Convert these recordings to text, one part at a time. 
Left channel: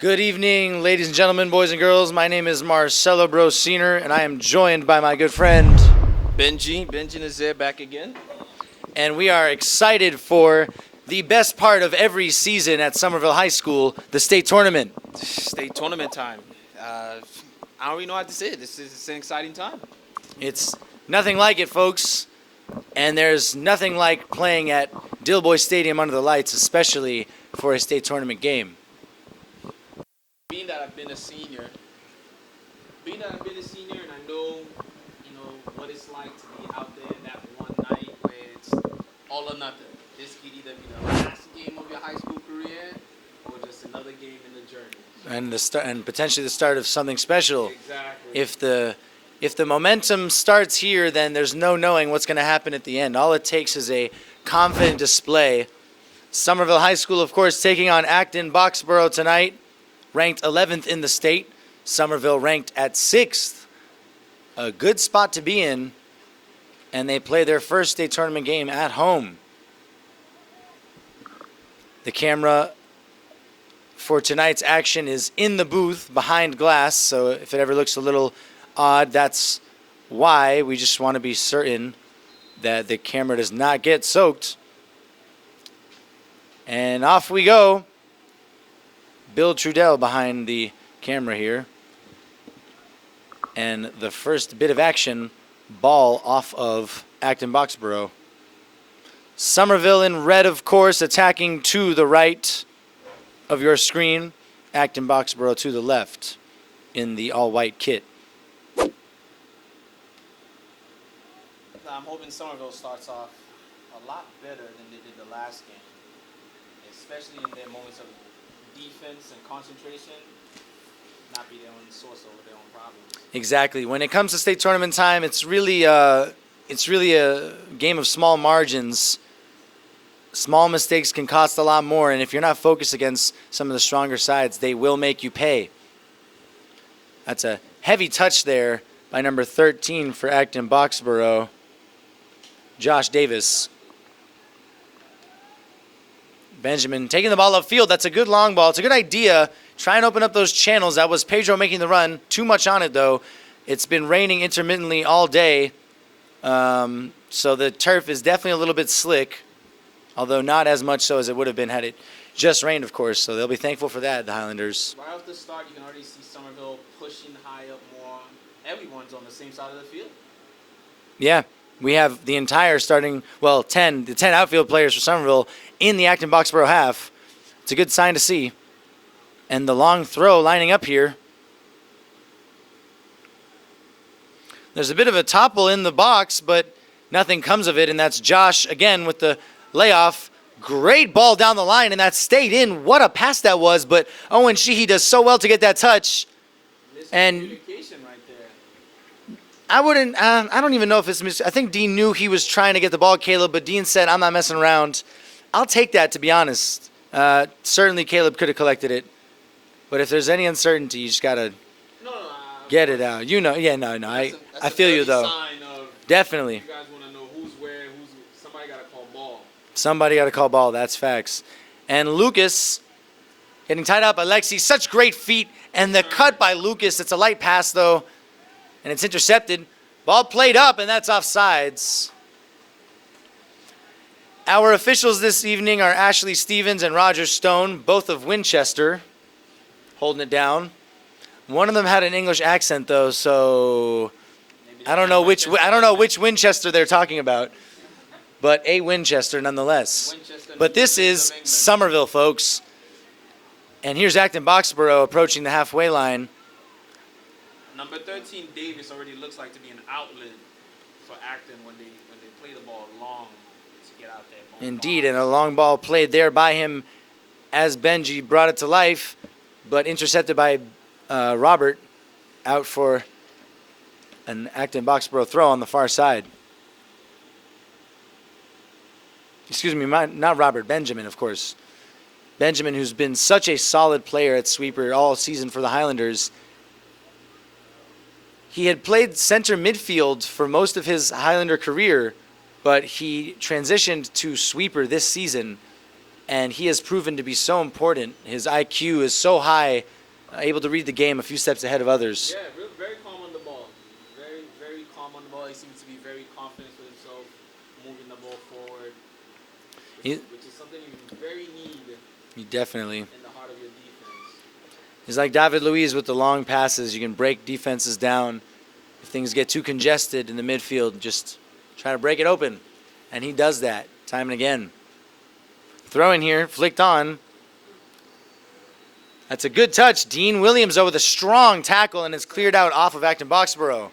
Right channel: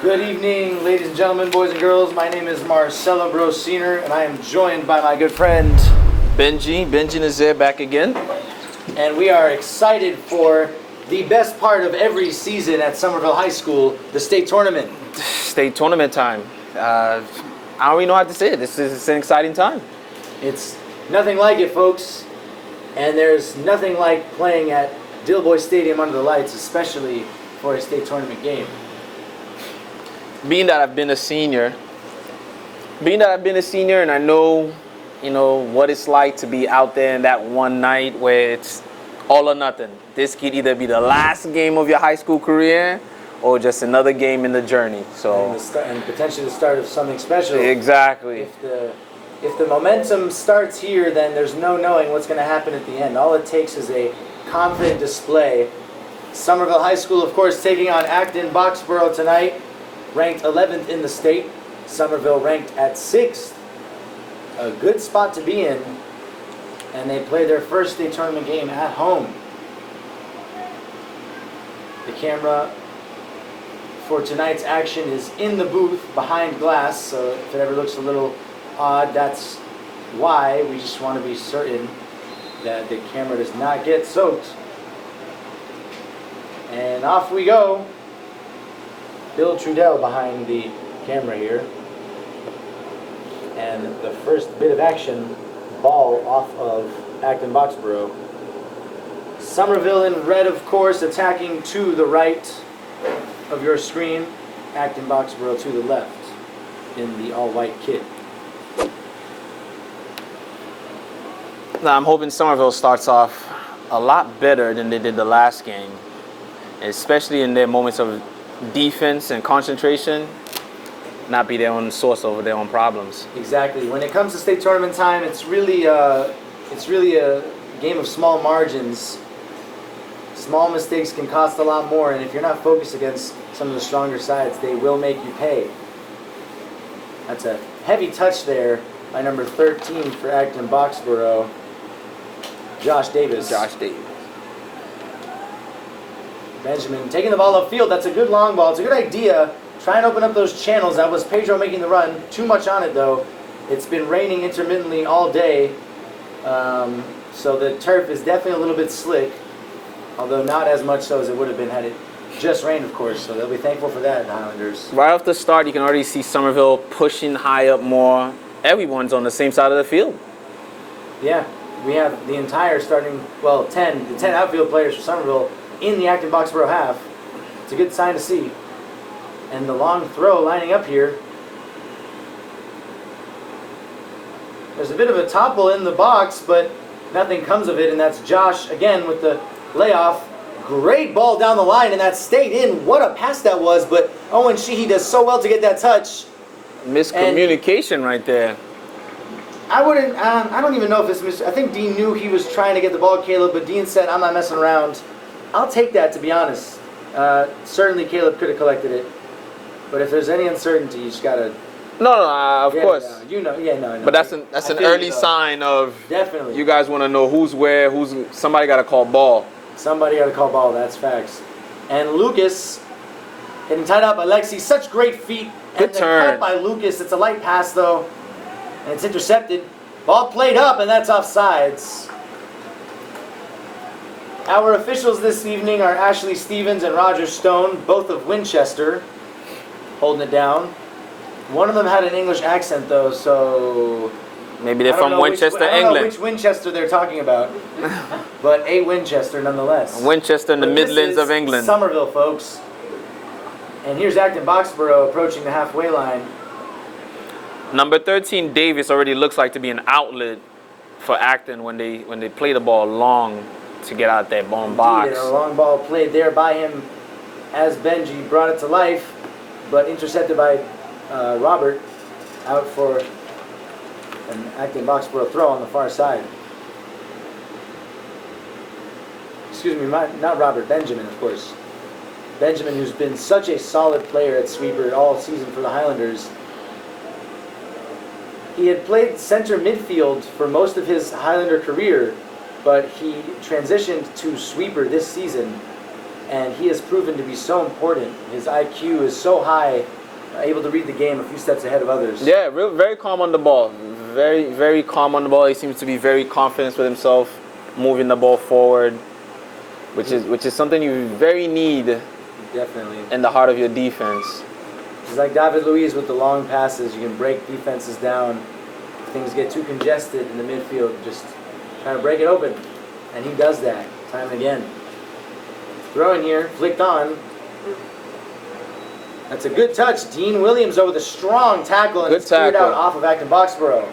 Good evening, ladies and gentlemen, boys and girls. My name is Marcelo Brosiner, and I am joined by my good friend Benji. Benji is there back again. And we are excited for the best part of every season at Somerville High School, the state tournament. State tournament time. I don't really know how to say it. This is an exciting time. It's nothing like it, folks. And there's nothing like playing at Dilboy Stadium under the lights, especially for a state tournament game. Being that I've been a senior, and I know, what it's like to be out there in that one night where it's all or nothing. This could either be the last game of your high school career or just another game in the journey. So and potentially the start of something special. Exactly. If the momentum starts here, then there's no knowing what's going to happen at the end. All it takes is a confident display. Somerville High School, of course, taking on Acton-Boxboro tonight, ranked 11th in the state. Somerville ranked at 6th. A good spot to be in. And they play their first state tournament game at home. The camera for tonight's action is in the booth behind glass, so if it ever looks a little odd, that's why. We just want to be certain that the camera does not get soaked. And off we go. Bill Trudell behind the camera here. And the first bit of action, ball off of Acton-Boxboro. Somerville in red, of course, attacking to the right of your screen. Acton-Boxboro to the left in the all-white kit. Now, I'm hoping Somerville starts off a lot better than they did the last game, especially in their moments of defense and concentration, not be their own source of their own problems. Exactly. When it comes to state tournament time, it's really a game of small margins. Small mistakes can cost a lot more, and if you're not focused against some of the stronger sides, they will make you pay. That's a heavy touch there by number 13 for Acton-Boxboro, Josh Davis. Benjamin taking the ball upfield. That's a good long ball. It's a good idea. Try and open up those channels. That was Pedro making the run. Too much on it, though. It's been raining intermittently all day, so the turf is definitely a little bit slick, although not as much so as it would have been had it just rained, of course. So they'll be thankful for that, the Highlanders. Right off the start, you can already see Somerville pushing high up more. Everyone's on the same side of the field. Yeah, we have the entire starting, the 10 outfield players for Somerville in the Acton-Boxboro half. It's a good sign to see. And the long throw lining up here. There's a bit of a topple in the box, but nothing comes of it, and that's Josh again with the layoff. Great ball down the line, and that stayed in. What a pass that was, but Owen Sheehy does so well to get that touch. Miscommunication right there. I don't even know if it's I think Dean knew he was trying to get the ball, Caleb, but Dean said, I'm not messing around. I'll take that, to be honest. Certainly Caleb could have collected it, but if there's any uncertainty, you just got to of get course. it out. No. But that's an early sign of definitely. You guys want to know who's where, somebody got to call ball. Somebody got to call ball, that's facts. And Lucas getting tied up by Lexi. Such great feet. And the cut by Lucas. It's a light pass, though. And it's intercepted. Ball played up, and that's offsides. Our officials this evening are Ashley Stevens and Roger Stone, both of Winchester, holding it down. One of them had an English accent, though, so maybe they're from Winchester, I don't know which Winchester they're talking about, but a Winchester nonetheless. Winchester in the Midlands of England. But this is Somerville, folks. And here's Acton-Boxboro approaching the halfway line. Number 13, Davis, already looks like to be an outlet for Acton when they play the ball long to get out that bomb box. Indeed, and a long ball played there by him as Benji brought it to life, but intercepted by Robert, out for an Acton-Boxboro throw on the far side. Excuse me, not Robert, Benjamin, of course. Benjamin, who's been such a solid player at sweeper all season for the Highlanders. He had played center midfield for most of his Highlander career, but he transitioned to sweeper this season and he has proven to be so important. His IQ is so high, able to read the game a few steps ahead of others. Yeah, very calm on the ball. Very calm on the ball. He seems to be very confident with himself, moving the ball forward, which is something you very need Definitely. in the heart of your defense. He's like David Luiz with the long passes. You can break defenses down. If things get too congested in the midfield, just trying to break it open. And he does that time and again. Throwing here, flicked on. That's a good touch. Dean Williams, though, with a strong tackle, and Good it's cleared out tackle. off of Acton-Boxboro.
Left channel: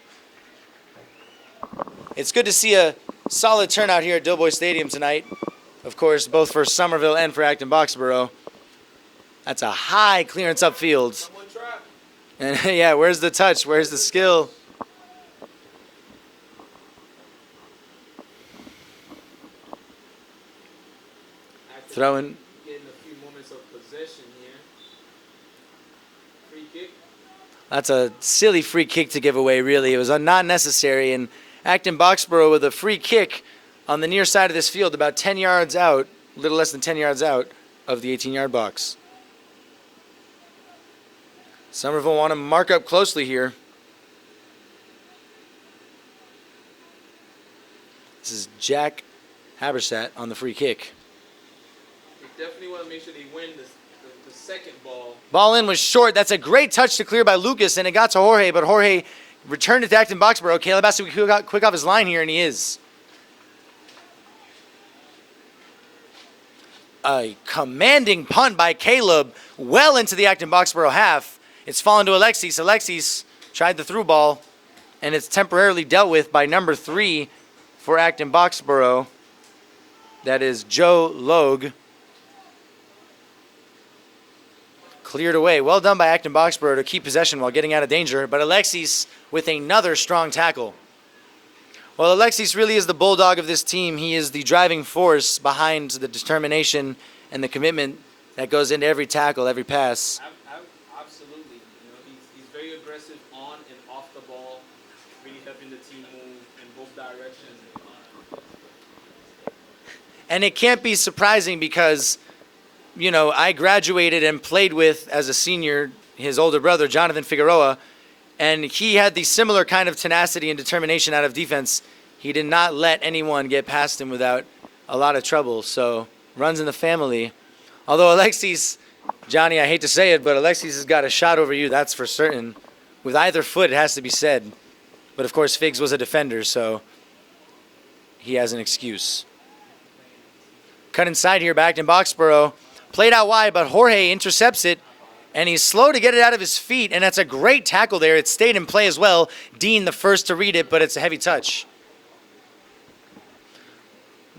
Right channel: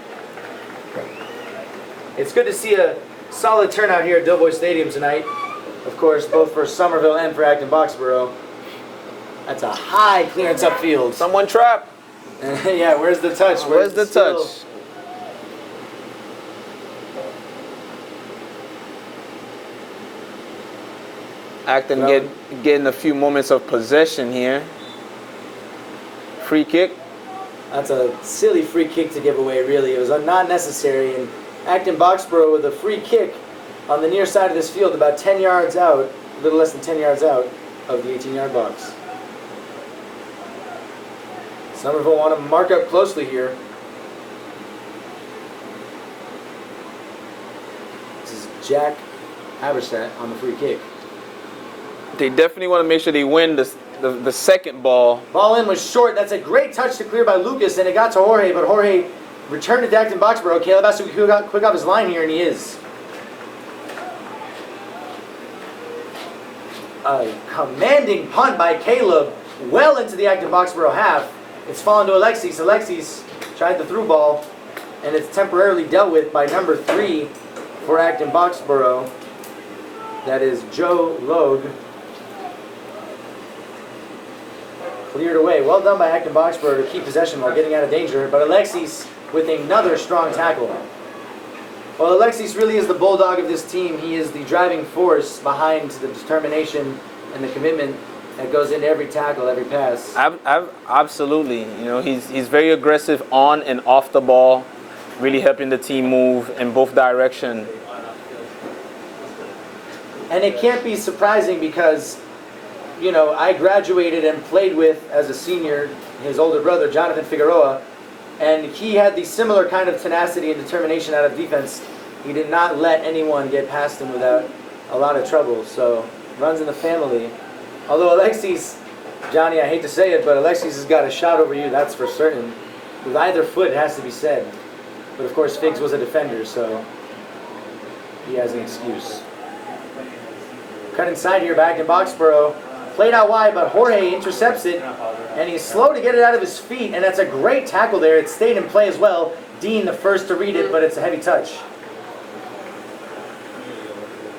It's good to see a solid turnout here at Dilboy Stadium tonight. Of course, both for Somerville and for Acton-Boxboro. That's a high clearance upfield. Someone trapped. Yeah, where's the touch? Where's the skill? touch? Acton getting a few moments of possession here. Free kick. That's a silly free kick to give away, really. It was not necessary. And Acton-Boxboro with a free kick on the near side of this field, about 10 yards out, a little less than 10 yards out of the 18-yard box. Somerville want to mark up closely here. This is Jack Haberstadt on the free kick. They definitely want to make sure they win the second ball. Ball in was short. That's a great touch to clear by Lucas, and it got to Jorge, but Jorge returned it to Acton-Boxboro. Caleb has to be quick off his line here, and he is. A commanding punt by Caleb well into the Acton-Boxboro half. It's fallen to Alexis. Alexis tried the through ball, and it's temporarily dealt with by number 3 for Acton-Boxboro. That is Joe Logue. Cleared away. Well done by Acton-Boxboro to keep possession while getting out of danger, but Alexis with another strong tackle. Well, Alexis really is the bulldog of this team. He is the driving force behind the determination and the commitment that goes into every tackle, every pass. Absolutely. You know, he's very aggressive on and off the ball, really helping the team move in both directions. And it can't be surprising because, you know, I graduated and played with, as a senior, his older brother, Jonathan Figueroa, and he had the similar kind of tenacity and determination out of defense. He did not let anyone get past him without a lot of trouble, so runs in the family. Although Alexis, Johnny, I hate to say it, but Alexis has got a shot over you, that's for certain. With either foot, it has to be said. But of course, Figs was a defender, so he has an excuse. Cut inside here, back in Boxborough. Played out wide, but Jorge intercepts it, and he's slow to get it out of his feet, and that's a great tackle there. It stayed in play as well. Dean the first to read it, but it's a heavy touch.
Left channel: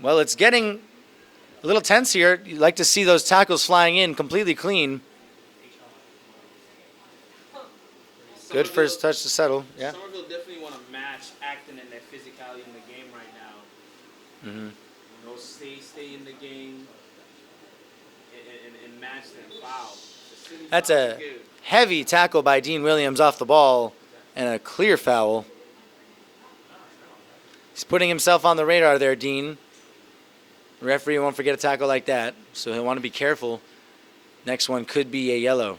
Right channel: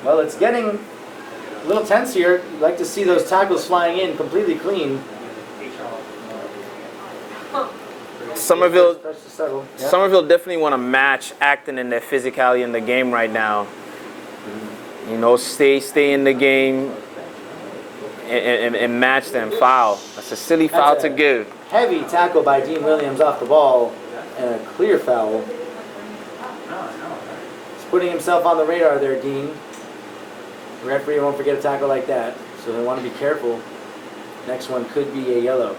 Well, it's getting a little tense here. You'd like to see those tackles flying in completely clean. Somerville, First touch to settle. Yeah. Somerville definitely want to match Acton in their physicality in the game right now. Mm-hmm. You know, stay in the game and match them. Foul. That's a silly foul to give. Heavy tackle by Dean Williams off the ball and a clear foul. He's putting himself on the radar there, Dean. The referee won't forget a tackle like that, so he'll want to be careful. Next one could be a yellow.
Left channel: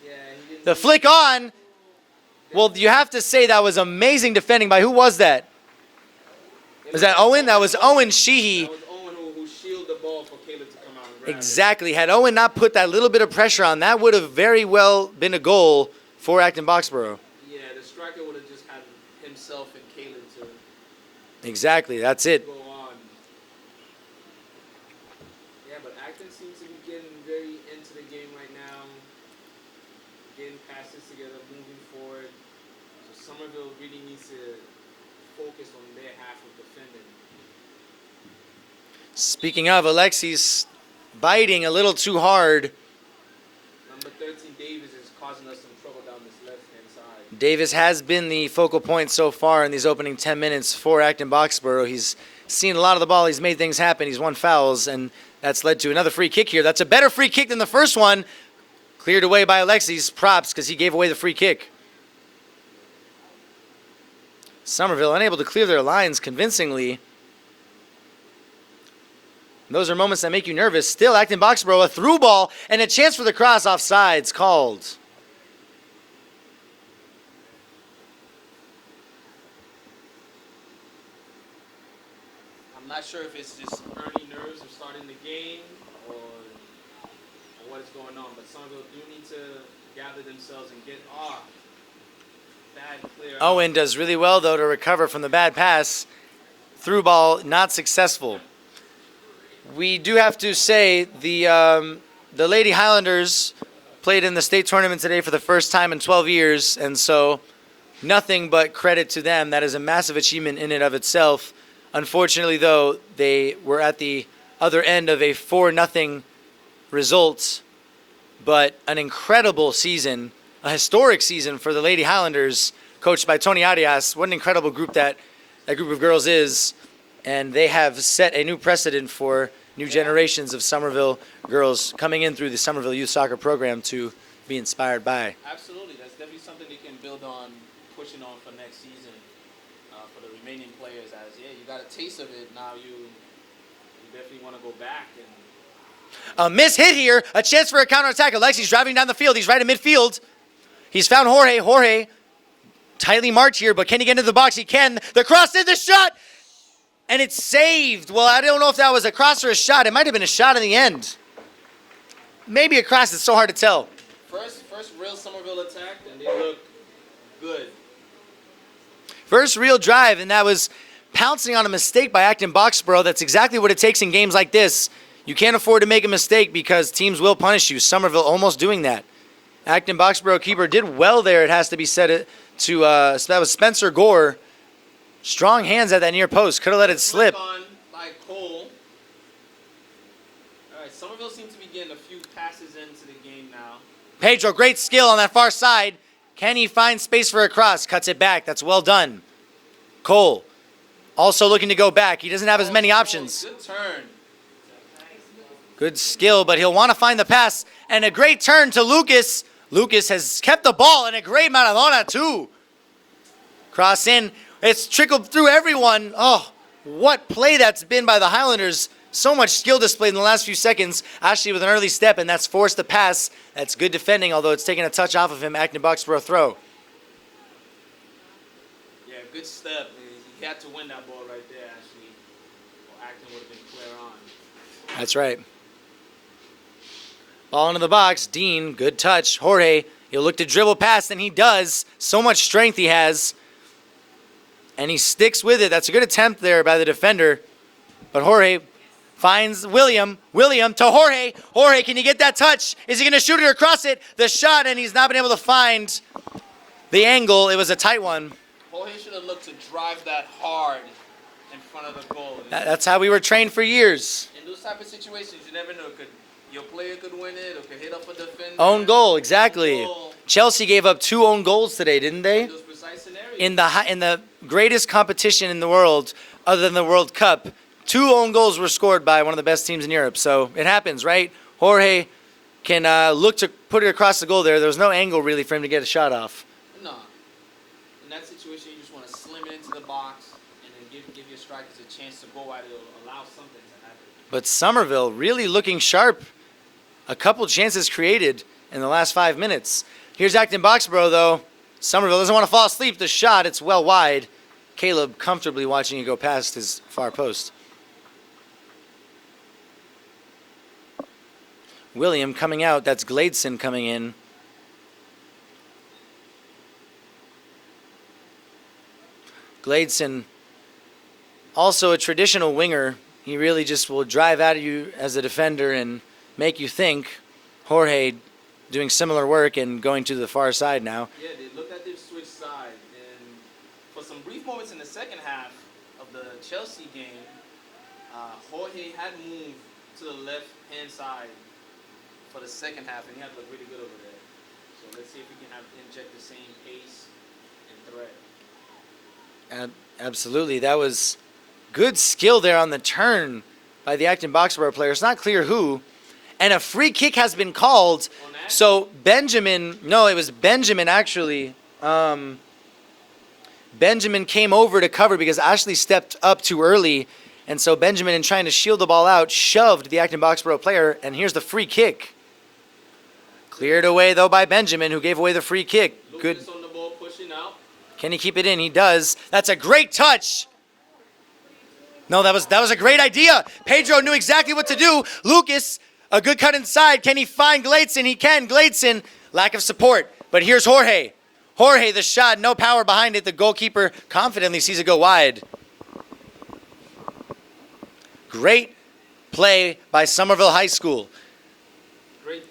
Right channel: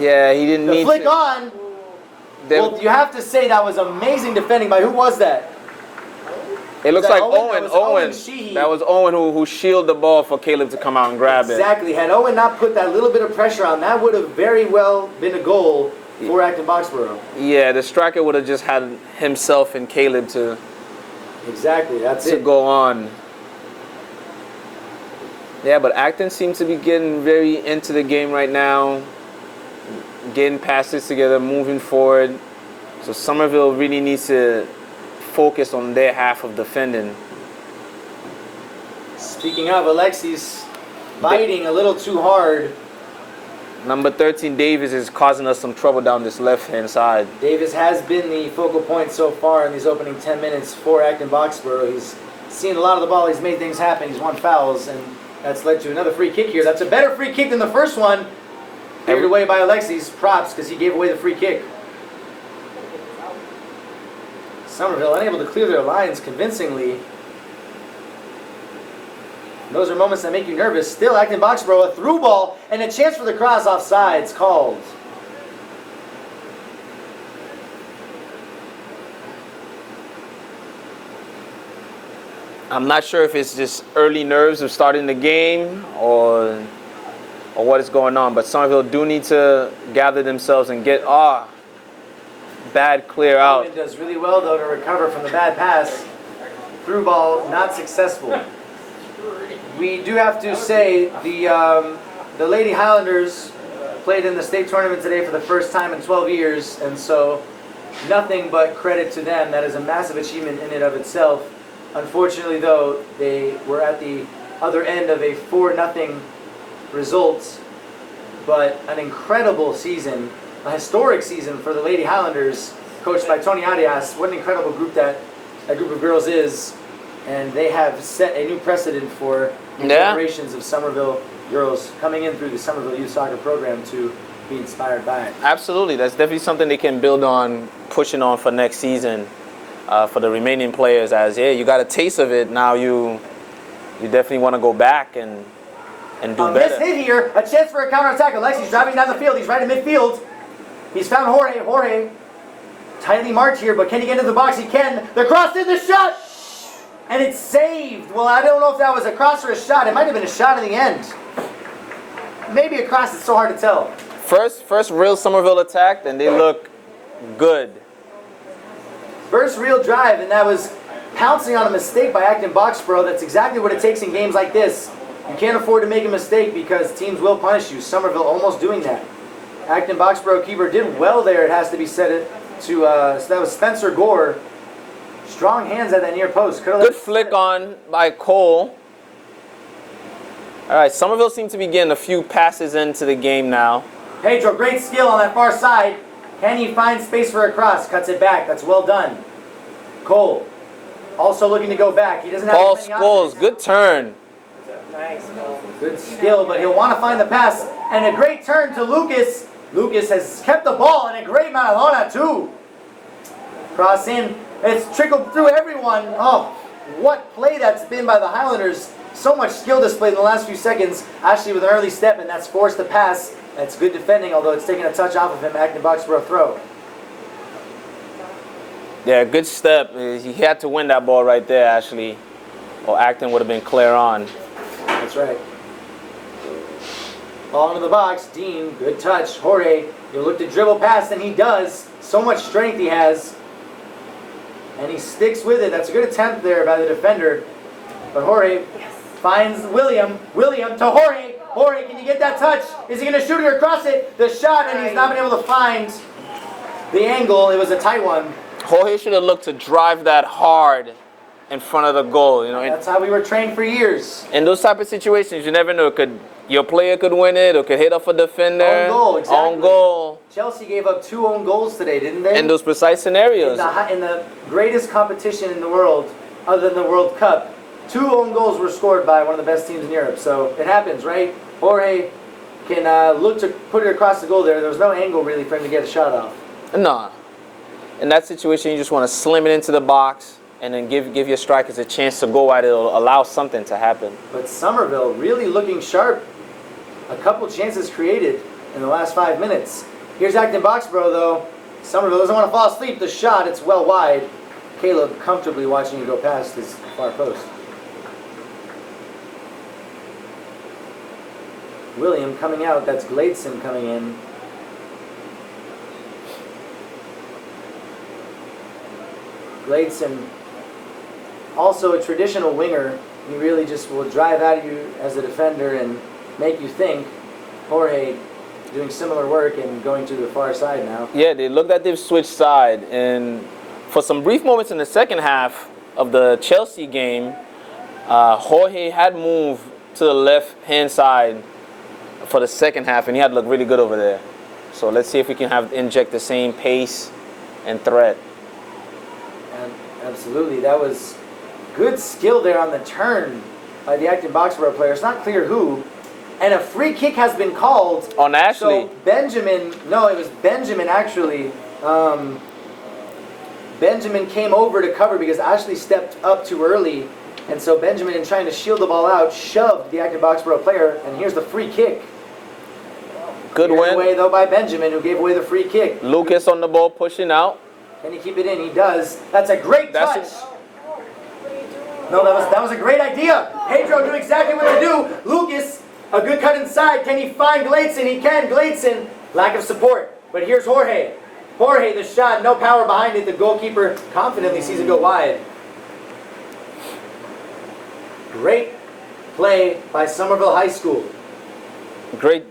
Yeah, he didn't The need flick to. on! Well, you have to say that was amazing defending by, who was that? Was that Owen? That was Owen Sheehy. That was Owen who shielded the ball for Caleb to come out and grab it. Exactly. Had Owen not put that little bit of pressure on, that would have very well been a goal for Acton-Boxboro. Yeah, the striker would have just had himself and Caleb to Exactly, that's it. go on. Yeah, but Acton seems to be getting very into the game right now, getting passes together, moving forward. So Somerville really needs to focus on their half of defending. Speaking of, Alexis biting a little too hard. Number 13, Davis, is causing us some trouble down this left-hand side. Davis has been the focal point so far in these opening 10 minutes for Acton-Boxboro. He's seen a lot of the ball. He's made things happen. He's won fouls, and that's led to another free kick here. That's a better free kick than the first one. Cleared away by Alexis. Props, because he gave away the free kick. Somerville unable to clear their lines convincingly. Those are moments that make you nervous. Still, Acton-Boxboro, a through ball, and a chance for the cross offsides called. I'm not sure if it's just early nerves of starting the game or what is going on, but Somerville do need to gather themselves and get bad clear out. Owen does really well, though, to recover from the bad pass. Through ball, not successful. We do have to say the Lady Highlanders played in the state tournament today for the first time in 12 years, and so nothing but credit to them. That is a massive achievement in and of itself. Unfortunately, though, they were at the other end of a 4-0 result, but an incredible season, a historic season for the Lady Highlanders, coached by Tony Arias. What an incredible group that group of girls is, and they have set a new precedent for new generations of Somerville girls coming in through the Somerville Youth Soccer Program to be inspired by. Absolutely, that's definitely something they can build on, pushing on for next season. For the remaining players, as you got a taste of it, now you definitely want to go back and do better. Miss hit here, a chance for a counterattack. Alexi's driving down the field, he's right at midfield. He's found Jorge, tightly marked here, but can he get into the box? He can. The cross in, the shot, and it's saved. Well, I don't know if that was a cross or a shot. It might have been a shot in the end. Maybe a cross, it's so hard to tell. First real Somerville attack, and they look good. First real drive, and that was pouncing on a mistake by Acton-Boxboro. That's exactly what it takes in games like this. You can't afford to make a mistake because teams will punish you. Somerville almost doing that. Acton-Boxboro keeper did well there, it has to be said. So that was Spencer Gore. Strong hands at that near post. Could have let it slip. Flick on by Cole. All right, Somerville seems to be getting a few passes into the game now. Pedro, great skill on that far side. Can he find space for a cross? Cuts it back. That's well done. Cole, also looking to go back. He doesn't have as many options. Good turn. Good skill, but he'll want to find the pass. And a great turn to Lucas. Lucas has kept the ball, and a great Maradona too. Cross in. It's trickled through everyone. Oh, what play that's been by the Highlanders. So much skill displayed in the last few seconds. Ashley with an early step, and that's forced the pass. That's good defending, although it's taken a touch off of him. Acton-Boxboro throw. Yeah, good step. He had to win that ball right there, Ashley, or Acton would have been clear on. That's right. Ball into the box. Dean, good touch. Jorge, he'll look to dribble past, and he does. So much strength he has. And he sticks with it. That's a good attempt there by the defender. But Jorge finds William. William to Jorge. Jorge, can he get that touch? Is he going to shoot it or cross it? The shot, and he's not been able to find the angle. It was a tight one. Jorge should have looked to drive that hard in front of the goal. You know? That's how we were trained for years. In those type of situations, you never know. Your player could win it or could hit off a defender. Own goal, exactly. Own goal. Chelsea gave up 2 own goals today, didn't they? In those precise scenarios. In the greatest competition in the world, other than the World Cup, 2 own goals were scored by one of the best teams in Europe. So it happens, right? Jorge can look to put it across the goal there. There was no angle really for him to get a shot off. No. In that situation, you just want to slim it into the box and then give your strikers a chance to go at it. It'll allow something to happen. But Somerville really looking sharp. A couple chances created in the last 5 minutes. Here's Acton-Boxboro, though. Somerville doesn't want to fall asleep. The shot, it's well wide. Caleb comfortably watching it go past his far post. William coming out. That's Gladeson coming in. Gladeson, also a traditional winger. He really just will drive at you as a defender and make you think. Jorge doing similar work and going to the far side now. Yeah, they looked at their switch side, and for some brief moments in the second half of the Chelsea game, Jorge had moved to the left-hand side for the second half, and he had looked really good over there. So let's see if we can inject the same pace and threat. Absolutely, that was good skill there on the turn by the Acton-Boxboro player. It's not clear who. And a free kick has been called. On Ashley. So Benjamin, no, it was Benjamin actually. Benjamin came over to cover because Ashley stepped up too early. And so Benjamin, in trying to shield the ball out, shoved the Acton-Boxboro player, and here's the free kick. Good Cleared win. away, though, by Benjamin, who gave away the free kick. Lucas on the ball, pushing out. Can he keep it in? He does. That's a great touch. No, that was a great idea. Pedro knew exactly what to do. Lucas, a good cut inside. Can he find Gladson? He can. Gladson, lack of support. But here's Jorge. Jorge, the shot, no power behind it. The goalkeeper confidently sees it go wide. Great play by Somerville High School. Great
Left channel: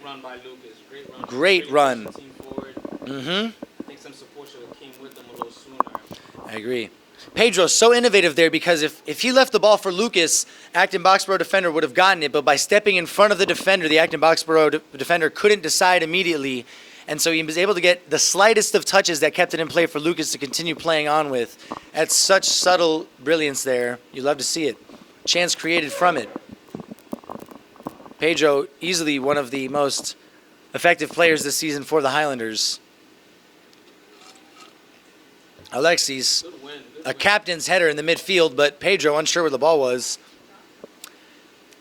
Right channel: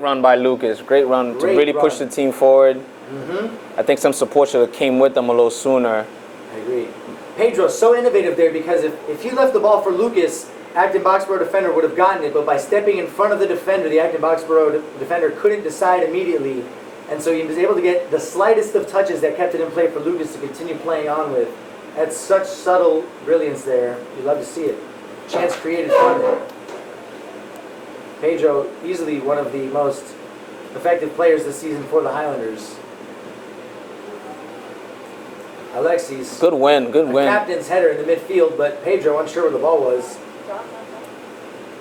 run by Lucas. Great run Great to really run. push the team forward. Mm-hmm. I think some support should have came with them a little sooner. I agree. Pedro's so innovative there because if he left the ball for Lucas, Acton-Boxboro defender would have gotten it, but by stepping in front of the defender, the Acton-Boxboro defender couldn't decide immediately, and so he was able to get the slightest of touches that kept it in play for Lucas to continue playing on with. That's such subtle brilliance there. You love to see it. Chance created from it. Pedro, easily one of the most effective players this season for the Highlanders. Alexis. Good win. Good A win. captain's header in the midfield, but Pedro unsure where the ball was.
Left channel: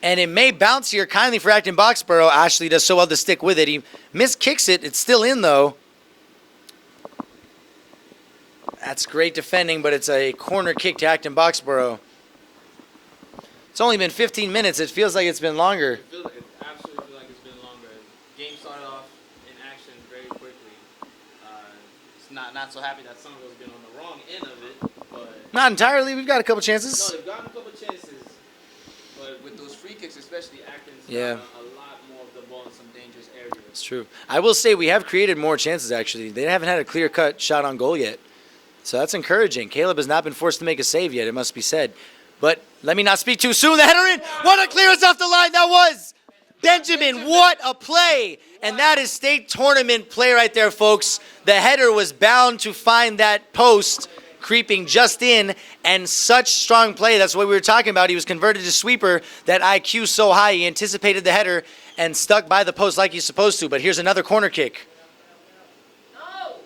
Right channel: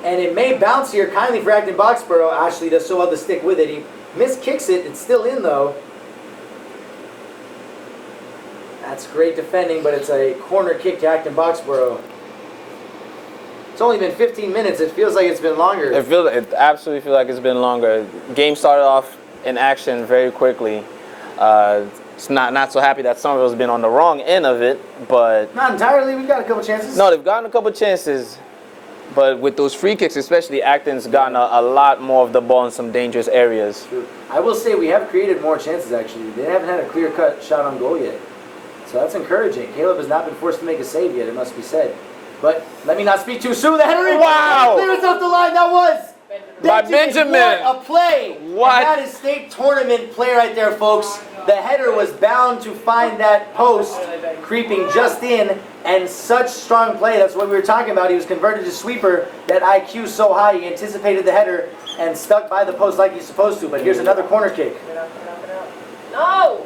And it may bounce here kindly for Acton-Boxboro. Ashley does so well to stick with it. He miskicks it. It's still in, though. That's great defending, but it's a corner kick to Acton-Boxboro. It's only been 15 minutes. It feels like it's been longer. It absolutely feels like it's been longer. Game started off in action very quickly. It's not so happy that Somerville's been on the wrong end of it, but Not entirely. We've got a couple chances. no, they've gotten a couple chances. But with those free kicks, especially, Acton's gotten a lot more of the ball in some dangerous areas. True. I will say we have created more chances, actually. They haven't had a clear-cut shot on goal yet. So that's encouraging. Caleb has not been forced to make a save yet, it must be said. But let me not speak too soon. The header in. Wow. What a clearance off the line that was. Benjamin, what a play. What? And that is state tournament play right there, folks. The header was bound to find that post, creeping just in, and such strong play. That's what we were talking about. He was converted to sweeper. That IQ so high, he anticipated the header and stuck by the post like he's supposed to. But here's another corner kick. No!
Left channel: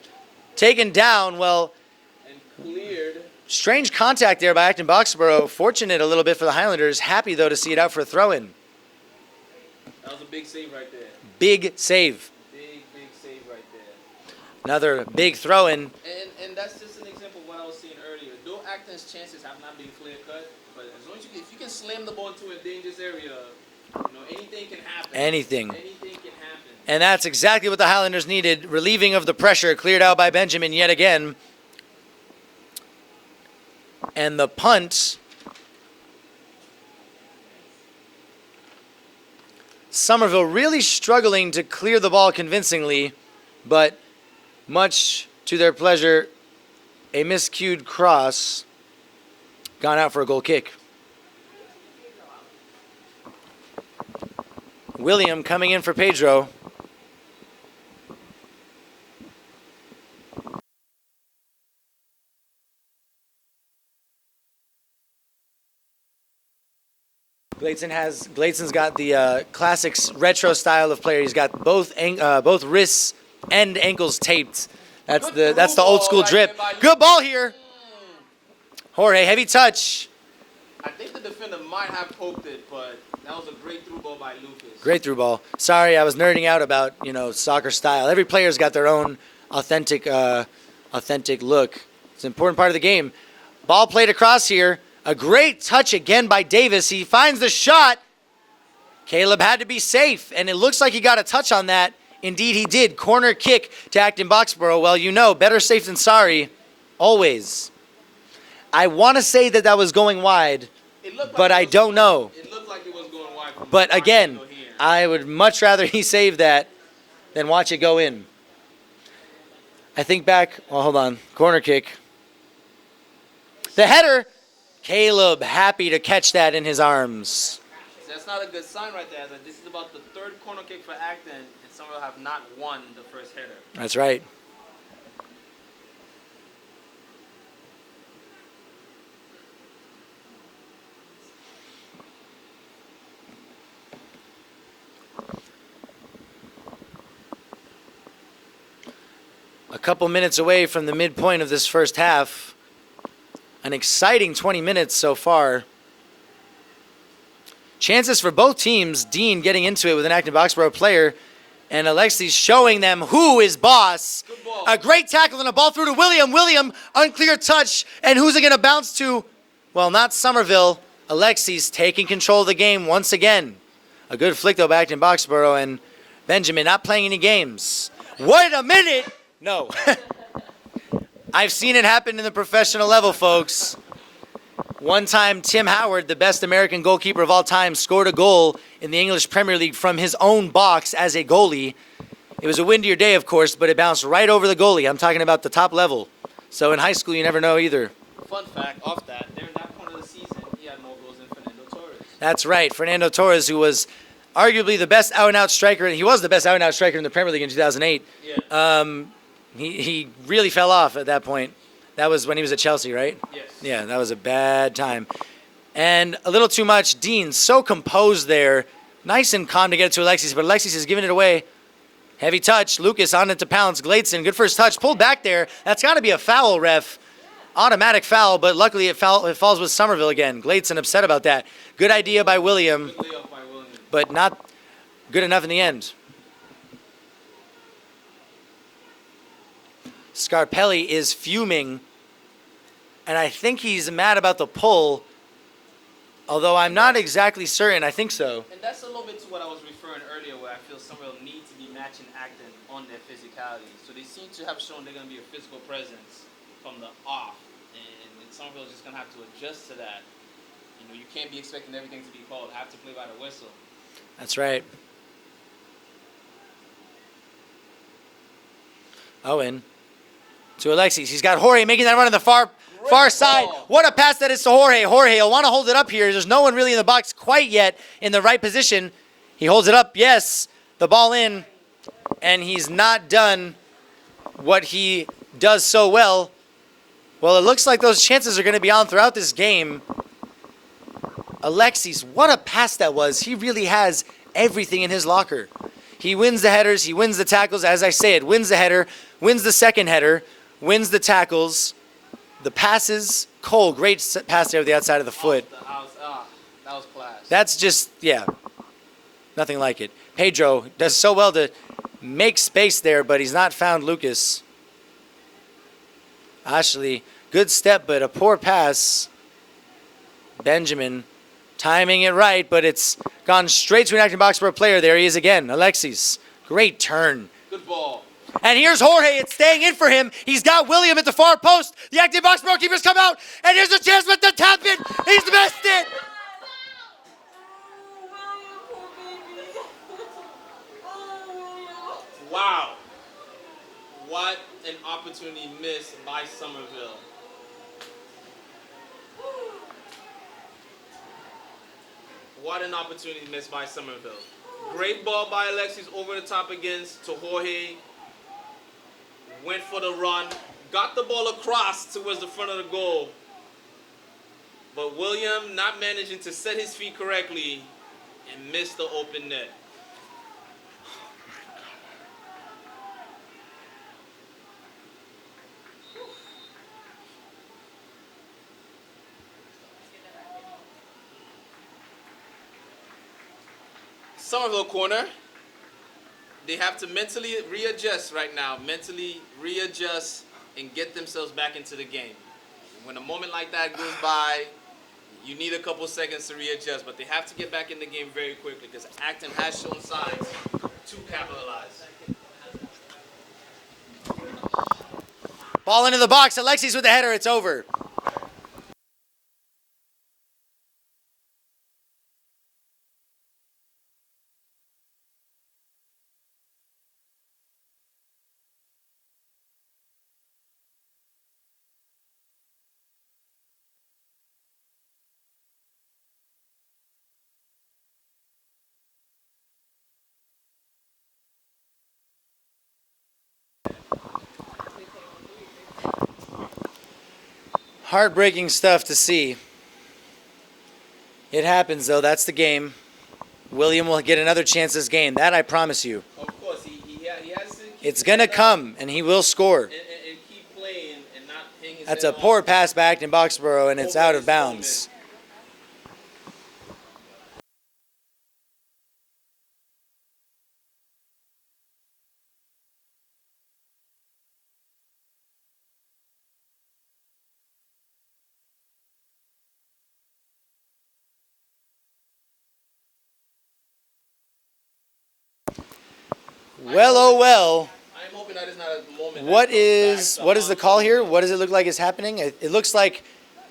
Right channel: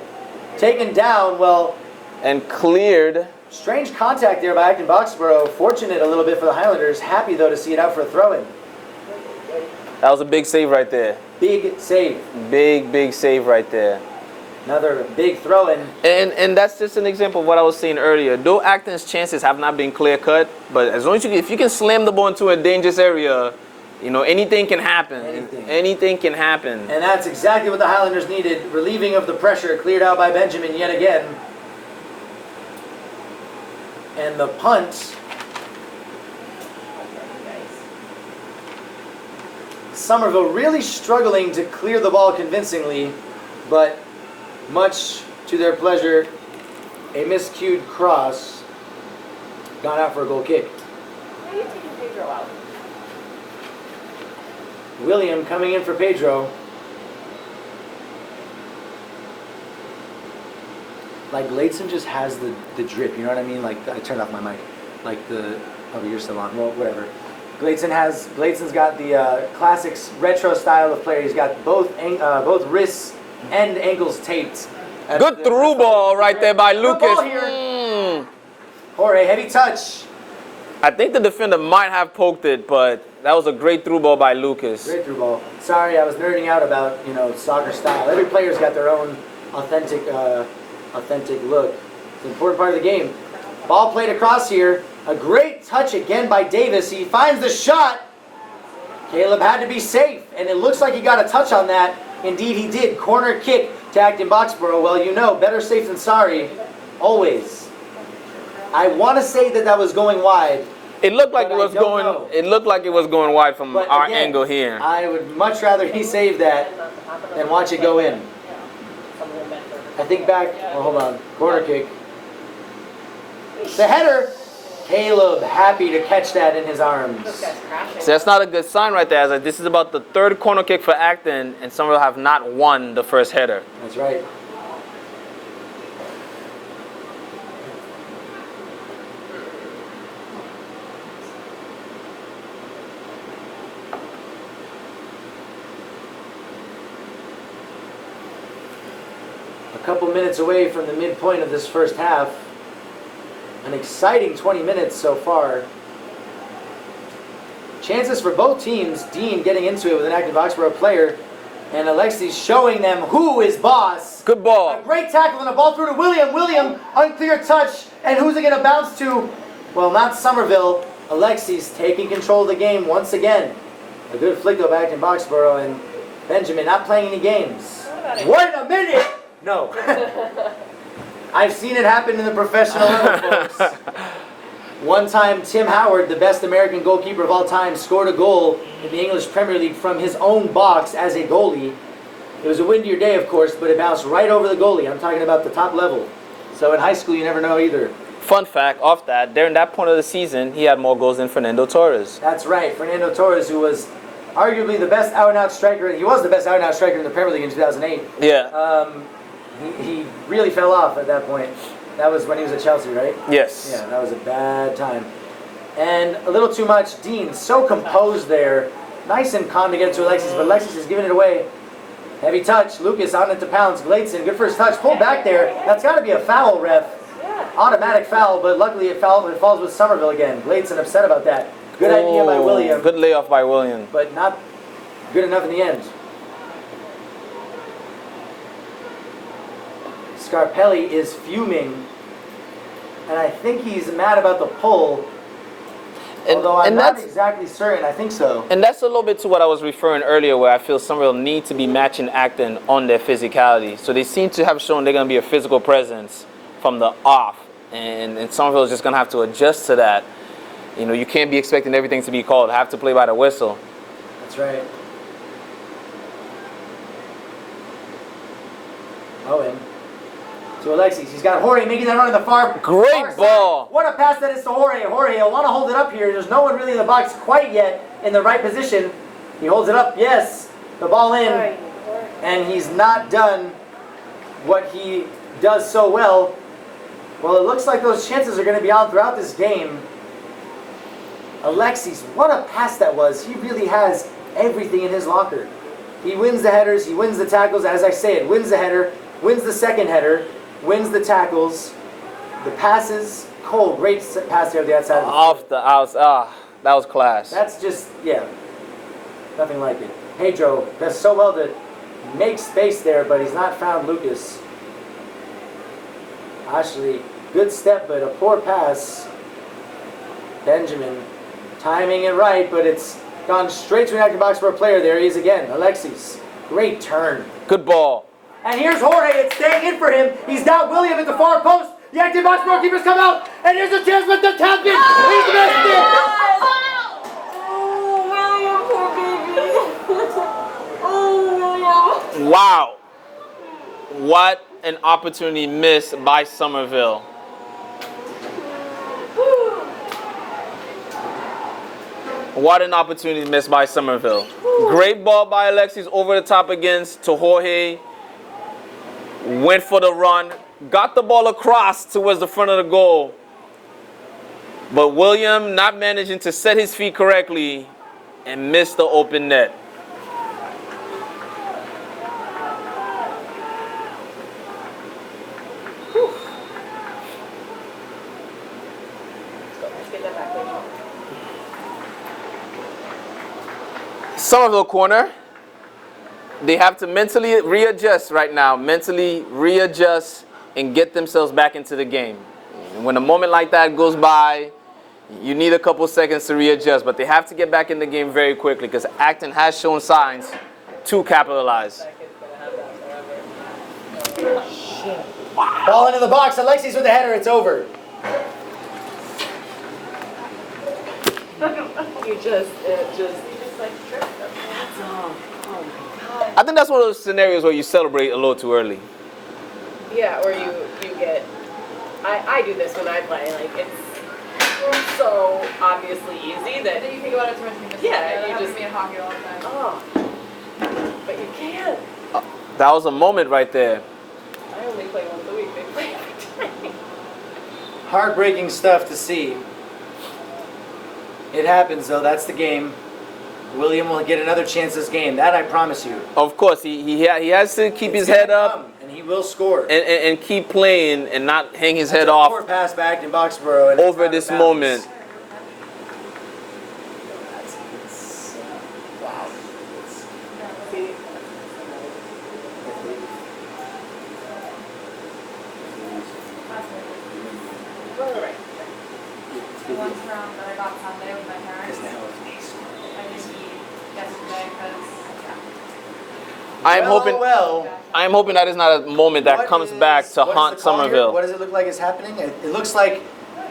Taken down, well, And cleared. strange contact there by Acton-Boxboro. Fortunate a little bit for the Highlanders. Happy, though, to see it out for a throw-in. That was a big save right there. Big save. Big save right there. Another big throw-in. And that's just an example of what I was saying earlier. Though Acton's chances have not been clear-cut, but as long as if you can slam the ball into a dangerous area, you know, anything can happen. Anything. Anything can happen. And that's exactly what the Highlanders needed. Relieving of the pressure, cleared out by Benjamin yet again. And the punt. Somerville really struggling to clear the ball convincingly, but much to their pleasure, a miscued cross gone out for a goal kick. Why are you taking Pedro out? William coming in for Pedro. Like Gladson just has the drip, you know what I mean? Like I turned off my mic. Like the you're still on. Well, whatever. Gladson's got the classic retro style of player. He's got both wrists and ankles taped. That's Good through that's the old school ball right drip. there by Good Lucas. ball here. Jorge, heavy touch. I think the defender might have poked it, but that was a great through ball by Lucas. Great through ball. Sorry, I was nerding out about soccer style. Every player's got their own authentic look. It's an important part of the game. Ball played across here. A great touch again by Davis. He finds the shot. Caleb had to be safe, and it looks like he got a touch on that. Indeed, he did. Corner kick to Acton-Boxboro. Well, better safe than sorry. Always. I want to say that was going wide. It looked like But I don't know. It looked like it was going wide from But our again, angle here. I would much rather he save that than watch it go in. I think back. Oh, hold on. Corner kick. The header. Caleb happy to catch that in his arms. So that's not a good sign right there. As this is about the third corner kick for Acton, and Somerville have not won the first header. That's right. A couple minutes away from the midpoint of this first half. An exciting 20 minutes so far. chances for both teams. Dean getting into it with an Acton-Boxboro player, and Alexis showing them who is boss. Good ball. A great tackle and a ball through to William. William, unclear touch, and who's it going to bounce to? Well, not Somerville. Alexis taking control of the game once again. A good flick though back to Boxboro, and Benjamin not playing any games. What in a minute? No. I've seen it happen in the professional level, folks. One time, Tim Howard, the best American goalkeeper of all time, scored a goal in the English Premier League from his own box as a goalie. It was a windier day, of course, but it bounced right over the goalie. I'm talking about the top level. So in high school, you never know either. Fun fact off that, during that point of the season, he had more goals than Fernando Torres. That's right. Fernando Torres, who was arguably the best out-and-out striker. He was the best out-and-out striker in the Premier League in 2008. Yeah. He really fell off at that point. That was when he was at Chelsea, right? Yes. Yeah, that was a bad time. And a little too much. Dean, so composed there. Nice and calm to get to Alexis, but Alexis is giving it away. Heavy touch. Lucas on it to Pounce. Gladson, good first touch. Pulled back there. That's got to be a foul, ref. Automatic foul, but luckily it falls with Somerville again. Gladson upset about that. Good idea by William. Good layoff by William. But not good enough in the end. Scarpelli is fuming, and I think he's mad about the pull, although I'm not exactly certain. I think so. And that's a little bit to what I was referring earlier, where I feel Somerville need to be matching Acton on their physicality. So they seem to have shown they're going to be a physical presence from the off, and Somerville is just going to have to adjust to that. You know, you can't be expecting everything to be called. Have to play by the whistle. That's right. Owen. To Alexis. He's got Jorge making that run on the far side. What a pass that is to Jorge. Jorge will want to hold it up here. There's no one really in the box quite yet in the right position. He holds it up. Yes. The ball in. And he's not done what he does so well. Well, it looks like those chances are going to be on throughout this game. Alexis, what a pass that was. He really has everything in his locker. He wins the headers. He wins the tackles. As I said, wins the header, wins the second header, wins the tackles, the passes. Cole, great pass there to the outside of the foot. That was class. That's just, yeah, nothing like it. Pedro does so well to make space there, but he's not found Lucas. Ashley, good step, but a poor pass. Benjamin timing it right, but it's gone straight to an Acton-Boxboro player. There he is again, Alexis. Great turn. Good ball. And here's Jorge. It's staying in for him. He's got William at the far post. The Acton-Boxboro keepers come out, and here's a chance with the tap in. He's the best in. Wow. What an opportunity missed by Somerville. What an opportunity missed by Somerville. Great ball by Alexis over the top against to Jorge. Went for the run. Got the ball across towards the front of the goal. But William not managing to set his feet correctly and missed the open net. Somerville corner. They have to mentally readjust right now. Mentally readjust and get themselves back into the game. When a moment like that goes by, you need a couple seconds to readjust, but they have to get back in the game very quickly because Acton has shown signs to capitalize. Ball into the box. Alexis with the header. It's over. You just like tripped them. That's all. Oh my God. I think that's one of those scenarios where you celebrate a little too early. Yeah, or you get. I do this when I play. Like it's so obviously easy that You think about it too much. Yeah, you you just- just me in hockey all the time. oh, but you can't. That was a moment right there. I only play once a week. They play every day. Heartbreaking stuff to see. It happens, though. That's the game. William will get another chance this game. That I promise you. Of course, he has to keep It's his head gonna up come, and he will score. and keep playing and not hang his That's head a off poor pass back in Boxboro, and it's over out this of bounds. moment. that I got Sunday with my parents. I didn't eat yesterday because, I'm hoping that is not a moment that comes back to what is haunt the call here? Somerville. What does it look like is happening? It looks like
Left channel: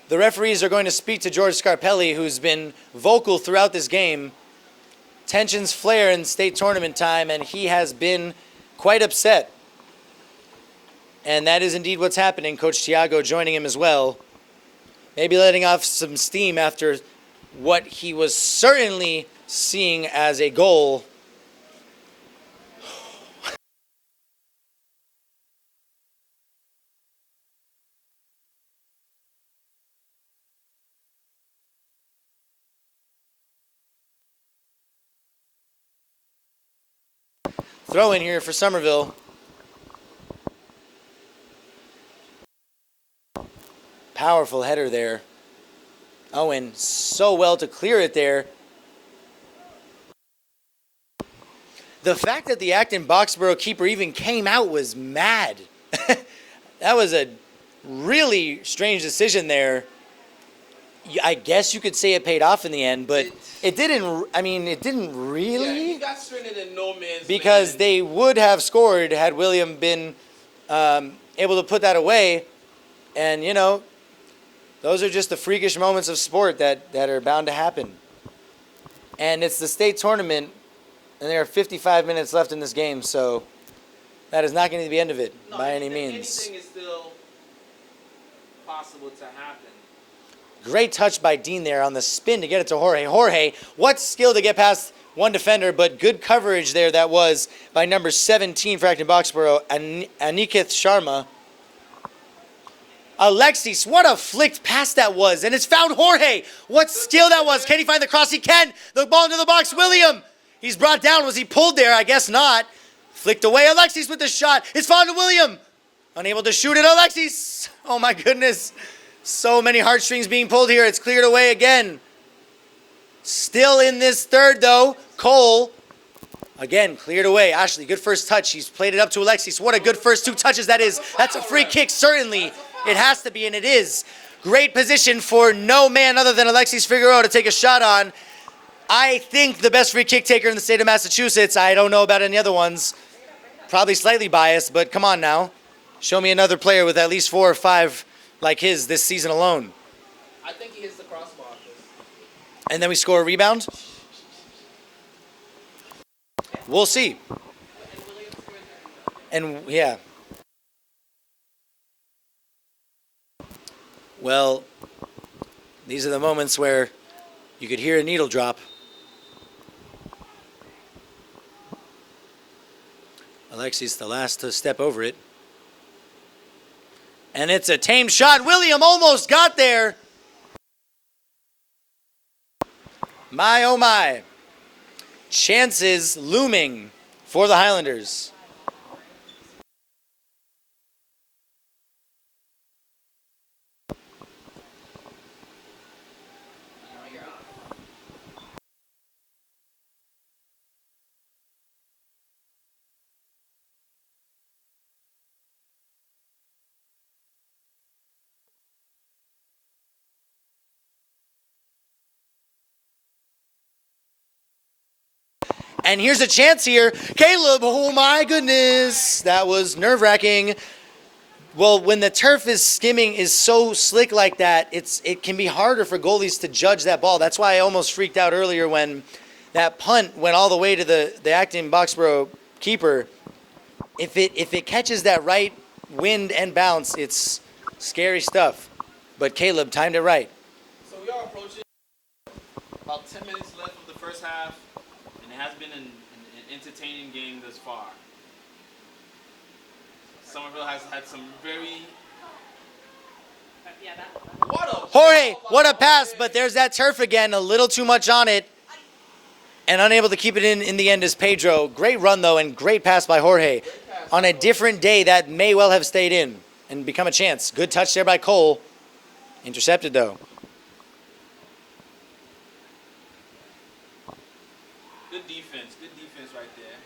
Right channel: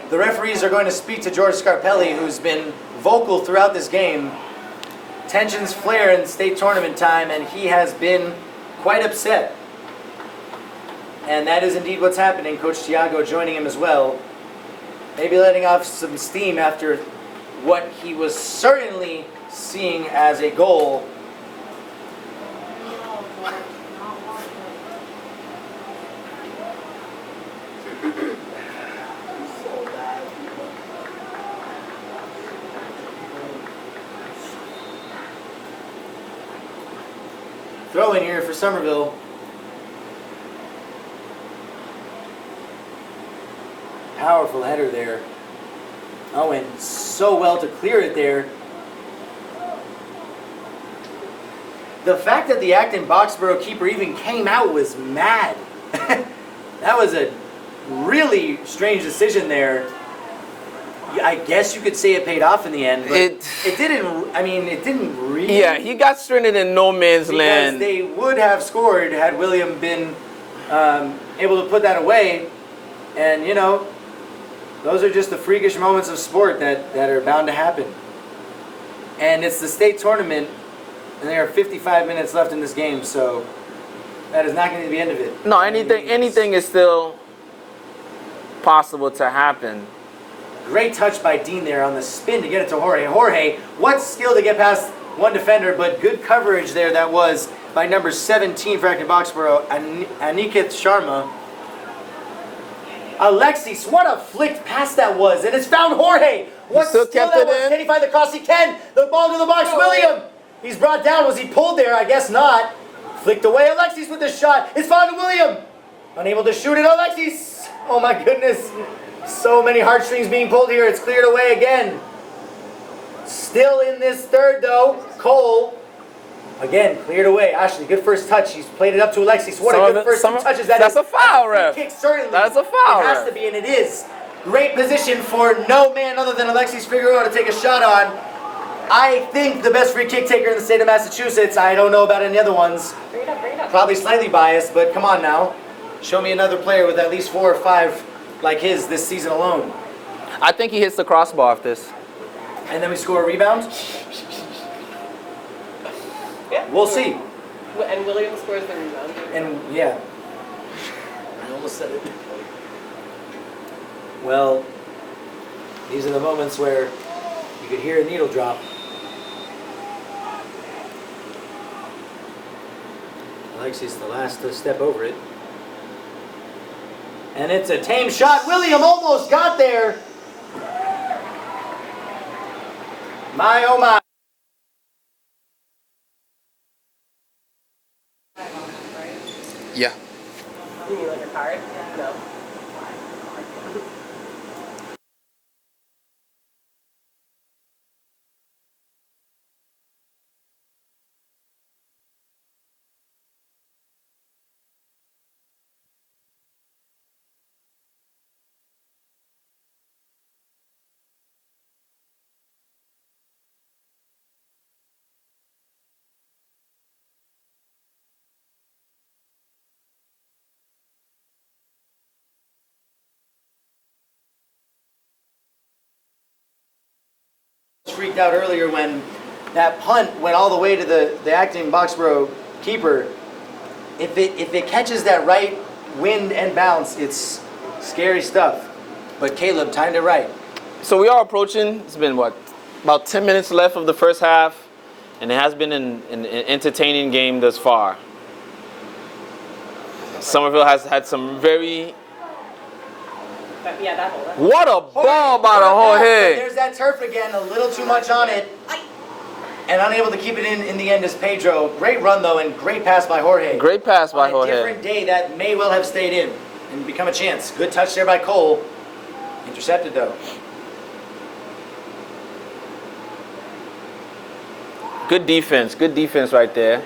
the referees are going to speak to George Scarpelli, who's been vocal throughout this game. Tensions flare in state tournament time, and he has been quite upset. And that is indeed what's happening. Coach Tiago joining him as well. Maybe letting off some steam after what he was certainly seeing as a goal. Throw in here for Somerville. Powerful header there. Owen so well to clear it there. The fact that the Acton-Boxboro keeper even came out was mad. That was a really strange decision there. I guess you could say it paid off in the end, but it didn't. I mean, it didn't really. Yeah, he got stranded in no man's land. Because they would have scored had William been able to put that away. And, you know, those are just the freakish moments of sport that are bound to happen. And it's the state tournament, and there are 55 minutes left in this game, so that is not going to be the end of it. No, anything is still possible to happen. Great touch by Dean there on the spin to get it to Jorge. Jorge, what skill to get past one defender, but good coverage there that was by number 17 for Acton-Boxboro, Anikith Sharma. Alexis, what a flicked pass that was, and it's found Jorge. What skill that was. Can he find the cross? He can. The ball into the box. William. He's brought down. Was he pulled there? I guess not. Flicked away. Alexis with the shot. It's found to William. Unable to shoot it. Alexis. Oh my goodness. So many heartstrings being pulled here. It's cleared away again. Still in this third though. Cole. Again, cleared away. Ashley, good first touch. He's played it up to Alexis. What a good first two touches that is. That's a free kick, certainly. That's a foul. It has to be, and it is. Great position for no man other than Alexis Figueroa to take a shot on. I think the best free kick taker in the state of Massachusetts. I don't know about any other ones. Bring it up, bring it up. Probably slightly biased, but come on now. Show me another player with at least 4 or 5 like his this season alone. I think he hits the crossbar off this. And then we score a rebound? Yeah. We'll see. And William scores the rebound. And yeah. I almost said it. Well, these are the moments where you could hear a needle drop. Alexis the last to step over it. And it's a tame shot. William almost got there. My, oh my. Chances looming for the Highlanders. Yeah. You mean like a card? No. And here's a chance here. Caleb, oh my goodness. That was nerve-wracking. Well, when the turf is skimming, is so slick like that, it can be harder for goalies to judge that ball. That's why I almost freaked out earlier when that punt went all the way to the Acton-Boxboro keeper. If it catches that right wind and bounce, it's scary stuff. But Caleb timed it right. So we are approaching, it's been what, about 10 minutes left of the first half. And it has been an entertaining game thus far. Somerville has had some very... Yeah, that hole. What a Jorge, ball by what a pass, Jorge. but there's that turf again, a little too much on it. And unable to keep it in the end is Pedro. Great run, though, and great pass by Jorge. Great pass by Jorge. On a different day, that may well have stayed in and become a chance. Good touch there by Cole. Intercepted, though. Good defense right there.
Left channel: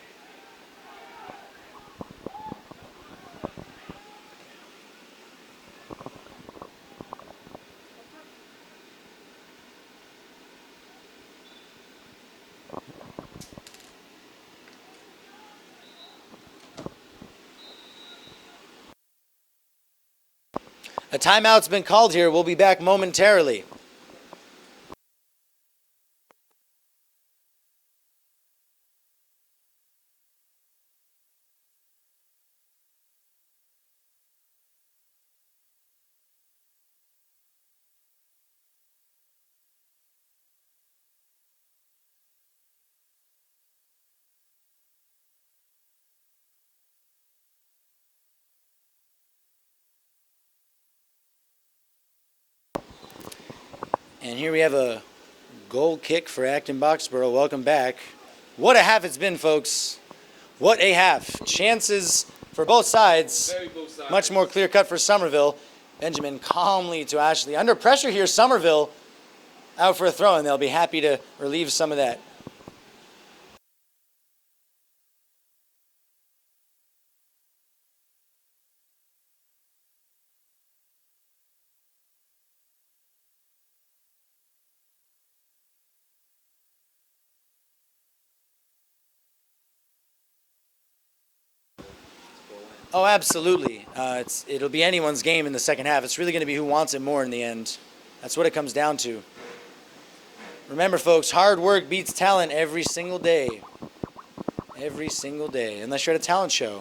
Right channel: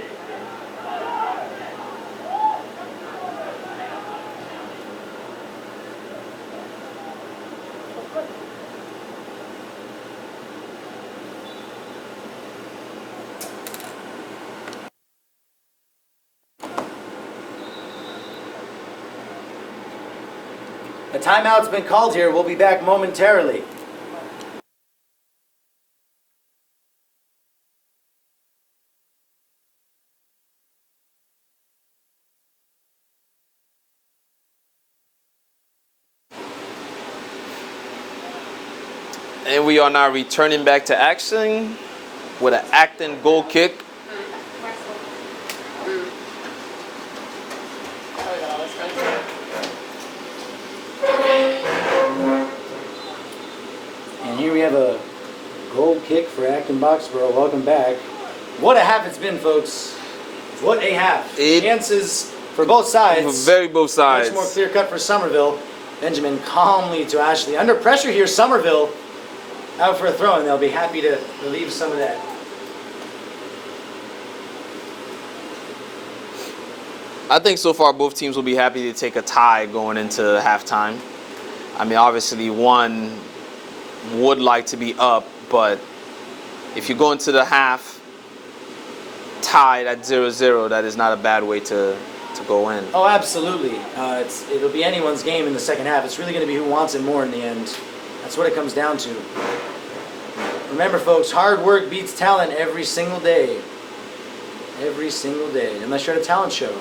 A timeout's been called here. We'll be back momentarily. And we are now returning back to action with an Acton goal kick. And here we have a goal kick for Acton-Boxboro. Welcome back. What a half it's been, folks. What a half. Chances for both sides. Both sides. Much more clear-cut for Somerville. Benjamin calmly to Ashley. Under pressure here, Somerville out for a throw, and they'll be happy to relieve some of that. I think so far both teams will be happy to take a tie going into halftime. I mean, obviously one would like to be up, but if you go into the half tied at 0-0, that is not a bad way to go in. Oh, absolutely. It'll be anyone's game in the second half. It's really going to be who wants it more in the end. That's what it comes down to. Remember, folks, hard work beats talent every single day. Every single day, unless you're at a talent show.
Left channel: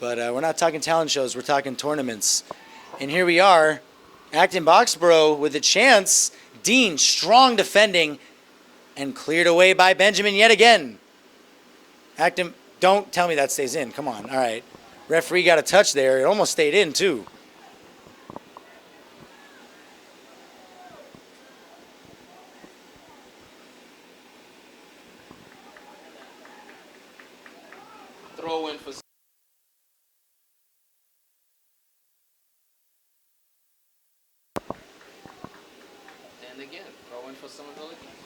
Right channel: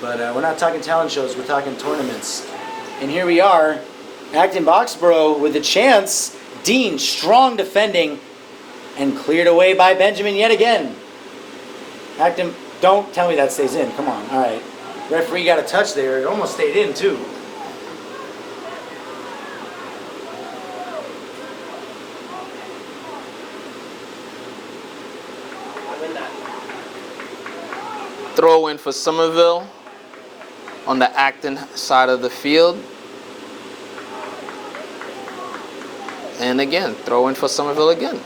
But we're not talking talent shows, we're talking tournaments. And here we are, Acton-Boxboro with a chance. Dean, strong defending, and cleared away by Benjamin yet again. Acton, don't tell me that stays in. Come on, all right. Referee got a touch there. It almost stayed in, too. Throw in for Somerville on the Acton side of the field. And again, throw in for Somerville again.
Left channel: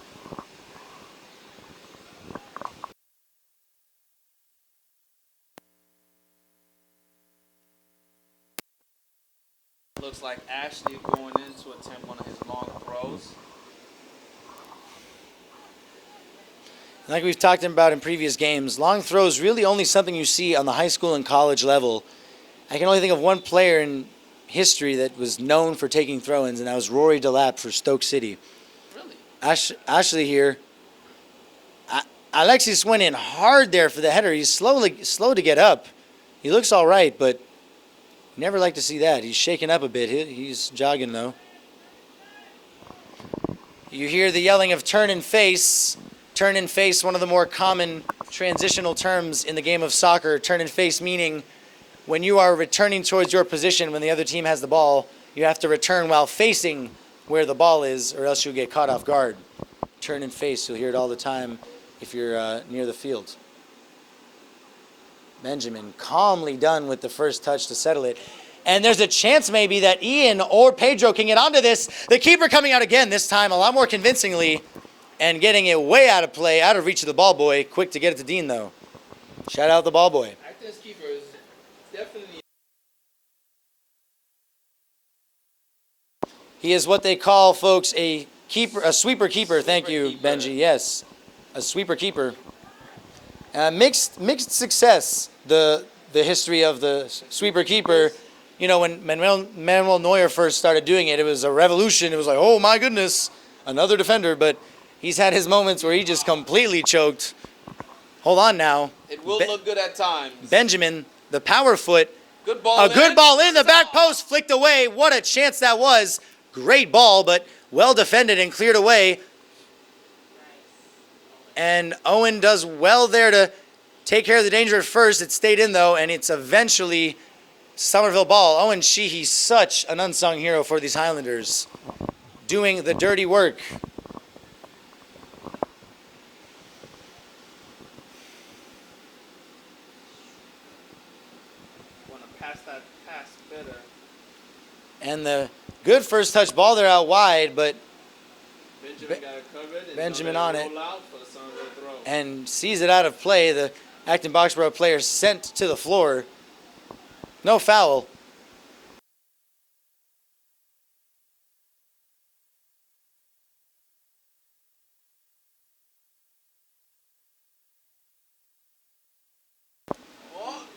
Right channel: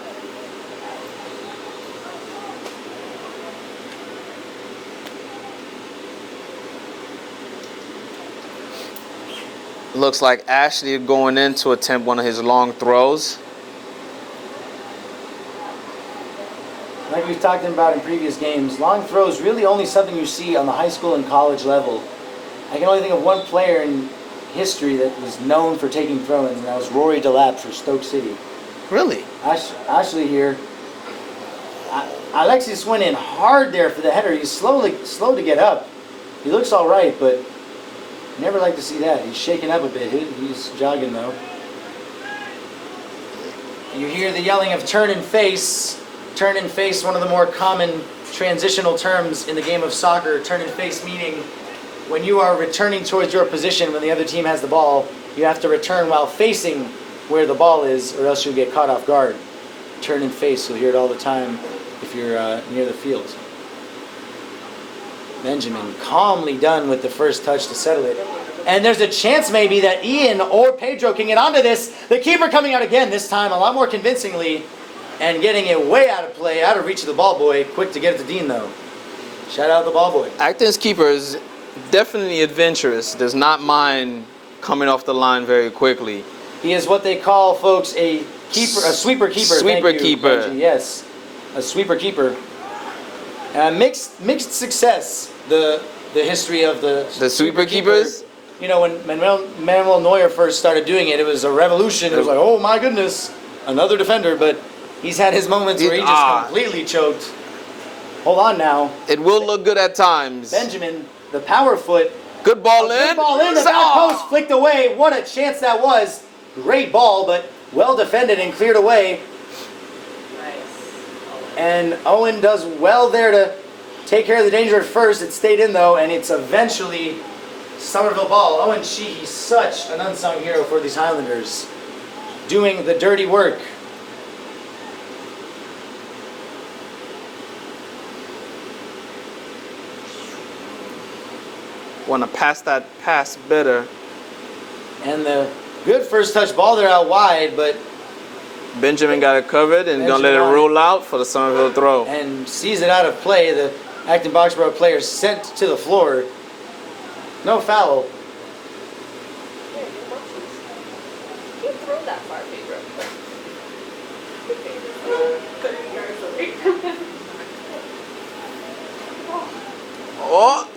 Looks like Ashley going in to attempt one of his long throws. Like we've talked about in previous games, long throws really only something you see on the high school and college level. I can only think of one player in history that was known for taking throw-ins, and that was Rory Delap for Stoke City. Really? Ashley here. Alexis went in hard there for the header. He's slow to get up. He looks all right, but never like to see that. He's shaking up a bit. He's jogging, though. You hear the yelling of turn and face. Turn and face, one of the more common transitional terms in the game of soccer. Turn and face meaning when you are returning towards your position when the other team has the ball, you have to return while facing where the ball is, or else you'll get caught off guard. Turn and face, you'll hear it all the time if you're near the field. Benjamin calmly done with the first touch to settle it. And there's a chance maybe that Ian or Pedro can get onto this. The keeper coming out again, this time a lot more convincingly, and getting it way out of play, out of reach of the ball boy. Quick to get it to Dean, though. Shout out the ball boy. Acton's keeper is definitely adventurous. Does not mind coming off the line very quickly. He is what they call, folks, a sweeper keeper. Sweeper Thank you, keeper. Benji. Yes, a sweeper keeper. Mixed success. The history of the sweeper keepers. You know, when Manuel Neuer first started doing it, it was a revolution. It was like, oh my goodness, another defender. But he's had his moments where he just completely choked. Hold on now. It will look good at times. Benjamin, the power foot. Good ball in. Good ball in. The back post flicked away. What a chance that was. Great ball, but well defended and cleared away. Nice. And Owen does well there to take care of the danger at first. It stayed in, though, and it's eventually Somerville ball. Owen Sheehy, such an unsung hero for these Highlanders. Doing the dirty work. Want to pass that pass better. And the good first touch ball there out wide, but Benjamin got it covered and gonna let it roll out for the Somerville throw. and sees it out of play. The Acton-Boxboro player sent to the floor. No foul. Yeah, good watches. You throw that far, Pedro. Good Pedro. Oh,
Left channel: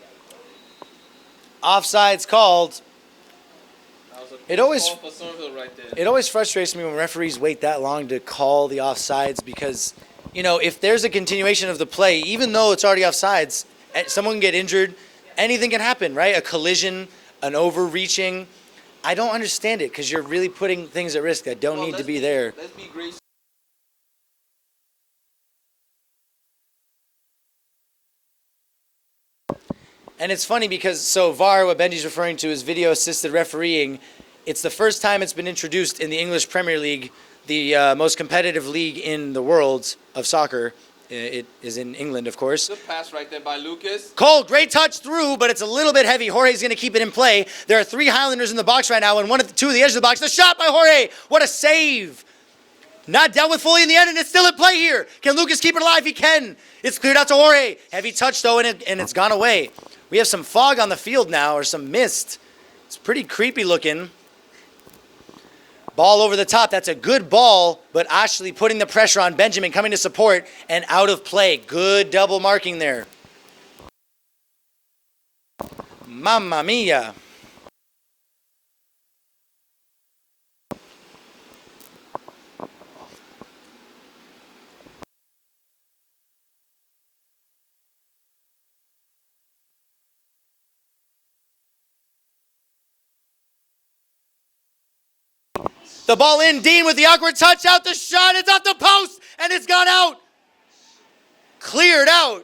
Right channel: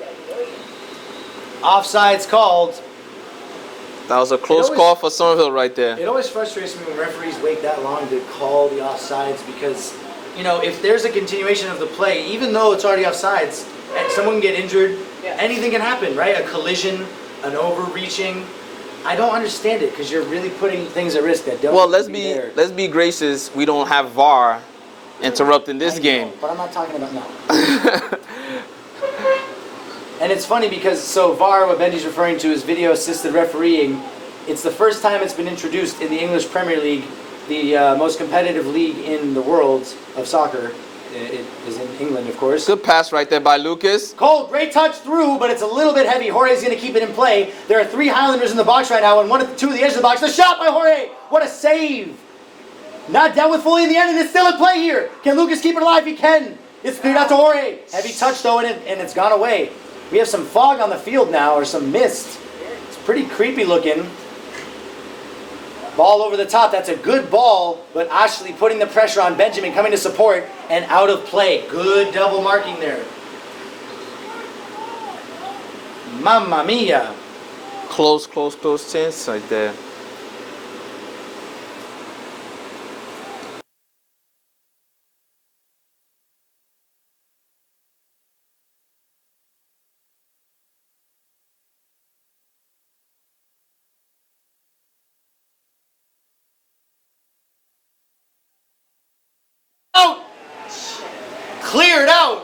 Offside's called. That was a close always- call for Somerville right there. It always frustrates me when referees wait that long to call the offsides because, you know, if there's a continuation of the play, even though it's already offsides, and someone can get injured, Yeah. anything can happen, right? A collision, an overreaching. I don't understand it because you're really putting things at risk that don't Well, need let's to be be there. let's be gracious. We don't have VAR interrupting this I know, game. but I'm not talking about now. And it's funny because, so VAR, what Benji's referring to is video assisted refereeing. It's the first time it's been introduced in the English Premier League, the most competitive league in the world of soccer. It is in England, of course. Good pass right there by Lucas. Cole, great touch through, but it's a little bit heavy. Jorge's going to keep it in play. There are 3 Highlanders in the box right now, and two at the edge of the box. The shot by Jorge. What a save. Not dealt with fully in the end, and it's still in play here. Can Lucas keep it alive? He can. It's cleared out to Jorge. Heavy touch, though, and it's gone away. We have some fog on the field now, or some mist. It's pretty creepy looking. Ball over the top. That's a good ball, but Ashley putting the pressure on Benjamin, coming to support, and out of play. Good double marking there. Mamma mia. Close chance right there. The ball in, Dean with the awkward touch, out the shot, it's off the post, and it's gone out. Cleared out.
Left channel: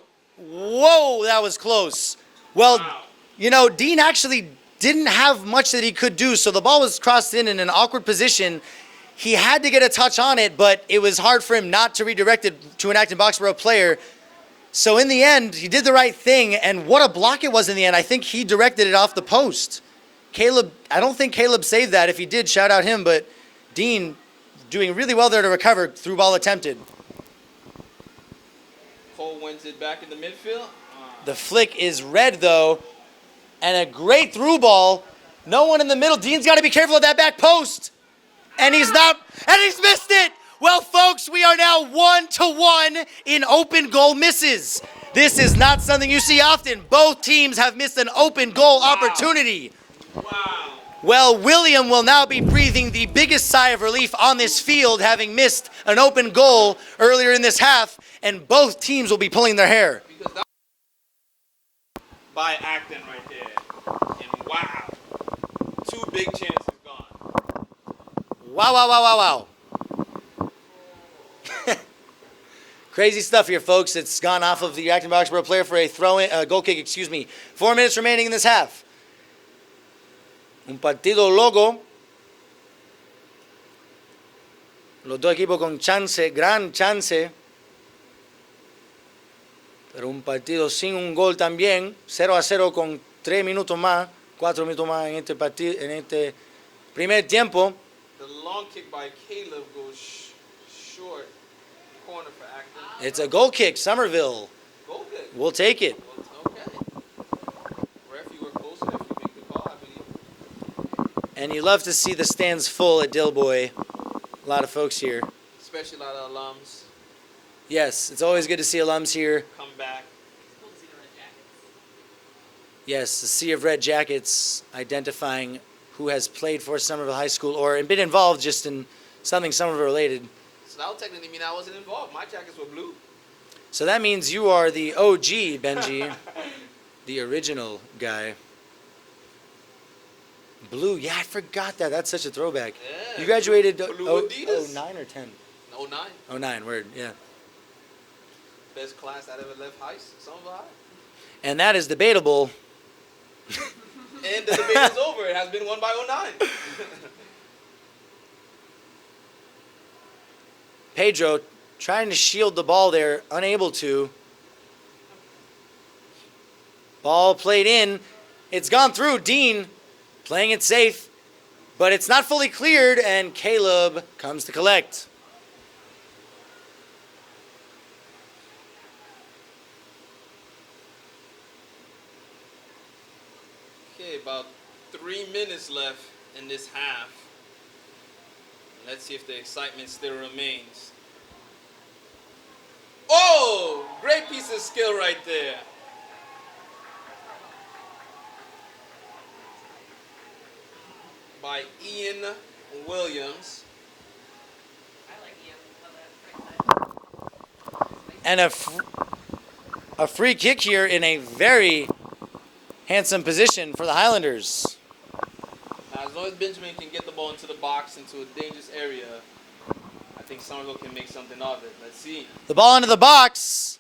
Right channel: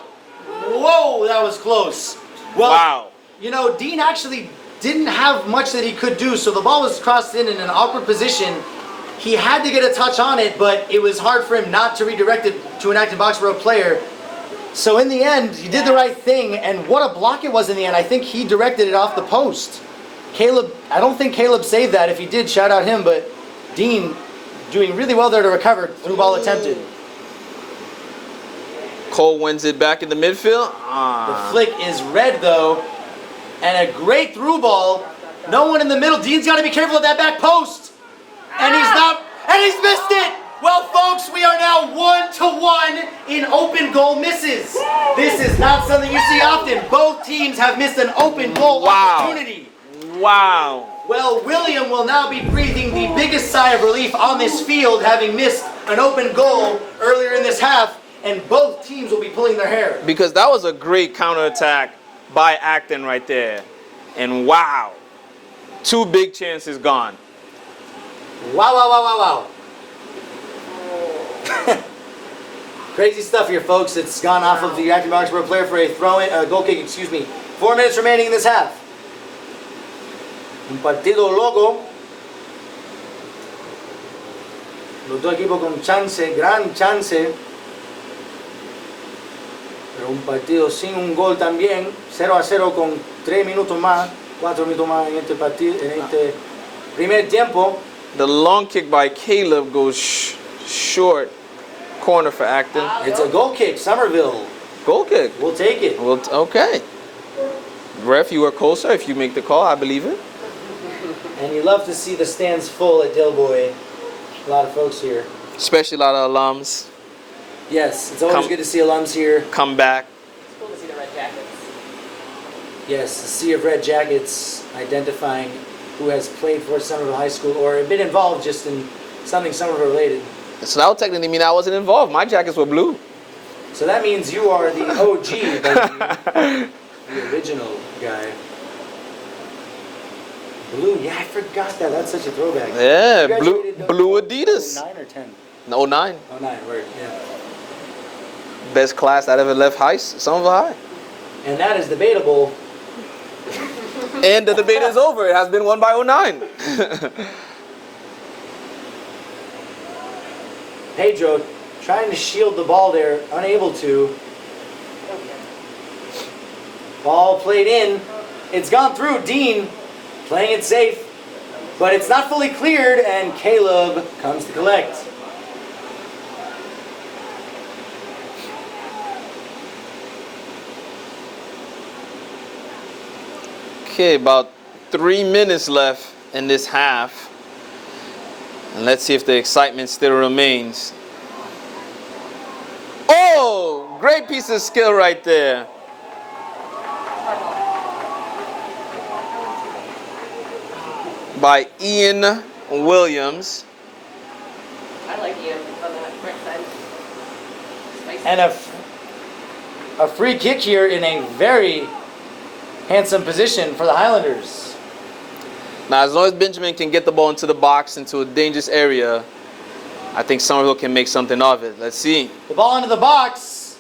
Whoa, that was close. Well, Wow. you know, Dean actually didn't have much that he could do, so the ball was crossed in an awkward position. He had to get a touch on it, but it was hard for him not to redirect it to an Acton-Boxboro player. So in the end, he did the right thing, and what a block it was in the end. I think he directed it off the post. Caleb, I don't think Caleb saved that. If he did, shout out him, but Dean doing really well there to recover, through ball attempted. Cole wins it back in the midfield. The flick is red though, and a great through ball. No one in the middle. Dean's got to be careful of that back post. And he's not, and he's missed it. Well, folks, we are now 1-1 in open goal misses. This is not something you see often. Both teams have missed an open goal Wow. opportunity. Wow. Well, William will now be breathing the biggest sigh of relief on this field, having missed an open goal earlier in this half, and both teams will be pulling their hair. Because that was a great counterattack by Acton right there. And wow. 2 big chances gone. Wow, wow, wow, wow, wow. Crazy stuff here, folks. It's gone off of the Acton-Boxboro player for a goal kick, 4 minutes remaining in this half. Un partido loco. Los dos equipos con chance, gran chance. Pero un partido sin un gol también. 0-0 con 3 minutos más, 4 minutos más en este partido, en este primer tiempo. The long kick by Caleb goes short. Corner for Acton. It's a goal kick, Somerville. Goal kick. We'll take it. Well, okay. Ref, you were closer. If you make the call, I believe it. And you love to see the stands full at Dilboy. A lot of folks here. Especially a lot of alums Yes, it's always Come- good to see alums here. come back. It's cool to see the red jackets. Yes, a sea of red jackets identifying who has played for Somerville High School or been involved just in something Somerville related. So that would technically mean I wasn't involved. My jackets were blue. So that means you are the OG, Benji. The original guy. Blue, yeah, I forgot that. That's such a throwback. Yeah, You graduated blue Adidas. 09 or 10? 09. 09, word, yeah. Best class that ever left Somerville High. And that is debatable. And the debate is over. It has been won by 09. Pedro trying to shield the ball there, unable to. Ball played in. It's gone through. Dean playing it safe, but it's not fully cleared, and Caleb comes to collect. Okay, about 3 minutes left in this half. And let's see if the excitement still remains. Oh, great piece of skill right there. by Ian Williams. I like you on that right side. Spicy. And a free kick here in a very handsome position for the Highlanders. Now, as long as Benjamin can get the ball into the box, into a dangerous area, I think Somerville can make something of it. Let's see. The ball into the box.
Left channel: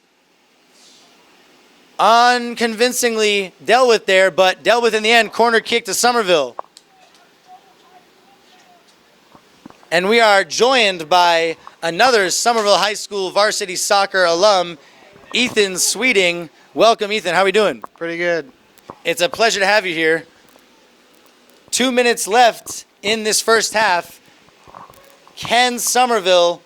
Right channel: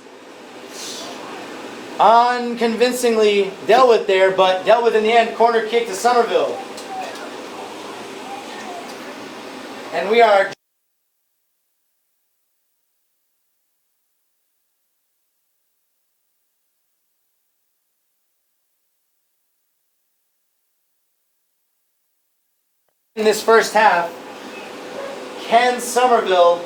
Unconvincingly dealt with there, but dealt with in the end. Corner kick to Somerville. And we are joined by another Somerville High School varsity soccer alum, Ethan Sweeting. Welcome, Ethan. How are we doing? Pretty good. It's a pleasure to have you here. 2 minutes left in this first half. Can Somerville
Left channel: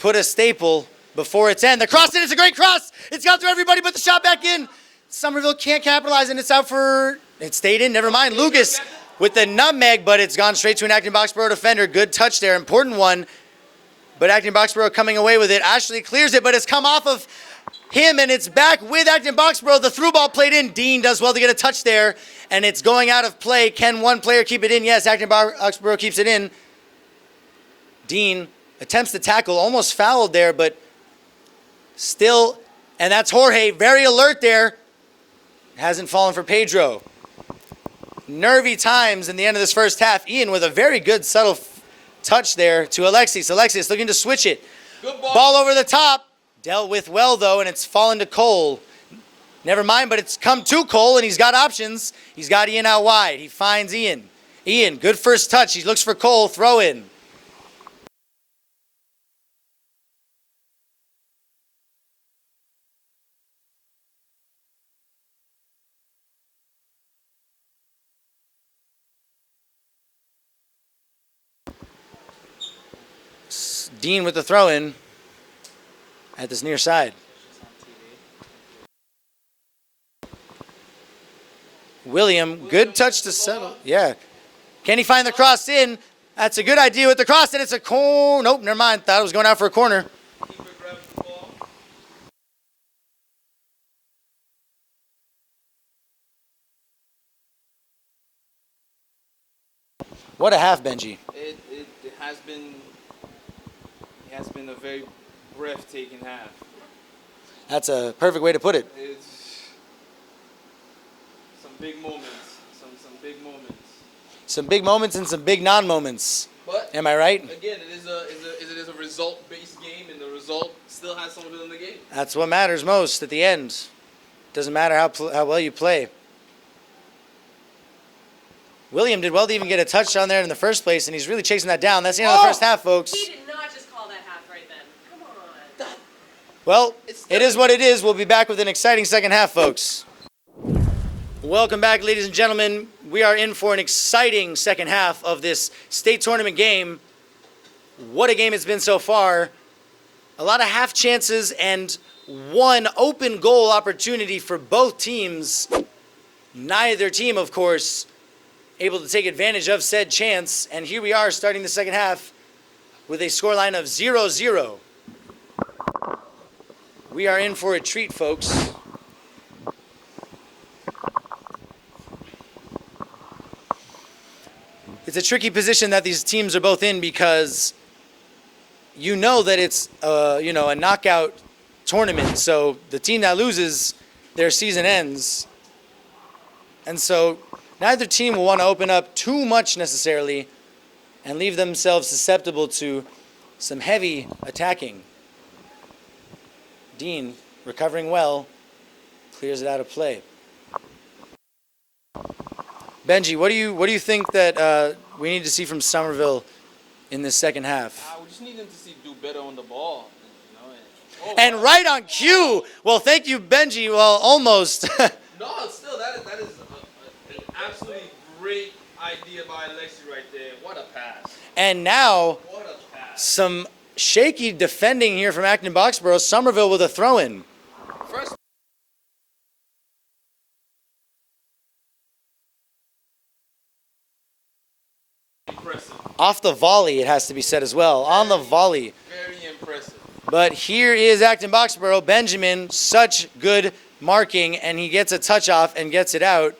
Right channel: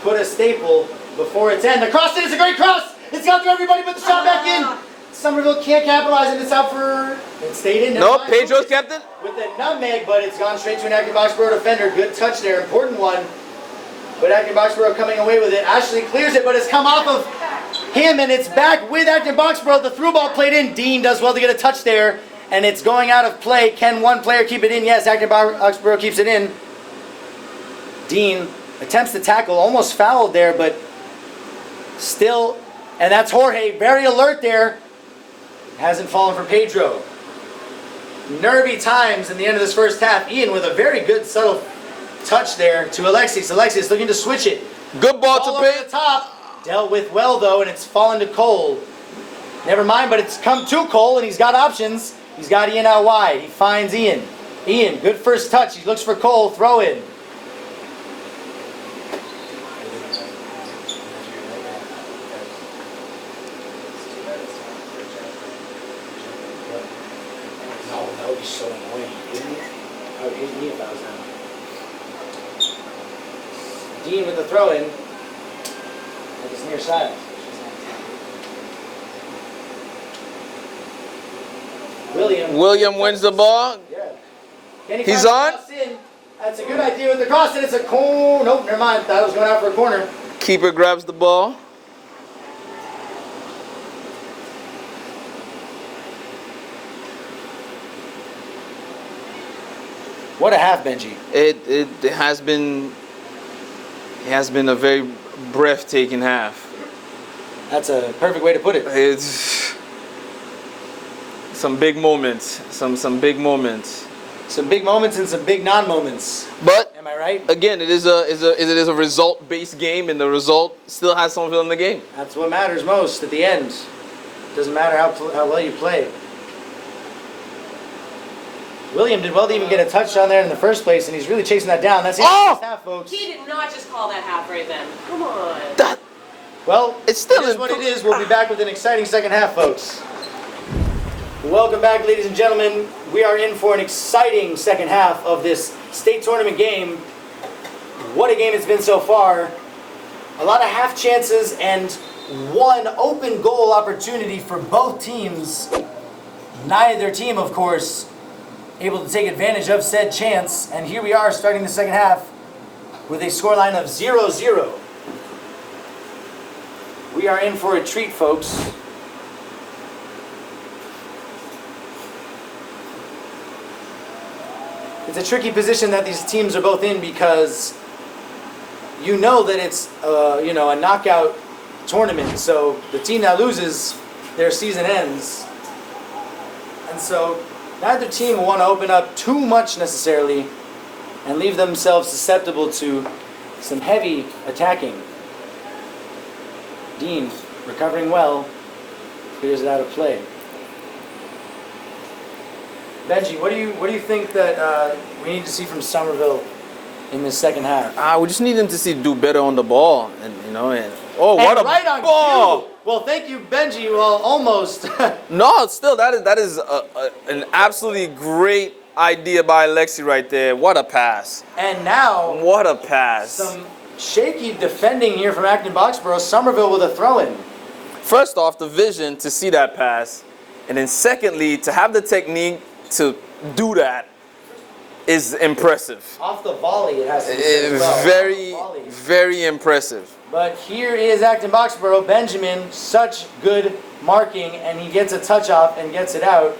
put a staple before its end? The cross in, it's a great cross. It's gone through everybody but the shot back in. Somerville can't capitalize and it's out for, it stayed in, never Nope, mind. Pedro Lucas kept it. with the nutmeg, but it's gone straight to an Acton-Boxboro defender. Good touch there, important one. But Acton-Boxboro coming away with it. Ashley clears it, but it's come off of him and it's back with Acton-Boxboro. The through ball played in. Dean does well to get a touch there. And it's going out of play. Can one player keep it in? Yes, Acton-Boxboro keeps it in. Dean attempts to tackle, almost fouled there, but still, and that's Jorge, very alert there. Hasn't fallen for Pedro. Nervy times in the end of this first half. Ian with a very good subtle touch there to Alexis. Alexis looking to switch it. Good ball. Ball over the top. Dealt with well though, and it's fallen to Cole. Never mind, but it's come to Cole, and he's got options. He's got Ian out wide. He finds Ian. Ian, good first touch. He looks for Cole. Throw in. No, that would be so annoying. I would hate me if I was that. Dean with the throw in at this near side. William good touch wins the to ball. Yeah. Can he find He's the on. cross in? That's a good idea with the cross in. It's a corner. Nope, never mind. Thought it was going out for a corner. Keeper grabs the ball. What a half, Benji. It has been a very breathtaking half. That's a perfect way to put it. It's some big moments, some big moments. Some big moments and some big non-moments. But Am I right? again, it is a result-based game, and the result still has Somerville in the game. That's what matters most at the end. Doesn't matter how well you play. William did well to even get a touchdown there in the first place, and he's really chasing that down. That's the end of the first half, folks. He did not just call that half right then. Come on. Well, It's still it is a- what it is. We'll be back with an exciting second half, folks. Welcome back, ladies and gentlemen. We are in for an exciting second half of this state tournament game. What a game it's been so far. A lot of half chances and one open goal opportunity for both teams. Neither team, of course, able to take advantage of said chance. And here we are starting the second half with a scoreline of 0-0. We are in for a treat, folks. It's a tricky position that these teams are both in because you know that it's a knockout tournament. So the team that loses, their season ends. And so neither team will want to open up too much necessarily and leave themselves susceptible to some heavy attacking. Dean, recovering well, clears it out of play. Benji, what do you think that we need to see from Somerville in this second half? We just need them to do better on the ball, and And what a right on ball! cue. Well, thank you, Benji. Well, almost. No, still that is an absolutely great idea by Alexi right there. What a pass! And now What a pass! some shaky defending here from Acton-Boxboro. Somerville with a throw-in. First off, the vision to see that pass, and then secondly, to have the technique to do that is impressive. Off the volley, it has to be said as well. On the volley. Very impressive. But here is Acton-Boxboro. Benjamin, such good marking, and he gets a touch off and gets it out.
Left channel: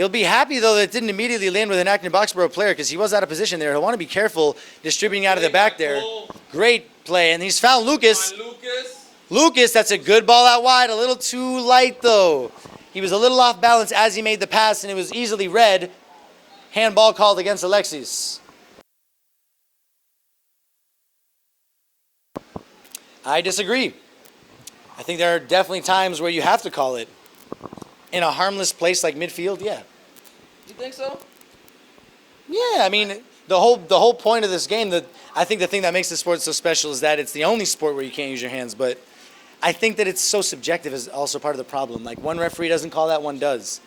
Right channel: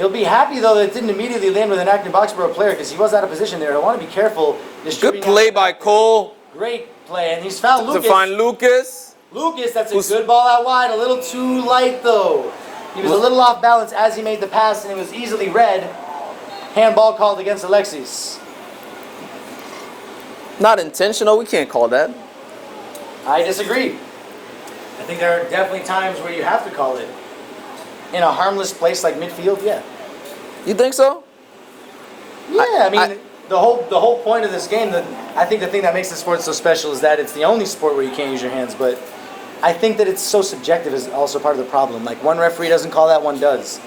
He'll be happy, though, that it didn't immediately land with an Acton-Boxboro player because he was out of position there. He'll want to be careful distributing out of play the back by there. Cole. Great play, and he's fouled To Lucas. find Lucas. Lucas, that's a good ball out wide. A little too light, though. He was a little off balance as he made the pass, and it was easily read. Handball called against Alexis. Not intentional. We can't call that. I disagree. I think there are definitely times where you have to call it. In a harmless place like midfield, yeah. You think so? Yeah, I mean, the whole point of this game, I think the thing that makes the sport so special is that it's the only sport where you can't use your hands, but I think that it's so subjective is also part of the problem. Like, one referee doesn't call that, one does.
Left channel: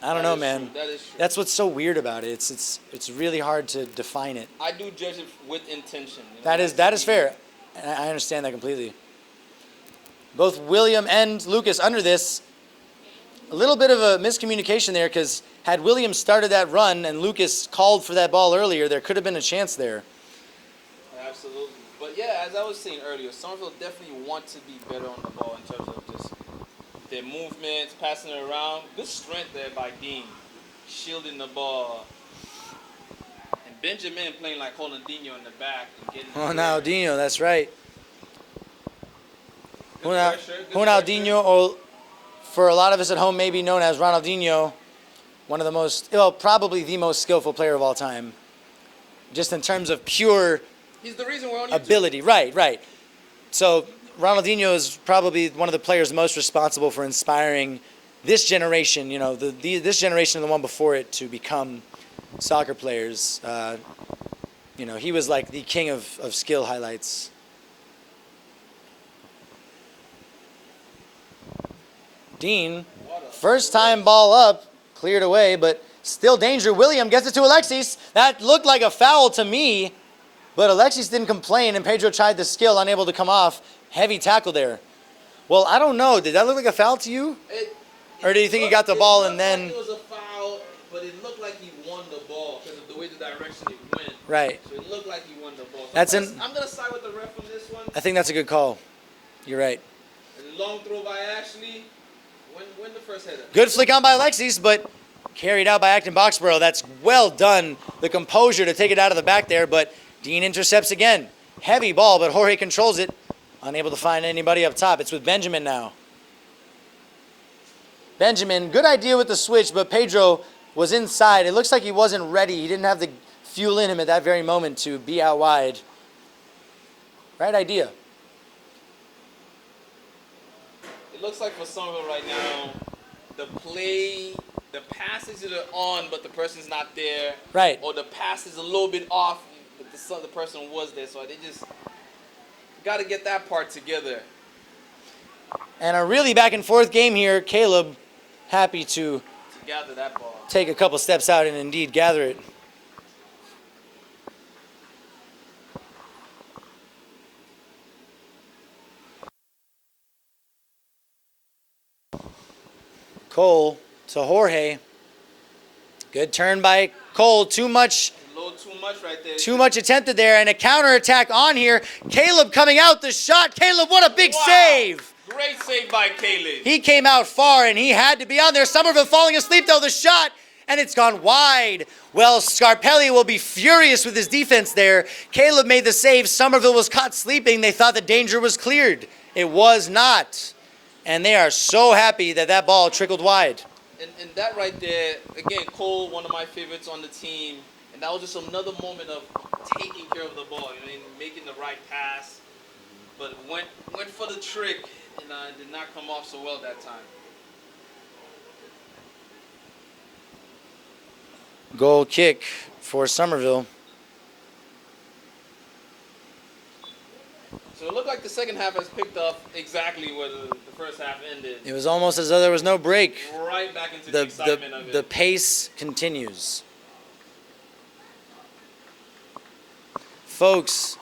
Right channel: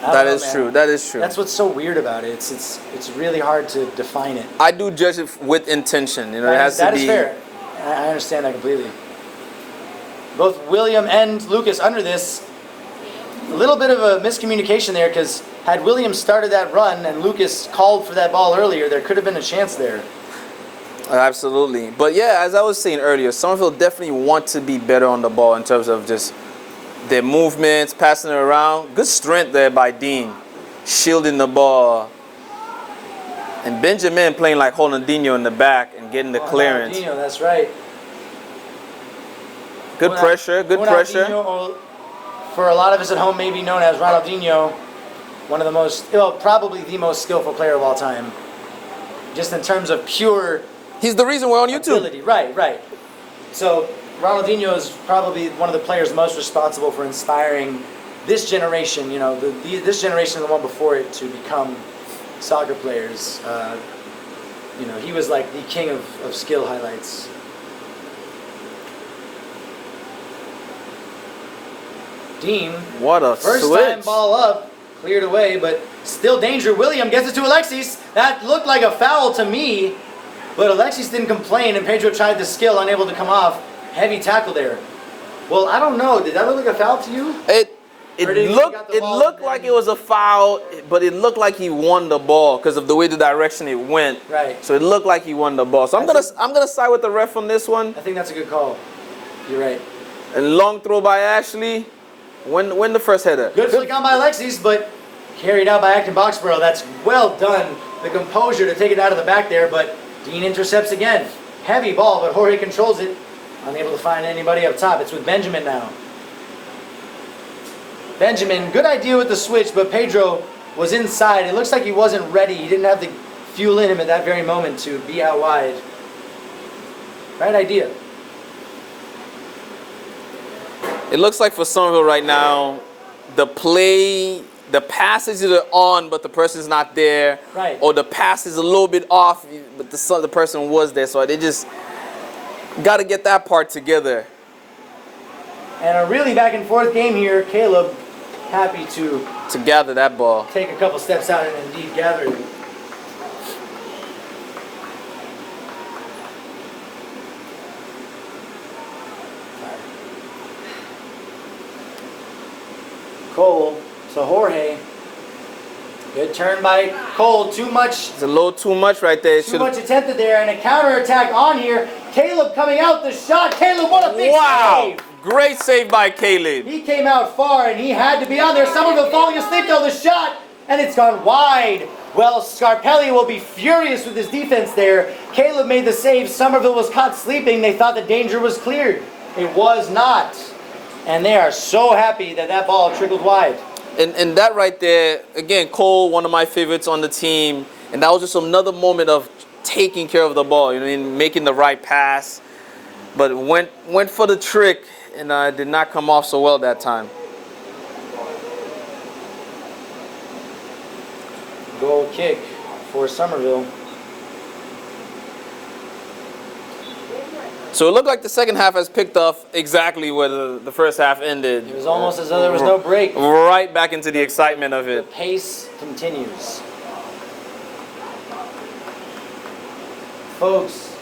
That is true. That is true. That's what's so weird about it. It's really hard to define it. I do judge it with intention. You know, That is fair. I understand that completely. Both William and Lucas under this. A little bit of a miscommunication there because had William started that run and Lucas called for that ball earlier, there could have been a chance there. Absolutely. But yeah, as I was saying earlier, Somerville definitely want to be better on the ball in terms of just their movements, passing it around. Good strength there by Dean, shielding the ball. And Benjamin playing like Highlander in the back and getting the clearance. Ronaldinho, that's right. Good pressure, good pressure. Ronaldinho, or for a lot of us at home, maybe known as Ronaldinho, one of the most, probably the most skillful player of all time. Just in terms of pure He's the reason we're on YouTube. ability. Right. So Ronaldinho is probably one of the players most responsible for inspiring this generation, this generation and the one before it to become soccer players. He was like the king of skill highlights. Dean, What a first switch. time ball up, cleared away, but still danger. William gets it to Alexis. That looked like a foul to me, but Alexis didn't complain, and Pedro tried the skill, unable to come off. Heavy tackle there. Well, I don't know. Did that look like a foul to you? Or do you think he got the ball and then... It looked like it was a foul, but it looked like he won the ball because of the way the direction it went. Right. So it looked like he won the ball. So I'm gonna side with the ref on this one. I think that's a good call. You're right. And long throw by Ashley. Win the first header. Good flick on by Alexis, but carried out by Acton-Boxboro. That's well done. The composure to take it out of the back there, but Dean intercepts again. Heavy ball, but Jorge controls it. Unable to find anybody up top. It's with Benjamin now. Benjamin, good idea with the switch, but Pedro was inside. It looks like he wasn't ready. He didn't have the fuel in him at that very moment to be out wide. Right idea. It looks like for Somerville right now, the pass is either on, but the person's not there. Right. Or the pass is a little bit off, but the person was there. So they just got to get that part together. And a really back and forth game here. Caleb happy to gather that ball. take a couple steps out and indeed gather it. Cole to Jorge. Good turn by Cole. Too much It's a little too much right there. Too much attempted there, and a counterattack on here. Caleb coming out the shot. Caleb, what a big save! Great save by Caleb. He came out far, and he had to be out there. Somerville falling asleep though. The shot, and it's gone wide. Well, Scarpelli will be furious with his defense there. Caleb made the save. Somerville was caught sleeping. They thought the danger was cleared. It was not. And they are so happy that that ball trickled wide. And that right there, again, Cole, one of my favorites on the team. And that was just another moment of taking care of the ball, making the right pass. But went for the trick and did not come off so well that time. Goal kick for Somerville. So it looked like the second half has picked up exactly where the first half ended. It was almost as though there was no break. Right back into the excitement of it. The pace continues. Folks,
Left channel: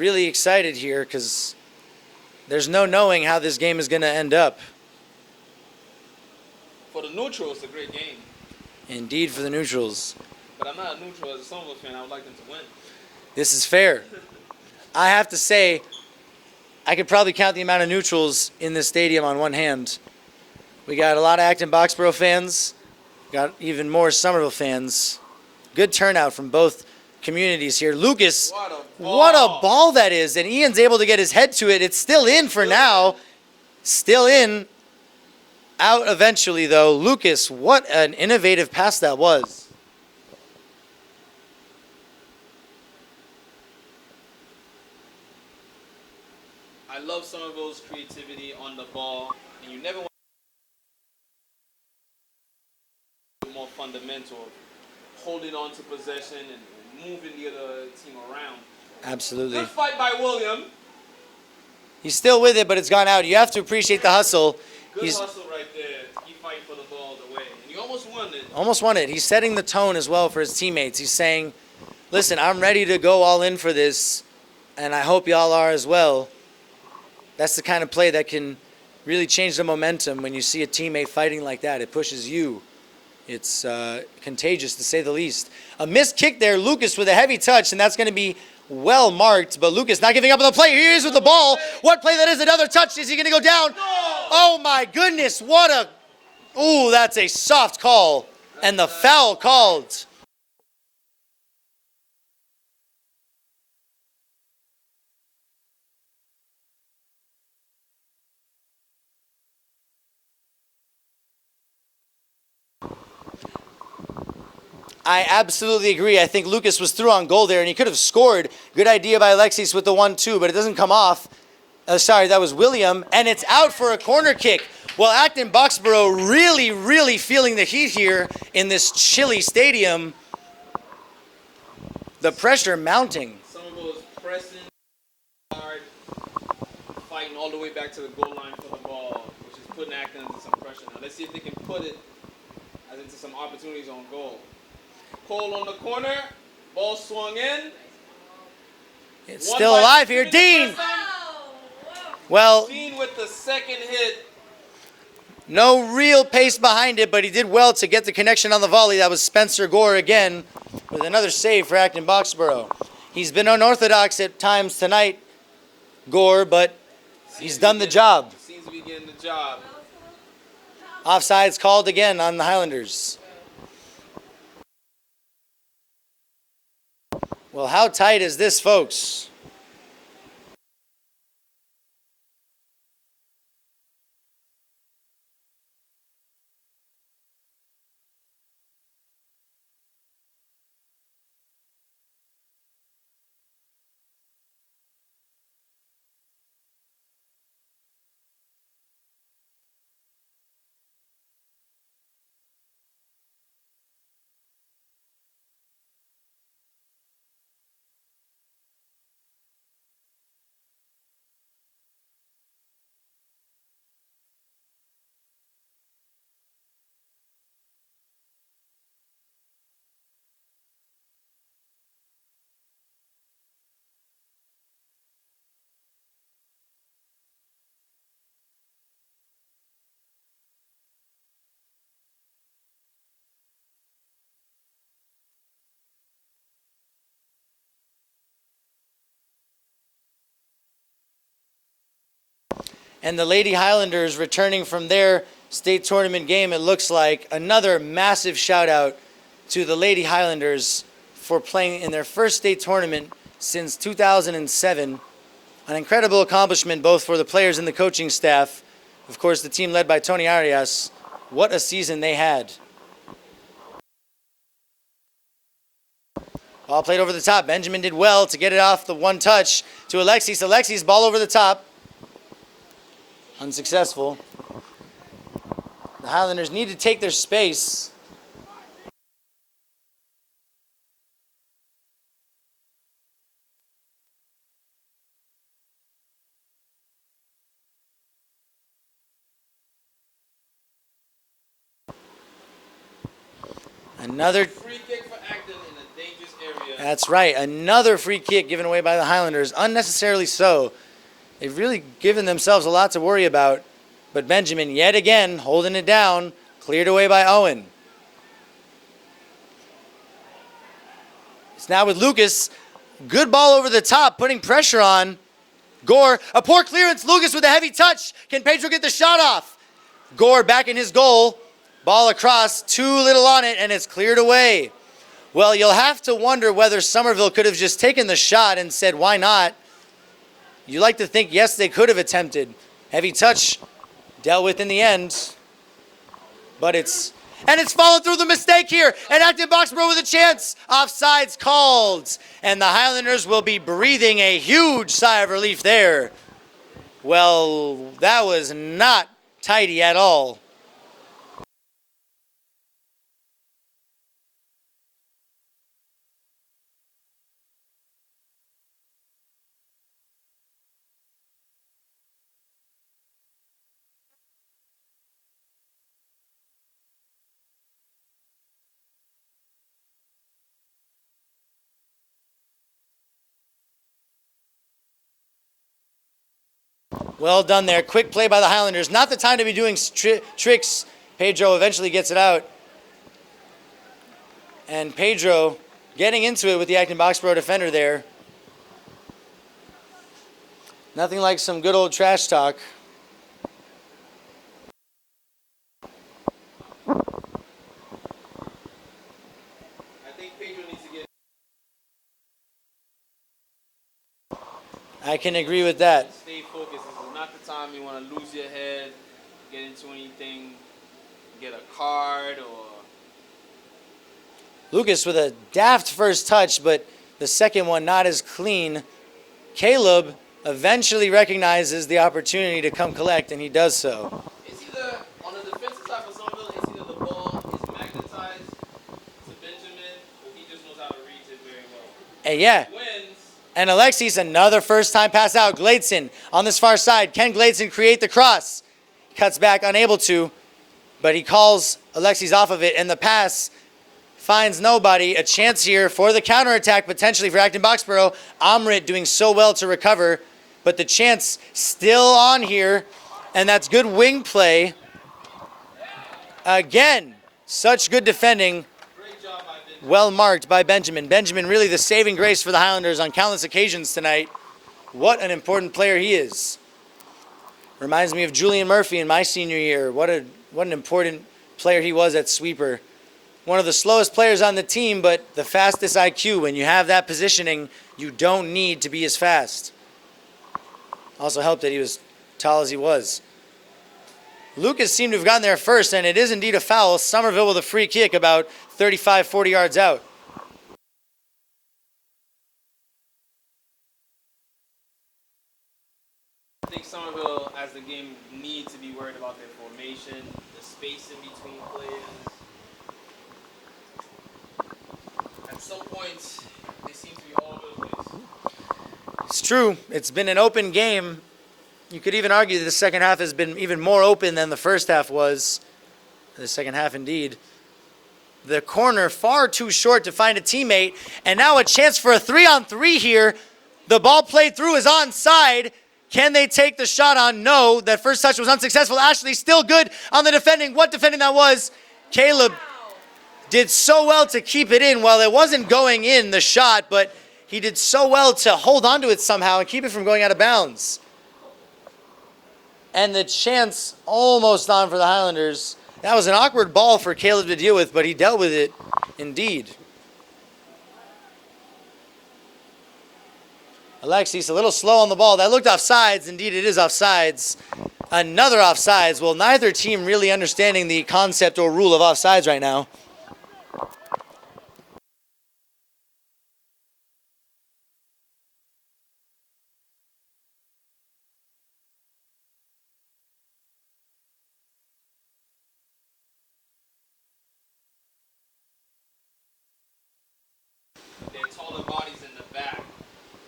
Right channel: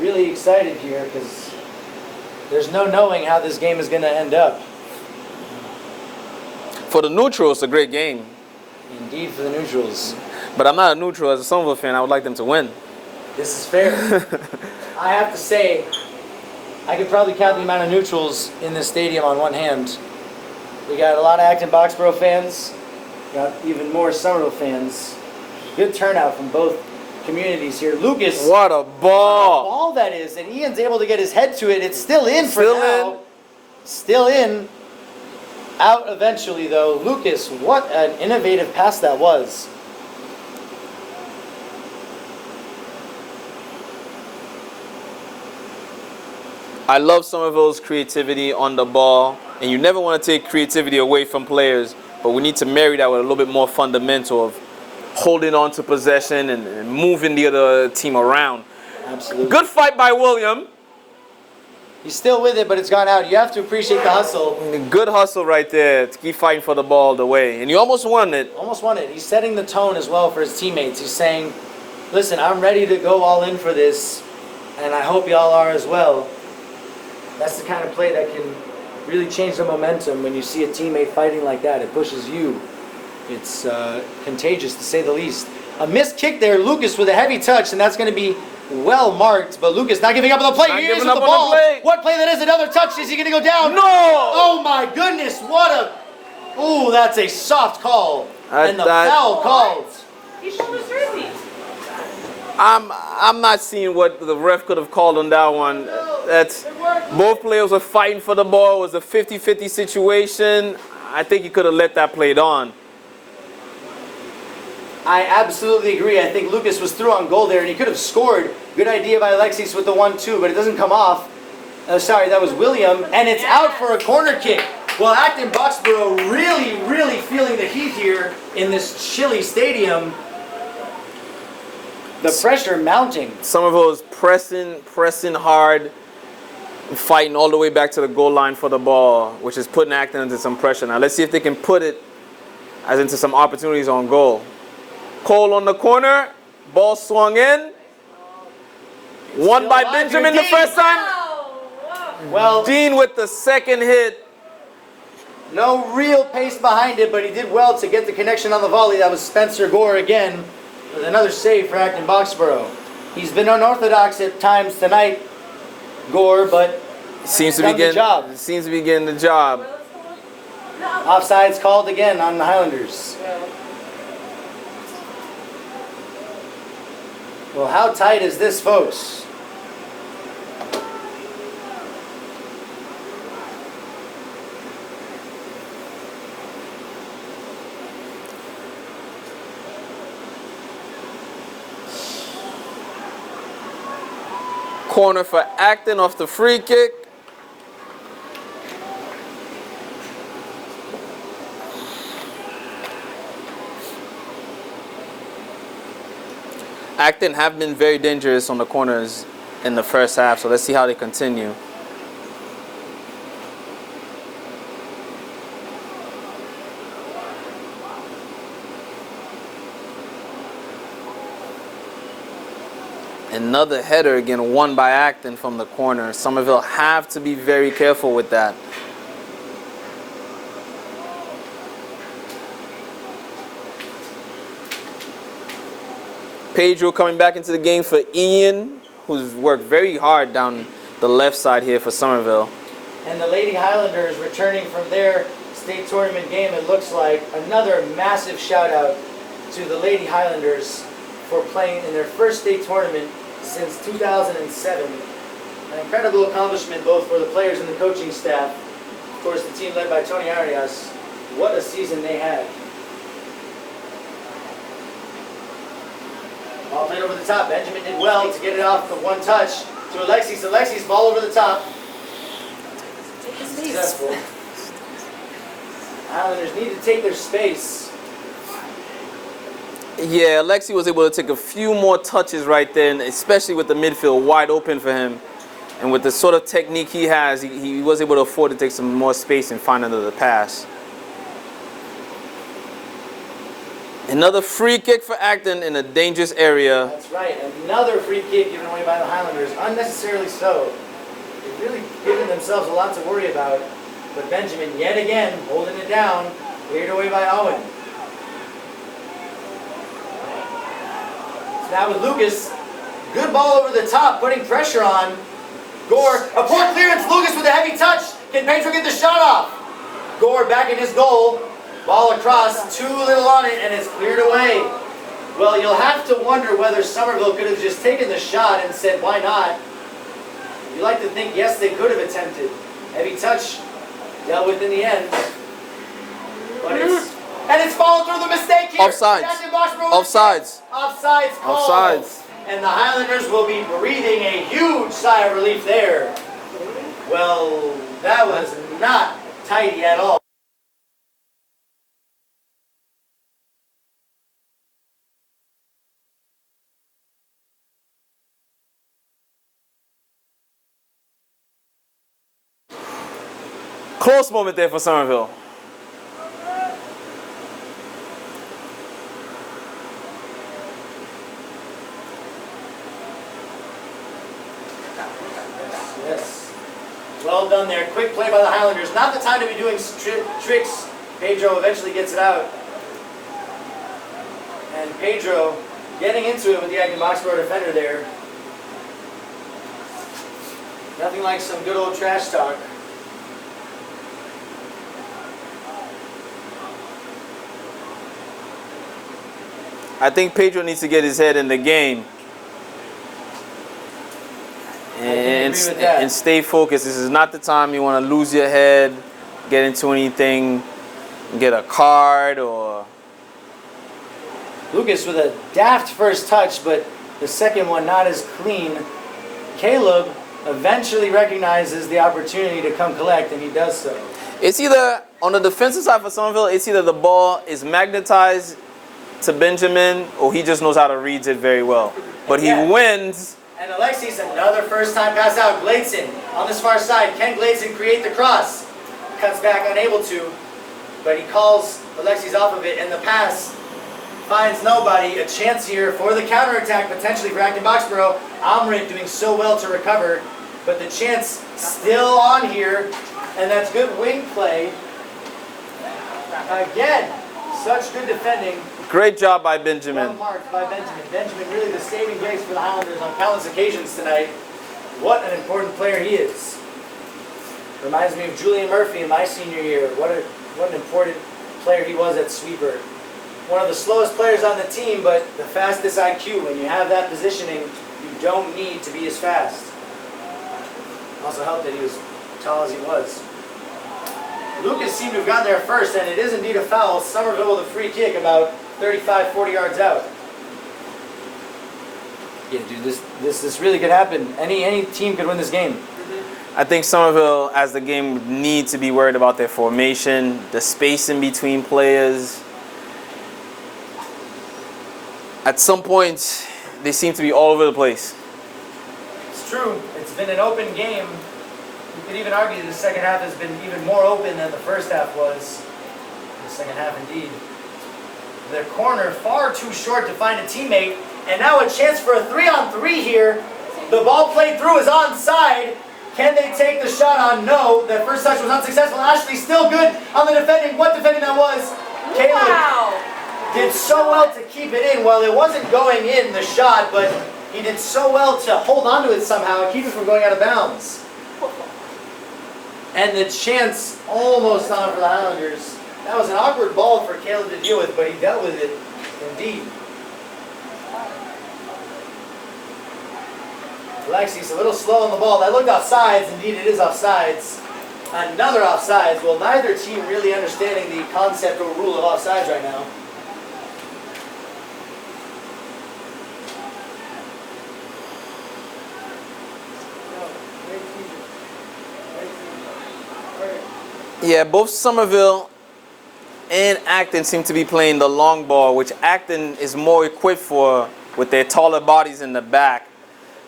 really excited here because there's no knowing how this game is going to end up. For the neutral, it's a great game. Indeed, for the neutrals. But I'm not a neutral. As a Somerville fan, I would like them to win. This is fair. I have to say, I could probably count the amount of neutrals in this stadium on one hand. We got a lot of Acton-Boxboro fans. Got even more Somerville fans. Good turnout from both communities here. Lucas. What a ball. What a ball that is. And Ian's able to get his head to it. It's still in for Still now. in. Still in. Out eventually, though. Lucas, what an innovative pass that was. I love Somerville's creativity on the ball, and you never want to take creativity away from players, but we need to marry that with a little bit more fundamental of holding on to possession and moving the other team around. Absolutely. Good fight by William. He's still with it, but it's gone out. You have to appreciate the hustle. Good He's hustle right there to keep fighting for the ball the way, and you almost won it. almost won it. He's setting the tone as well for his teammates. He's saying, listen, I'm ready to go all in for this, and I hope y'all are as well. That's the kind of play that can really change the momentum when you see a teammate fighting like that. It pushes you. It's contagious, to say the least. A missed kick there, Lucas with a heavy touch, and that's going to be well marked. But Lucas not giving up on the play. Not He is giving with the up on the ball. play. What play that is? Another touch. Is he going to go down? No! Oh my goodness! What a... Ooh, that's a soft call. And the foul called. He pulled his jersey. I'm not seeing what the ref could have called on that one. That's both players were fighting for the ball. It was a 50-50 situation. I think he could have let that played on. I absolutely agree. I think Lucas was through on goal there, and he could have scored. Good idea by Alexis with the 1-2, but it doesn't come off. Sorry, that was William, and it's out for a corner kick. Well, Acton-Boxboro really, really feeling the heat here in this chilly stadium. The pressure mounting. Somerville is pressing hard, fighting all the way back to the goal line for the ball, which is putting Acton into some pressure. Now let's see if they can put it as into some opportunities on goal. Cole on the corner, ball swung in. Won still by alive here, Benjamin the Dean. first time. Well, Dean with the second hit. no real pace behind it, but he did well to get the connection on the volley. That was Spencer Gore again with another save for Acton-Boxboro. He's been unorthodox at times tonight, Gore, but Seems to done be the getting job. Seems to be getting the job. Offside's called again on the Highlanders. Well, how tight is this, folks? Corner for Acton off the free kick. Acton have been very dangerous on the corners in the first half, so let's see how they continue. Another header again, won by Acton from the corner. Somerville have to be very careful with that. Pedro coming back into the game for Ian, who's worked very hard down the left side here for Somerville. And the Lady Highlanders returning from their state tournament game, it looks like. Another massive shout out to the Lady Highlanders for playing in their first state tournament since 2007. An incredible accomplishment both for the players and the coaching staff. Of course, the team led by Tony Arias. What a season they had. Ball played over the top. Benjamin did well to get it off the one touch to Alexis. Alexis, ball over the top. Unsuccessful. The Highlanders need to take their space. Yeah, Alexi was able to take a few more touches right there, and especially with the midfield wide open for him. And with the sort of technique he has, he was able to afford to take some more space and find another pass. Another free kick for Acton in a dangerous area. That's right. Another free kick given away by the Highlanders. Unnecessarily so. They've really given themselves a lot to worry about. But Benjamin, yet again, holding it down. Cleared away by Owen. It's now with Lucas. Good ball over the top, putting pressure on. Gore, a poor clearance. Lucas with a heavy touch. Can Pedro get the shot off? Gore back in his goal. Ball across, too little on it, and it's cleared away. Well, you'll have to wonder whether Somerville could have just taken the shot and said, why not? You like to think, yes, they could have attempted. Heavy touch, dealt with in the end. But it's followed through the mistake here. Offsides. And Acton-Boxboro with a chance. Offsides called. Offsides. And the Highlanders will be breathing a huge sigh of relief there. Well, that was not tidy at all. Close moment there for Somerville. Yes. Well done there. Quick play by the Highlanders. Not the time to be doing tricks. Pedro eventually gets it out. And Pedro getting into it with the Acton-Boxboro defender there. Nothing like some good old trash talk. I think Pedro needs to get his head in the game. I can agree with that. And stay focused. This is not the time you want to lose your head, get into anything, get a card or... Lucas with a daft first touch, but the second one not as clean. Caleb eventually recognizes the opportunity to come collect, and he does so. It's either, on the defensive side for Somerville, it's either the ball is magnetized to Benjamin or he just knows how to read it very well. But yeah. he wins. And Alexis, another first time pass out. Gladson on this far side. Can Gladson create the cross? Cuts back, unable to, but he calls Alexis off of it, and the pass finds nobody. A chance here for the counterattack, potentially for Acton-Boxboro. Amrit doing so well to recover, but the chance still on here, and that's good wing play. Again, such good defending. Great job by Benjamin. Well marked by Benjamin. Benjamin really the saving grace for the Highlanders on countless occasions tonight. What an important player he is. Reminds me of Julian Murphy in my senior year. What an important player he was at sweeper. One of the slowest players on the team, but the fastest IQ. When you have that positioning, you don't need to be as fast. Also helped that he was tall as he was. Lucas seemed to have gotten there first, and it is indeed a foul. Somerville with a free kick about 35, 40 yards out. Yeah, dude, this really could happen. Any team could win this game. I think Somerville, as the game, would need to be worried about their formation, the spacing between players. At some point, they seem to be all over the place. It's true. It's been an open game. You could even argue the second half has been even more open than the first half was. The second half, indeed. The corner far too short to find a teammate. And now a chance for a 3-on-3 here. The ball played through is onside. Can they take the shot on? No. That first touch was unsuccessful. Ashley still good on the defending. What defending that was? Caleb did so well to keep it in. Well, it wasn't going in, the shot, but he did so well to hold onto it somehow and keep it from going out of bounds. And the chance almost on for the Highlanders. That was an awkward ball for Caleb to deal with, but he dealt with it indeed. Alexis a little slow on the ball. That looked offsides. Indeed, it is offsides. Another offsides. Well, neither team really understanding the concept or rule of offsides right now. Yeah, both Somerville and Acton seem to be playing the long ball, which Acton is more equipped for with their taller bodies in the back.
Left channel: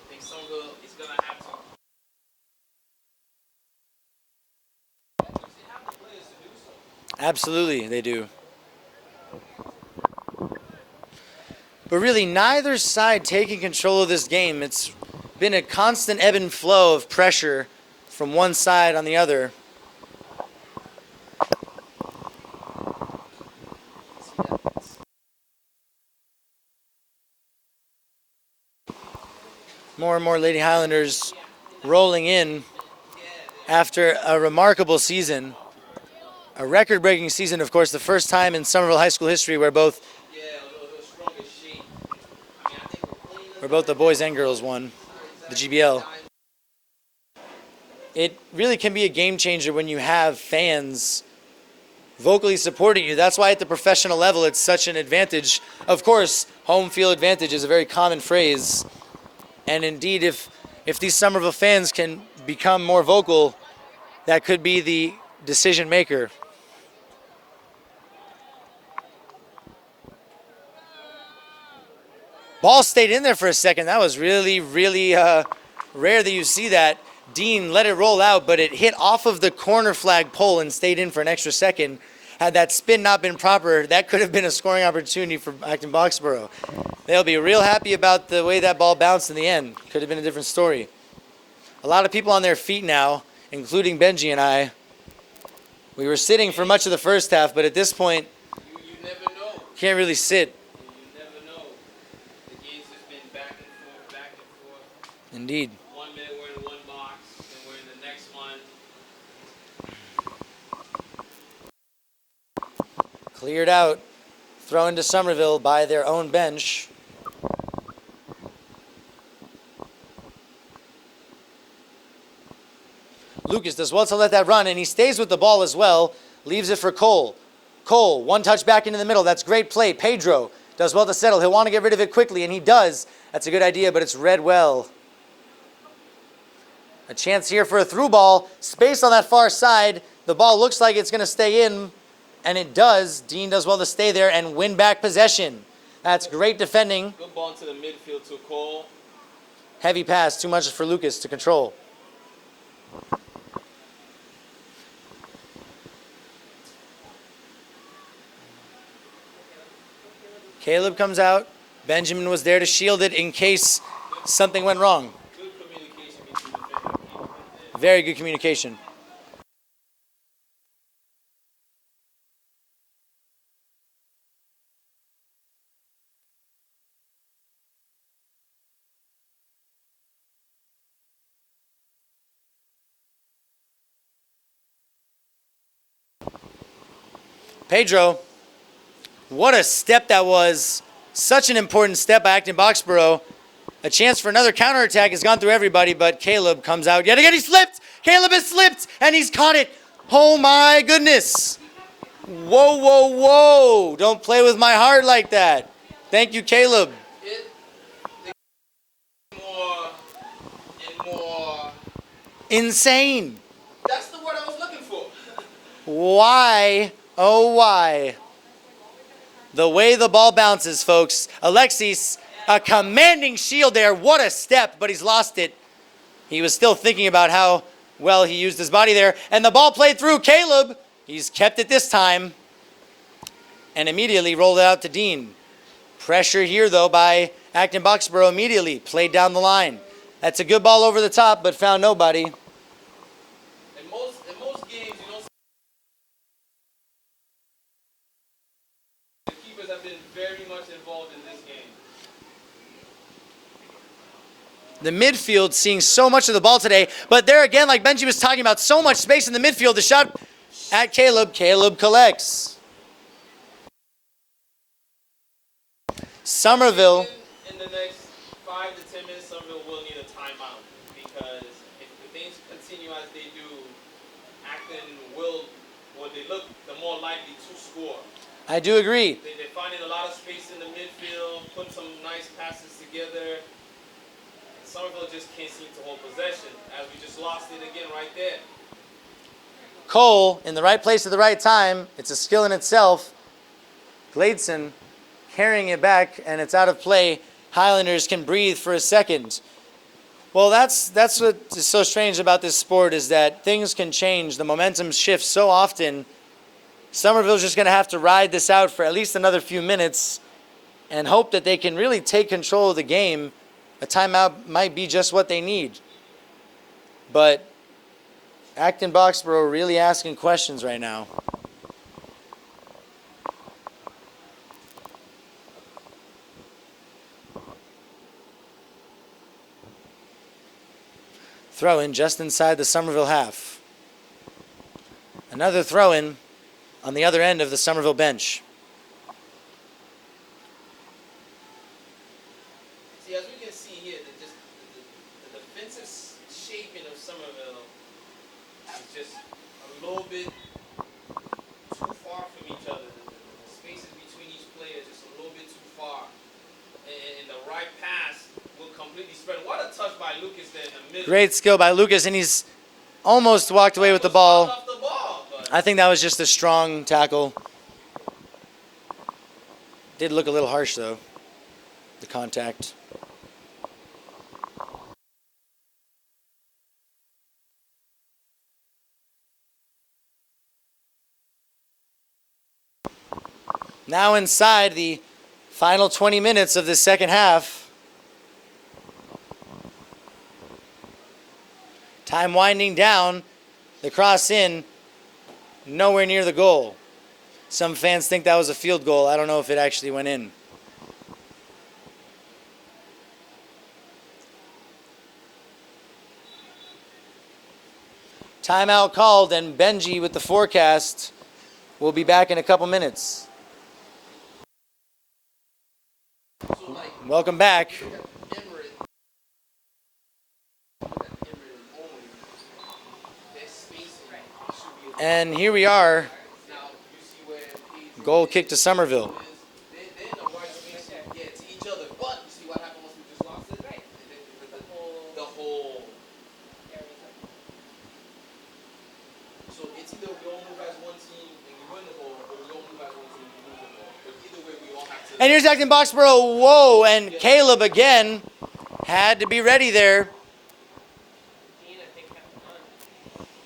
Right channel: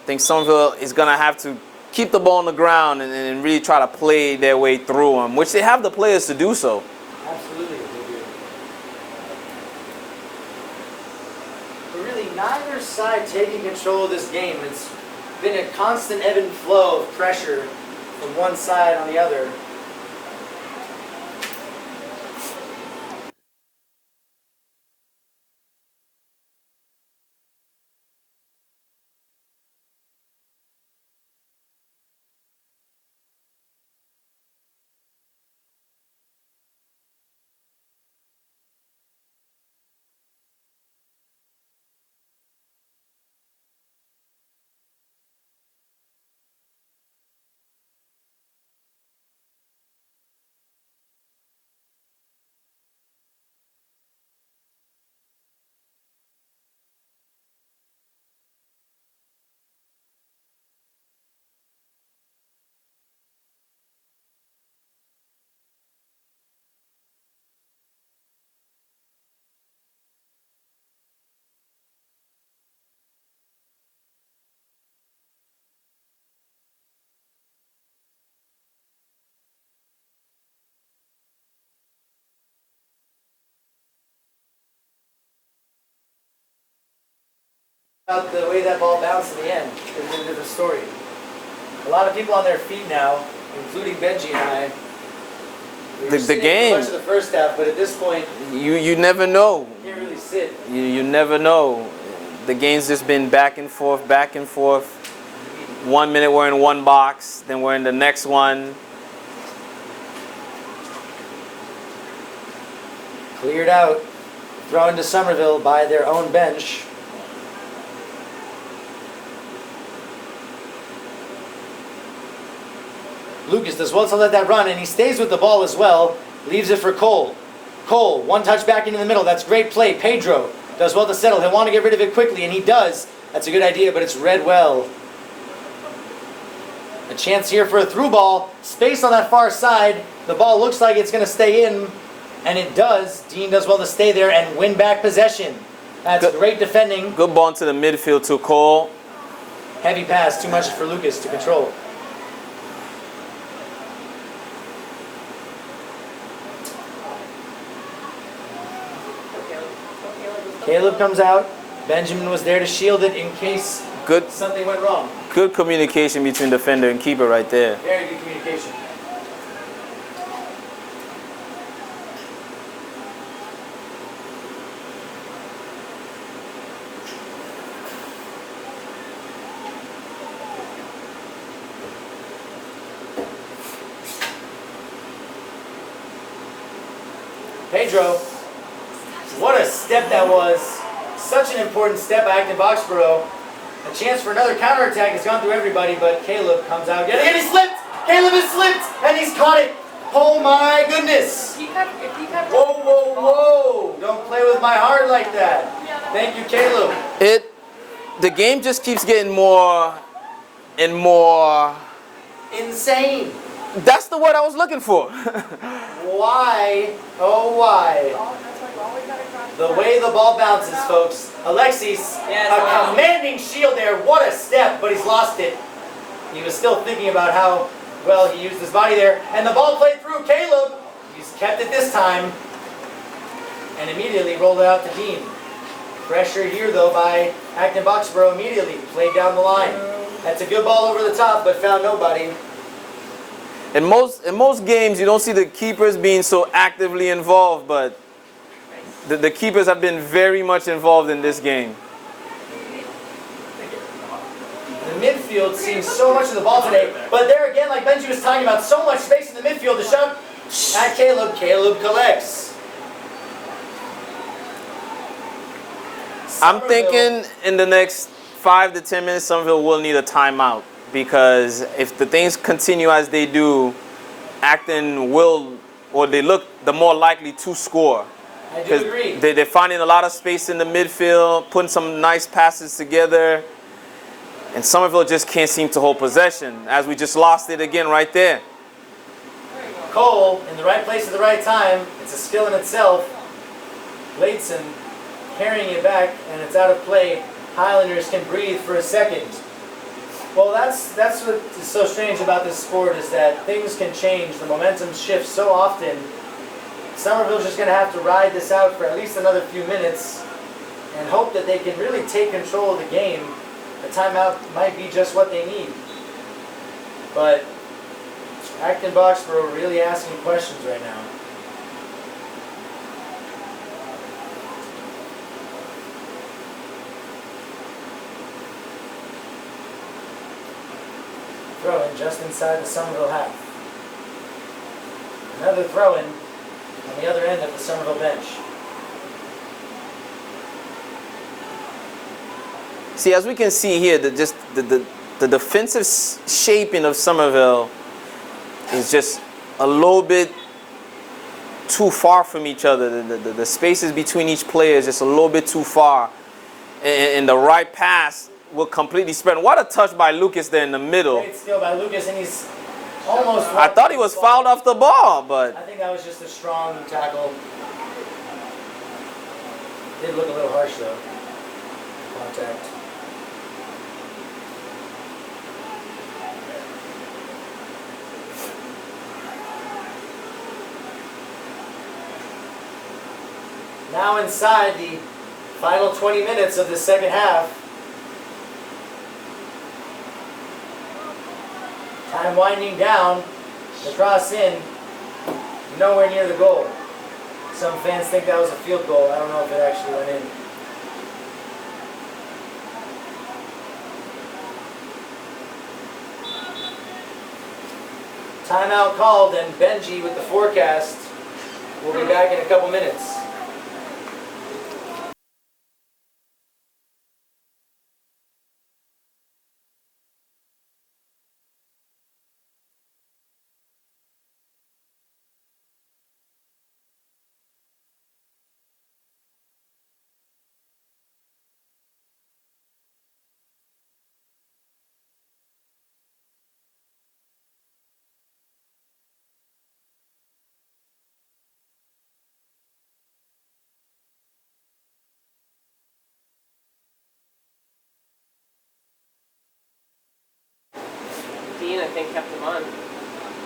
I think Somerville is going to have to keep the ball on the ground and really try to play their way through them, which they have the players to do so. Absolutely, they do. But really, neither side taking control of this game. It's been a constant ebb and flow of pressure from one side on the other. More and more Lady Highlanders rolling in after a remarkable season. A record-breaking season, of course, the first time in Somerville High School history where both the boys and girls won the GBL. It really can be a game changer when you have fans vocally supporting you. That's why at the professional level it's such an advantage. Of course, home field advantage is a very common phrase. And indeed, if these Somerville fans can become more vocal, that could be the decision maker. Ball stayed in there for a second. That was really, really rare that you see that. Dean let it roll out, but it hit off of the corner flag pole and stayed in for an extra second. Had that spin not been proper, that could have been a scoring opportunity for Acton-Boxboro. They'll be real happy about the way that ball bounced in the end. Could have been a different story. A lot of people on their feet now, including Benji and I. We were sitting for much of the first half, but at this point, you never know. Can't really sit. You never know. The game's just been back and forth, back and forth. Indeed. 1 minute we're in one box, then we're in the next one. Cleared out, thrown to Somerville by their own bench. Lucas does well to let that run, and he stays with the ball as well. Leaves it for Cole. Cole, one touch back into the middle. That's great play. Pedro does well to settle. He'll want to get rid of it quickly, and he does. That's a good idea, but it's read well. A chance here for a through ball. Space on that far side. The ball looks like it's going to stay in, and it does. Dean does well to stay there and win back possession. That's great defending. Good ball into the midfield to Cole. Heavy pass, too much for Lucas to control. Caleb comes out. Benjamin was there to shield it in case something went wrong. Good communication between defender and keeper right there. Very good communication. Pedro, what a step that was. Such an important step by Acton-Boxboro. A chance for another counterattack has gone through everybody, but Caleb comes out. Yet again, he slipped! Caleb has slipped, and he's caught it. Oh my goodness. Whoa, whoa, whoa. Don't play with my heart like that. Thank you, Caleb. The game just keeps getting more and more insane. That's the word I was looking for. Why? Oh, why? The way the ball bounces, folks. Alexis, a commanding shield there. What a step, but he's lost it. He was still thinking about how well he used his body there. And the ball played through Caleb. He's kept it this time. And immediately rolled it out to Dean. Pressure here, though, by Acton-Boxboro immediately. Played down the line. That's a good ball over the top, but found nobody. In most games, you don't see the keepers being so actively involved, but the keepers have been very much involved in this game. The midfield seeing so much of the ball today, but there again, like Benji was talking about, so much space in the midfield. The shot at Caleb. Caleb collects. Somerville. I'm thinking in the next 5 to 10 minutes, Somerville will need a timeout, because if the things continue as they do, Acton will, or they look the more likely to score. I do agree. They're finding a lot of space in the midfield, putting some nice passes together, and Somerville just can't seem to hold possession, as we just lost it again right there. Cole in the right place at the right time. It's a skill in itself. Bladson carrying it back, and it's out of play. Highlanders can breathe for a second. Well, that's what is so strange about this sport, is that things can change. The momentum shifts so often. Somerville's just going to have to ride this out for at least another few minutes and hope that they can really take control of the game. A timeout might be just what they need. But Acton-Boxboro really asking questions right now. Throw-in just inside the Somerville half. Another throw-in. on the other end of the Somerville bench. See, as we can see here, the defensive shaping of Somerville is just a little bit too far from each other. The spaces between each player is just a little bit too far. And the right pass will completely spread. What a touch by Lucas there in the middle. Great skill by Lucas, and he's almost I walked thought away he with was the ball. fouled off the ball, but I think that was just a strong tackle. Did look a little harsh though, the contact. Now inside the final 20 minutes of the second half. Time winding down. The cross in. Nowhere near the goal. Some fans think that was a field goal. I don't know if it actually went in. Timeout called, and Benji with the forecast. We'll be back in a couple minutes. Welcome back. And here we are. Goal kick to Somerville. And here's Acton-Boxboro. Whoa, and Caleb again had to be ready there. Dean, I think, kept him on.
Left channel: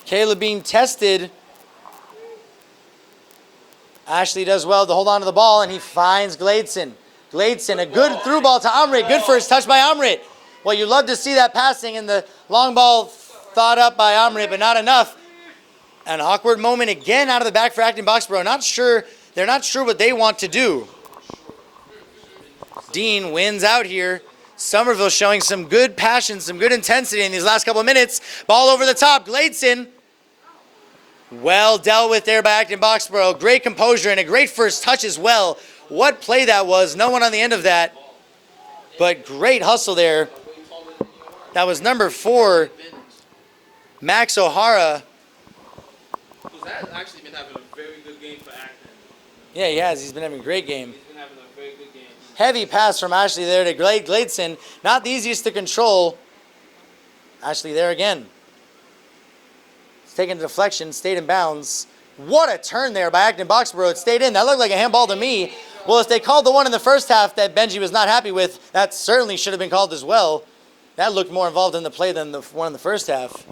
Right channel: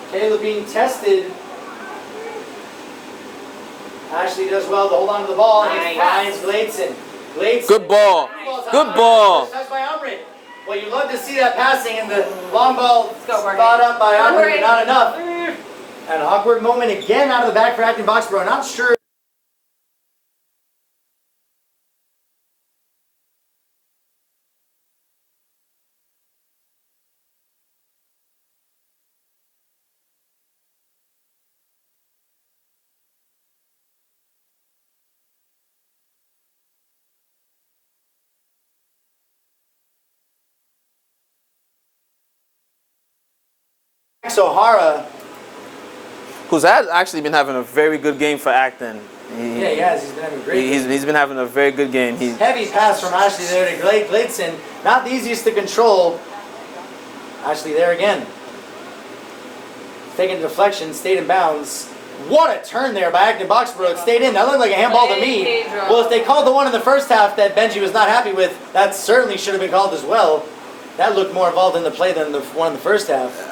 Caleb being tested. Ashley does well to hold on to the ball, and he finds Gladson. Gladson, a good through ball to Amrit. Good first touch by Amrit. Well, you love to see that passing, and the long ball thought up by Amrit, but not enough. An awkward moment again out of the back for Acton-Boxboro. They're not sure what they want to do. Dean wins out here. Somerville showing some good passion, some good intensity in these last couple of minutes. Ball over the top. Gladson. Well dealt with there by Acton-Boxboro. Great composure and a great first touch as well. What play that was. No one on the end of that. But great hustle there. That was number 4, Max O'Hara. who's actually been having a very good game for Acton. Yeah, he has. He's been having a great game. He's been having a very good game. Heavy pass from Ashley there to Gladson. Not the easiest to control. Ashley there again. Taking a deflection, stayed in bounds. What a turn there by Acton-Boxboro. It stayed in. That looked like a handball to me. Well, if they called the one in the first half that Benji was not happy with, that certainly should have been called as well. That looked more involved in the play than the one in the first half.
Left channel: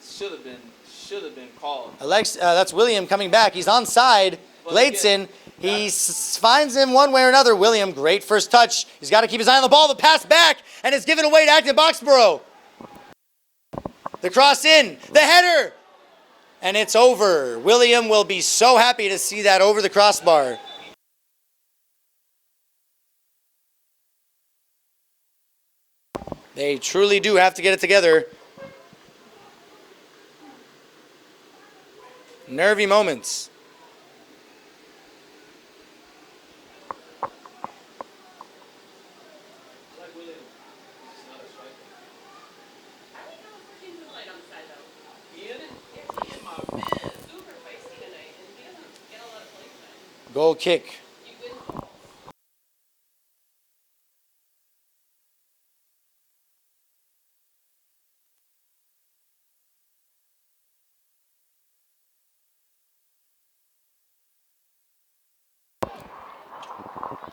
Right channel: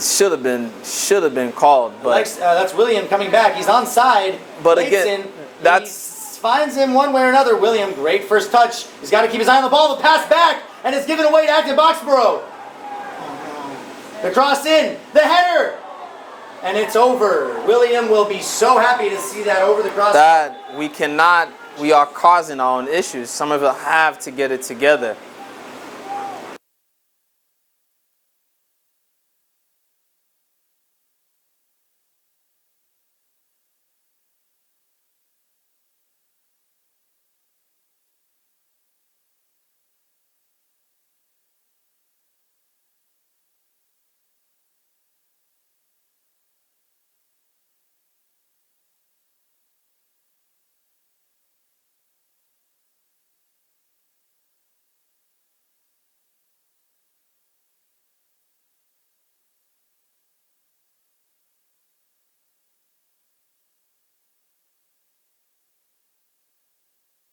Should have been called. But that's William coming back. He's onside. But Gladson, again, he finds him one way or another. William, great first touch. He's got to keep his eye on the ball. The pass back, and it's given away to Acton-Boxboro. The cross in, the header, and it's over. William will be so happy to see that over the crossbar. We are causing our own issues. Somerville have to get it together. They truly do have to get it together. Nervy moments. Goal kick.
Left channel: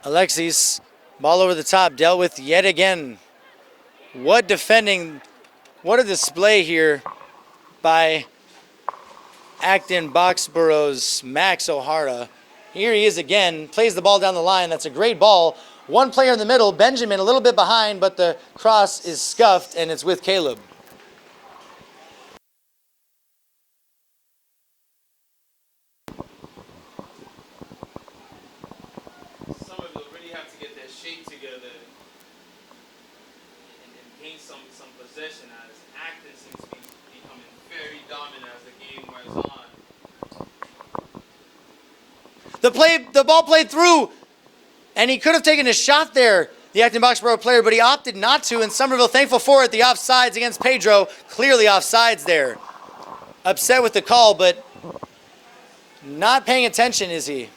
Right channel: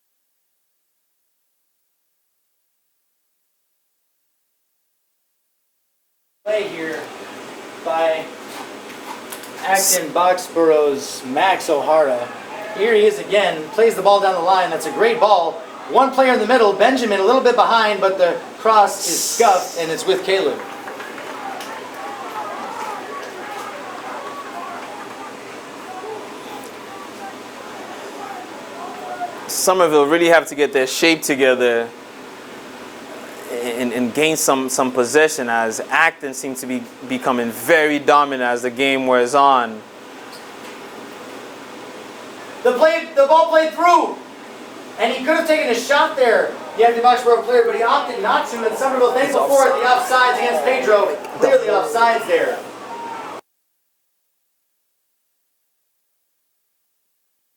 Alexis, ball over the top, dealt with yet again. What defending, what a display here by Acton-Boxboro's Max O'Hara. Here he is again, plays the ball down the line. That's a great ball. One player in the middle, Benjamin a little bit behind, but the cross is scuffed and it's with Caleb. Somerville really have to get their shape together and gain some possession, as Acton seems to be becoming very dominant as the game wears on. The ball played through. And he could have taken a shot there, the Acton-Boxboro player, but he opted not to, and Somerville thankful for it. The offsides against Pedro, clearly offsides there. Upset with the call, but not paying attention, is he?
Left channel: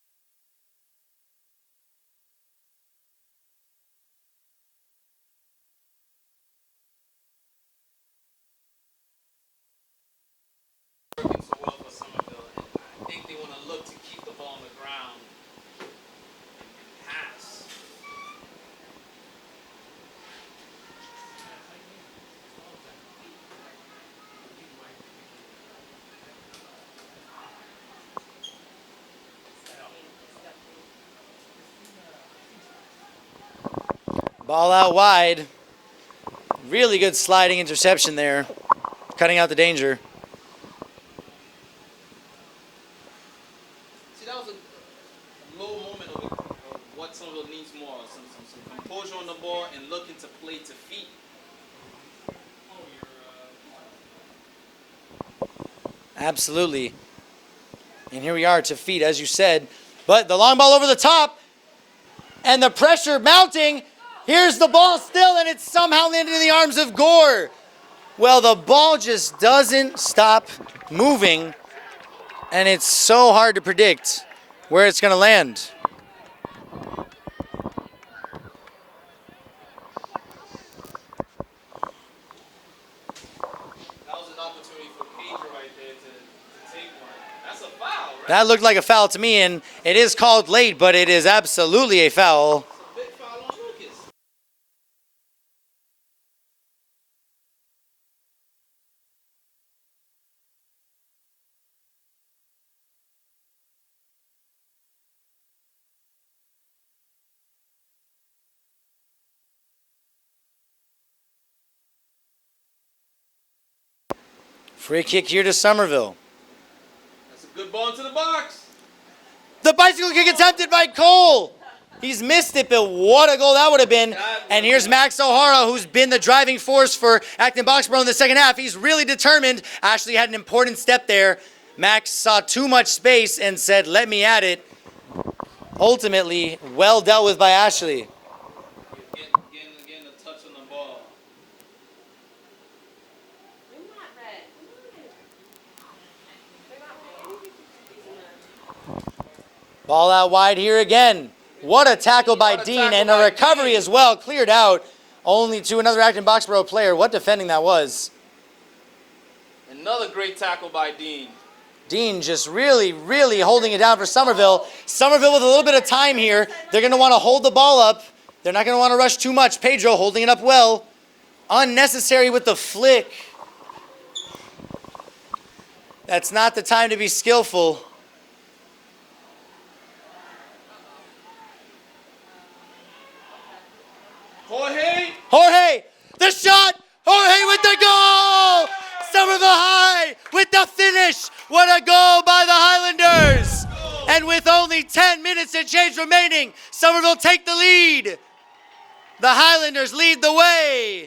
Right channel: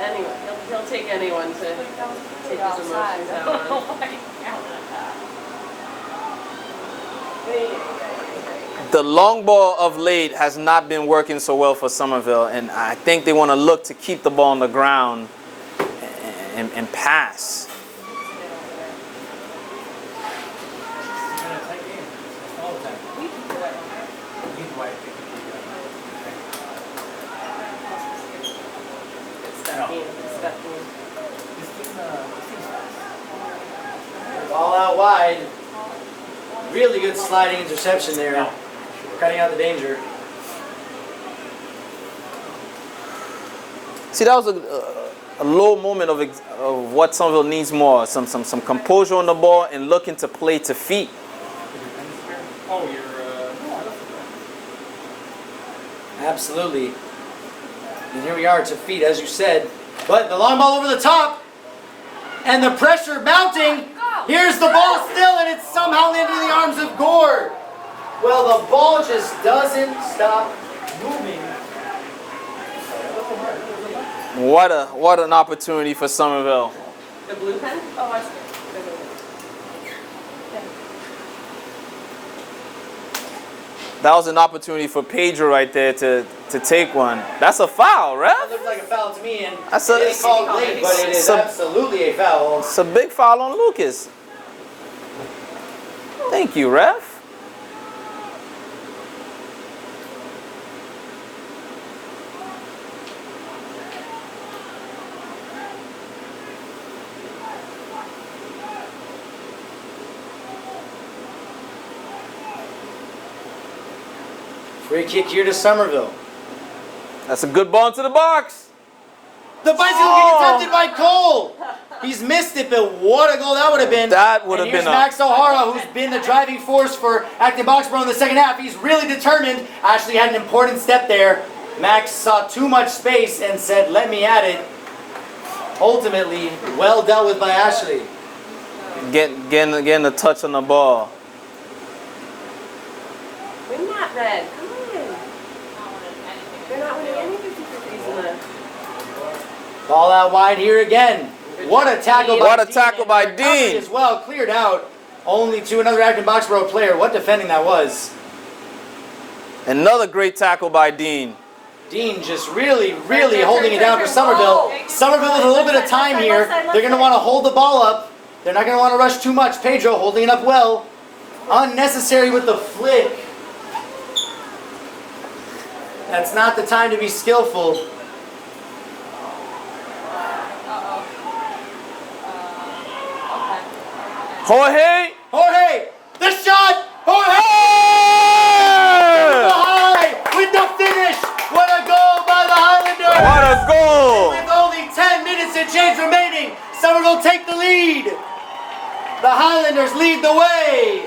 Anyone, he'll take anyone to take his emotions out on. The long ball of late has not been working so well for Somerville, and I think they want to look to keep the ball on the ground and pass. Ball out wide. Really good sliding interception there, cutting out the danger. See, that was a low moment of what Somerville needs more. Some composure on the ball and looking to play to feet. Absolutely. And here we are to feet, as you said. But the long ball over the top, and the pressure mounting. Here's the ball still, and it's somehow landed in the arms of Gore. Well, the ball just doesn't stop moving, and it's so hard to predict where it's going to land. What an opportunity for Somerville. The blue pen? Oh, I see. That was an opportunity for Pedro right there to take one. That's a foul, right? That looked like a foul to me, and it is called late, but it is absolutely a foul. It's a big foul on Lucas. Thank you, ref. Free kick here to Somerville. That's a good ball into the box. The bicycle kick attempted by Cole. He's missed it, but what a goal that would have been. And here's Max O'Hara, who's been the driving force for Acton-Boxboro in the second half. He's really determined. Ashley had an important step there. Max saw too much space and said, let me at it. Ultimately, well dealt with by Ashley. Getting a touch on the ball. Win that, Red. Come on. They're not winning any 50-50s in the... Ball out wide here again. What a tackle by Dean, and the recovery as well, cleared out only to another Acton-Boxboro player. What defending that was. Another great tackle by Dean. Dean just really holding it down for Somerville. Somerville with a little bit of time here. They're going to want to hold the ball up. They're not going to want to rush too much. Pedro holding it up well. Unnecessary with the flick. That's not the time to be skillful. Jorge, the shot! Jorge with the goal! Somerville High with the finish! What a goal by the Highlanders! What a goal! And with only 10 minutes and change remaining, Somerville take the lead. The Highlanders lead the way.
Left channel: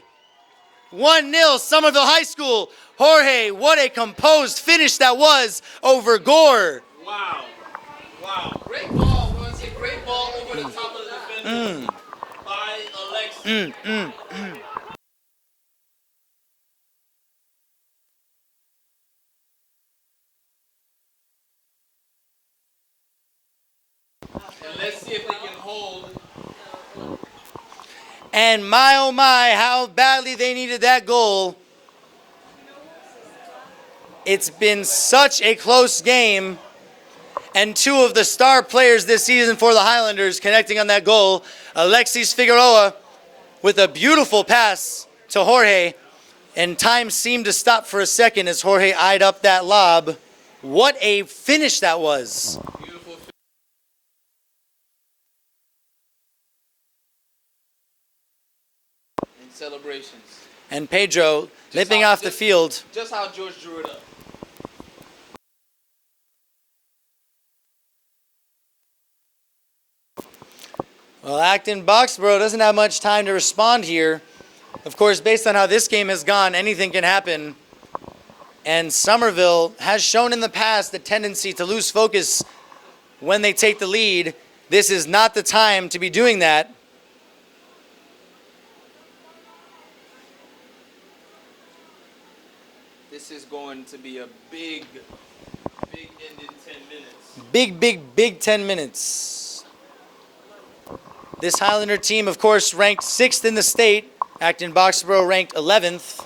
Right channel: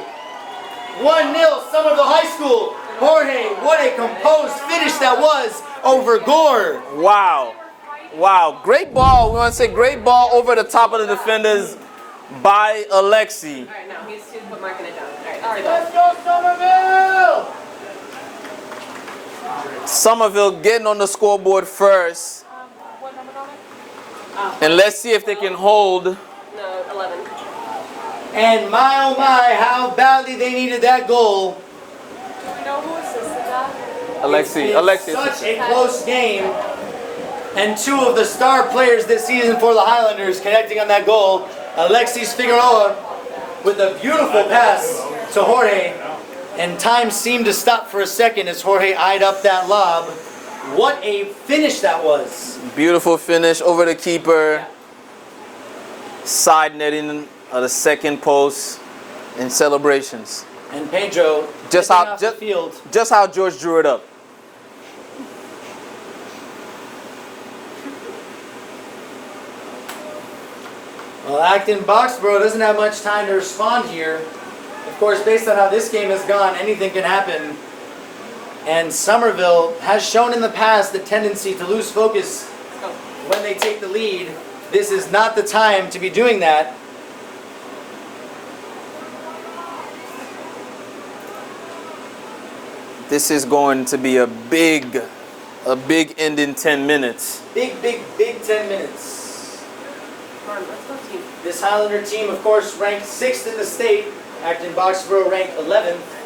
1-0 Somerville High School. Jorge, what a composed finish that was over Gore. Wow. Great ball. We want to say great ball over the top of the defenders by Alexi. I'm marking it down. All right, Let's go, Somerville! Somerville getting on the scoreboard first. What number on it? And let's see if they can hold. No, 11. And my oh my, how badly they needed that goal. Do we know who assisted that? It's been such a close game. And two of the star players this season for the Highlanders connecting on that goal. Alexis Figueroa with a beautiful pass to Jorge. And time seemed to stop for a second as Jorge eyed up that lob. What a finish that was. Beautiful finish over the keeper. Side netting the second post in celebrations. And Pedro dipping off the field. Just how George drew it up. Well, Acton-Boxboro doesn't have much time to respond here. Of course, based on how this game has gone, anything can happen. And Somerville has shown in the past the tendency to lose focus when they take the lead. This is not the time to be doing that. This is going to be a big end in 10 minutes. Big 10 minutes. Come on, let's go team. This Highlander team, of course, ranked 6th in the state. Acton-Boxboro ranked 11th.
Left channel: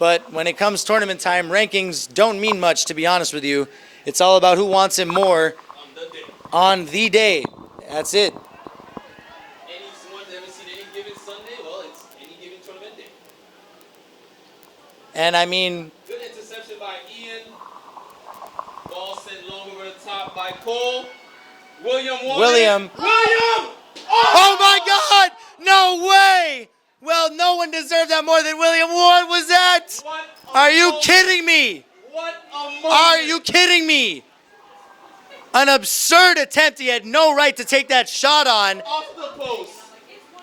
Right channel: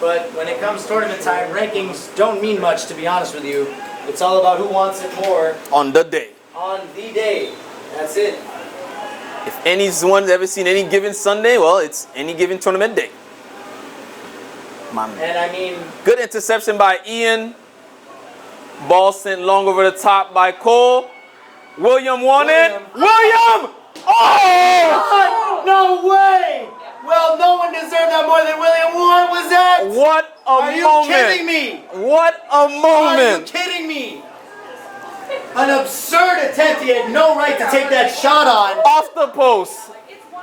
But when it comes tournament time, rankings don't mean much, to be honest with you. It's all about who wants it more On the day. on the day. That's it. If anyone's ever seen any given Sunday, well, it's any given tournament day. My man. And I mean, Good interception by Ian. Ball sent long over the top by Cole. William won William. it. William! oh my God! No way! Well, no one deserved that more than William. What was that? What a Are you moment. kidding me? What a moment. Are you kidding me? An absurd attempt. He had no right to take that shot on. Off the post.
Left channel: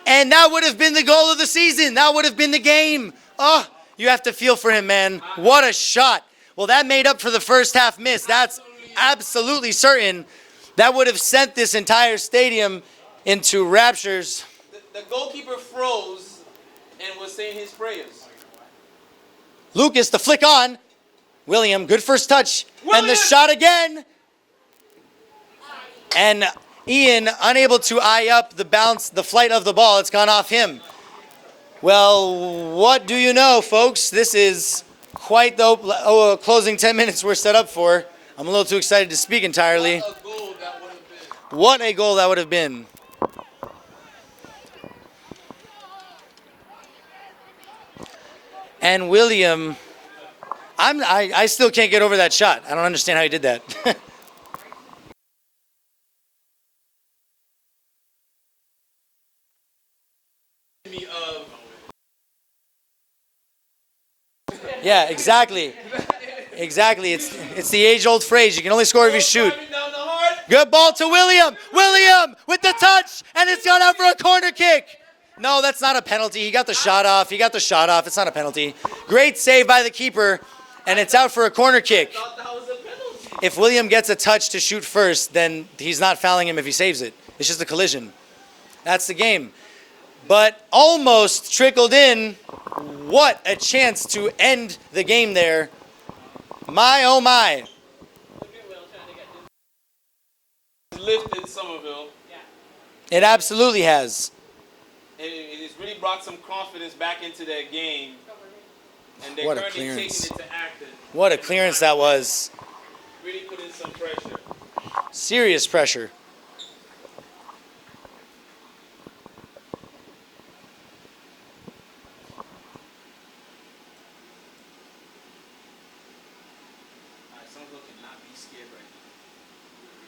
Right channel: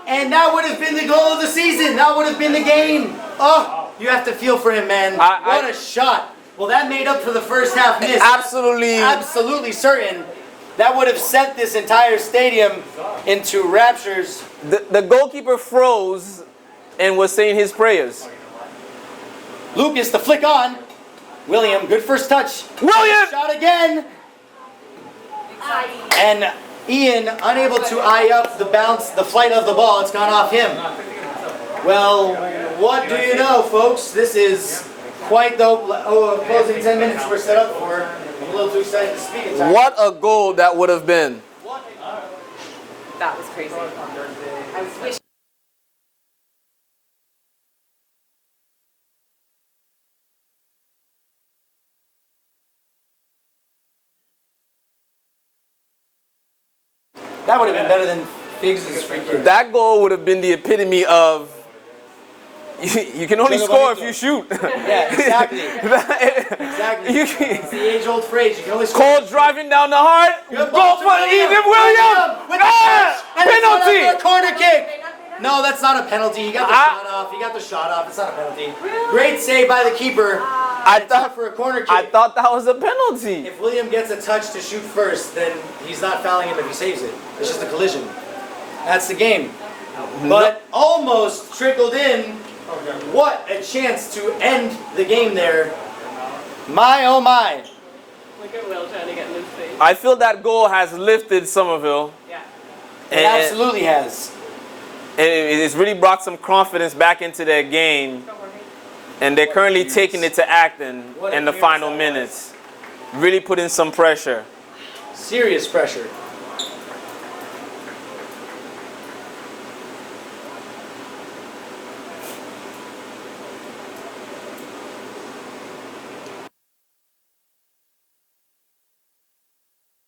And that would have been the goal of the season. That would have been the game. Oh, you have to feel for him, man. What a shot. Well, that made up for the first half miss. Absolutely. That's absolutely certain. That would have sent this entire stadium into raptures. The goalkeeper froze and was saying his prayers. Lucas, the flick on. William, good first touch. And the William! shot again. And Ian, unable to eye up the bounce, the flight of the ball. It's gone off him. Well, what do you know, folks? This is quite the closing 10 minutes we're set up for. I'm a little too excited to speak entirely. What a goal that would have been. What a goal that would have been. That was crazy. I wish. And William, I still can't get over that shot. I don't understand how he did that. That would have been better than Biggs' free kick. That goal would have been the epitome of you can only score if you shoot. Yeah, exactly. Exactly. It's the age-old phrase. You can only score if you shoot. Driving down the heart. Good ball to for William. Ethan William with the touch, and it's on penalty. for a corner kick. No, that's not a penalty. He got the shot off. He got the shot off. It's not a penalty. Great save by the keeper, and it's out for a corner I kick. thought that was a penalty. If William gets a touch to shoot first, then he's not fouling him if he saves it. It's just a collision. That's the game. But almost trickled in. What a chance to end the game there. My, oh my. Look at Will trying to get in his face. I feel that goal has lifted Somerville. Yeah. It absolutely has. And it's really brought some confidence back into their game. And they're What a currently clearance. taking it to Acton What a in the clearance final that minutes. was. Really putting some pressure. Serious pressure. Somerville cannot be scared right now.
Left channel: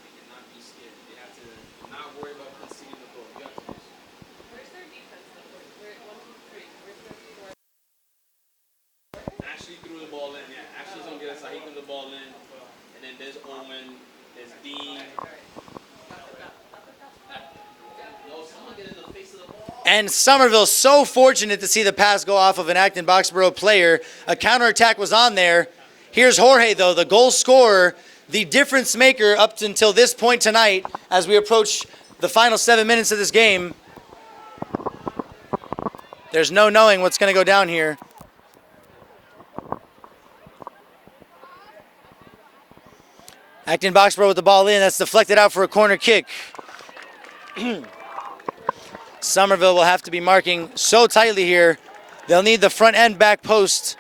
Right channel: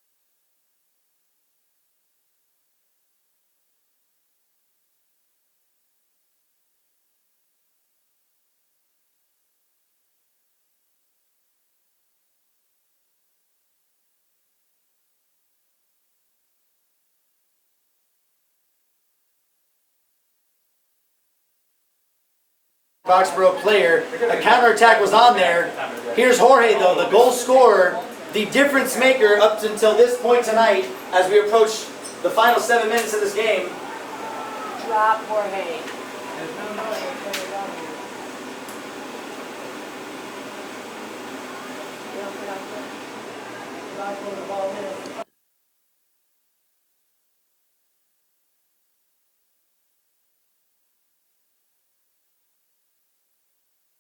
They cannot be scared. They have to not worry about conceding the goal. You have to Where's their defense? Where, 1, 2, 3. Where's their defense? Ashley threw the ball in. Yeah, Ashley's on the other side. He threw the ball in. And then there's Owen. There's Dean. No, someone get in the face of the ball. And Somerville so fortunate to see the pass go off of an Acton-Boxboro player. A counterattack was on there. Here's Jorge, though, the goal scorer, the difference maker up until this point tonight as we approach the final 7 minutes of this game. Drop Jorge. There's no knowing what's going to go down here. Acton-Boxboro with the ball in. That's deflected out for a corner kick. Somerville will have to be marking so tightly here. They'll need the front and back post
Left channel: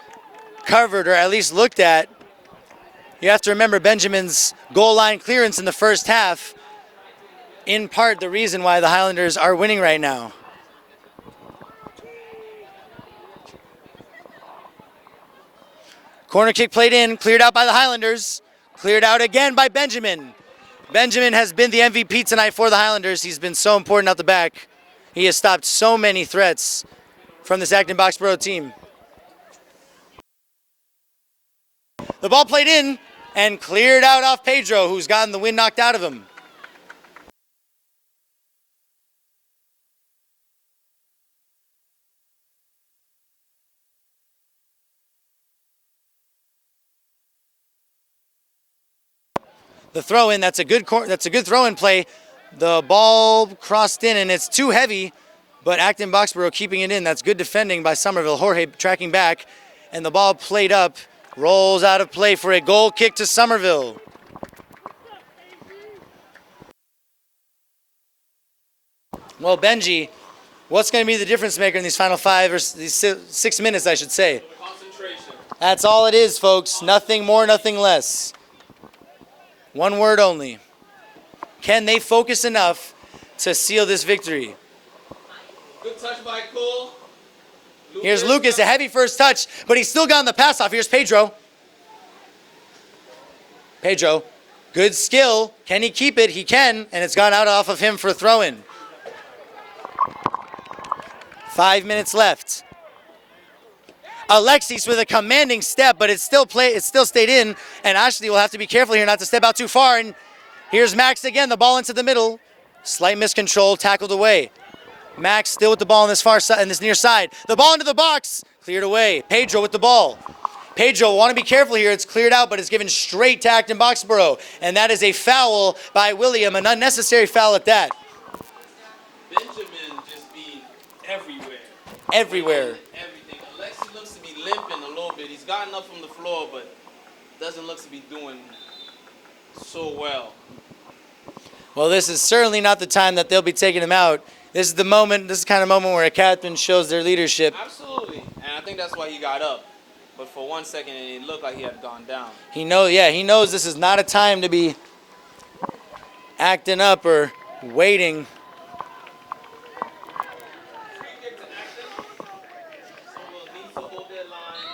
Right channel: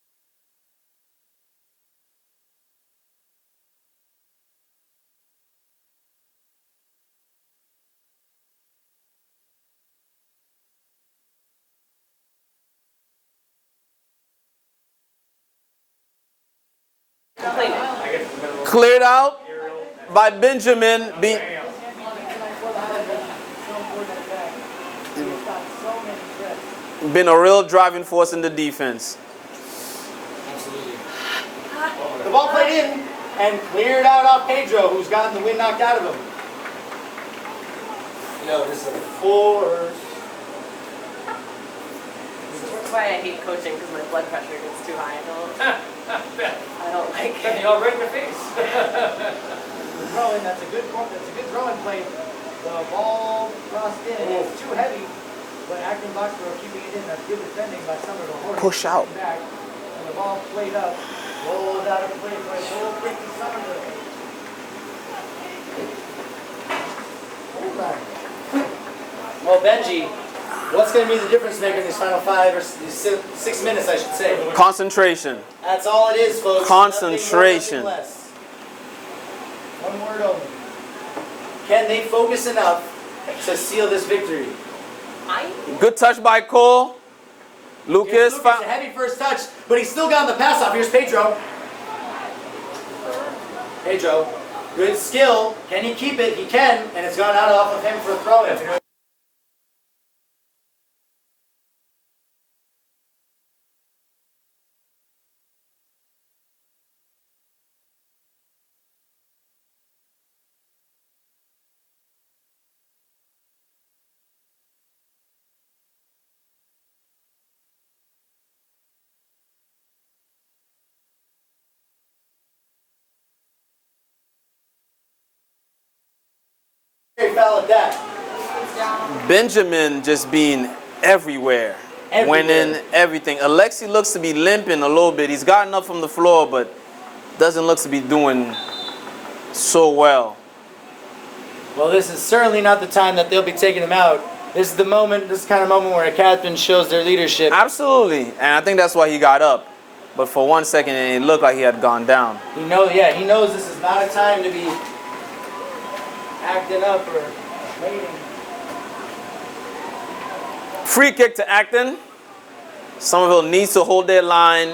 covered or at least looked at. You have to remember Benjamin's goal line clearance in the first half. In part, the reason why the Highlanders are winning right now. Corner kick played in, cleared out by the Highlanders. Cleared out again by Benjamin. By Benjamin. Benjamin has been the MVP tonight for the Highlanders. He's been so important out the back. He has stopped so many threats. Been a real this driving Acton-Boxboro force in the team. defense. The ball played in and cleared out off Pedro, who's gotten the wind knocked out of him. Yo, this is a force. like coaching because my blood pressure gets too high. I don't like Then it. you all right in the face. The throw in, that's a good throw in play. The ball crossed in and it's too heavy, but Acton-Boxboro keeping it in. That's good defending by Somerville. Jorge Push tracking out. back, and the ball played up, rolls out of play for a goal kick to Somerville. Well, Benji, what's going to be the difference maker in these final 5 or 6 minutes, I should say? Concentration. That's all it is, folks. Nothing more, nothing Concentration. less. One word only. Can they focus enough to seal this victory? Good touch by Cole. Lucas. Here's Lucas, a heavy first touch, but he's still gotten the pass off. Here's Pedro. Pedro, good skill. Can he keep it? He can, and it's gone out off of him for a throw-in. 5 minutes left. Alexis with a commanding step, but it still stayed in, and Ashley will have to be careful here not to step out too far. And here's Max again, the ball into the middle. Slight miscontrol, tackled away. Max still with the ball on this far side, in this near side. The ball into the box, cleared away. Pedro with the ball. Pedro, want to be careful here. It's cleared out, but it's given straight to Acton-Boxboro. And that is a foul by William, an unnecessary foul at that. Benjamin just being everywhere. Everywhere. Winning everything. Alexi looks to be limping a little bit. He's gotten up from the floor, but doesn't look to be doing so well. Well, this is certainly not the time that they'll be taking him out. This is the moment, this is the kind of moment where a captain shows their leadership. Absolutely. And I think that's why he got up. But for 1 second, it looked like he had gone down. He knows this is not a time to be acting up or waiting. Free kick to Acton. Somerville needs to hold their line,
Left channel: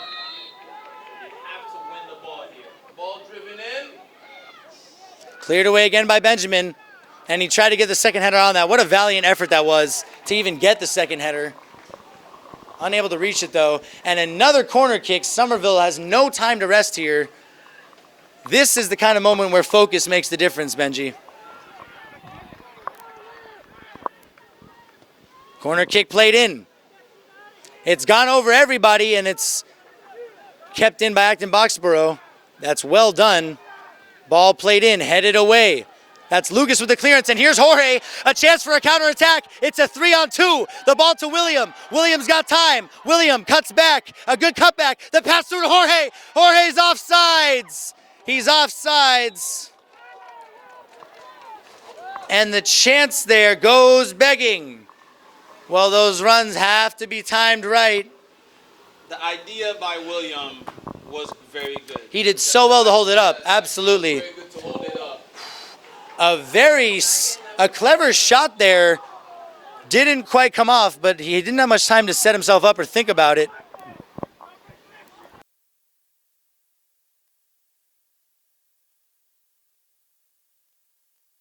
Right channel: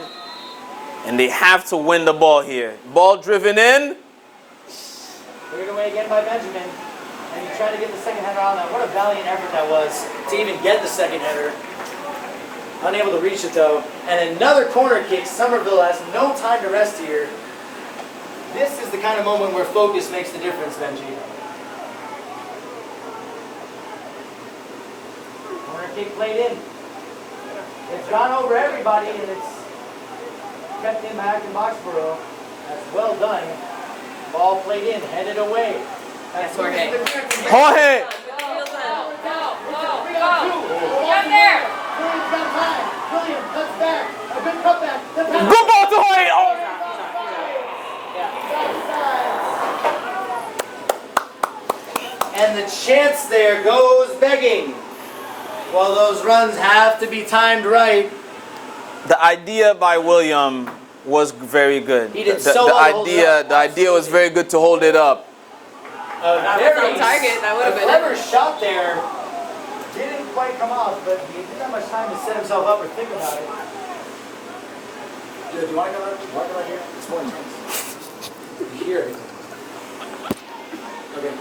and they have to win the ball here. Ball driven in. Cleared away again by Benjamin, and he tried to get the second header on that. What a valiant effort that was to even get the second header. Unable to reach it though. And another corner kick. Somerville has no time to rest here. This is the kind of moment where focus makes the difference, Benji. Corner kick played in. It's gone over everybody, and it's kept in by Acton-Boxboro. That's well done. Ball played in, headed away. That's Lucas with the clearance, and here's Jorge. A chance for a counterattack. It's a 3-on-2. The ball to William. William's got time. William cuts back. A good cutback. The pass to Jorge. Jorge's offsides. He's offsides. And the chance there goes begging. Well, those runs have to be timed right. The idea by William was very good. He did so well to hold it up. The idea was very good to hold it up. A clever shot there. Didn't quite come off, but he didn't have much time to set himself up or think about it. Do you want to come out here? It's more intense. Here. Okay.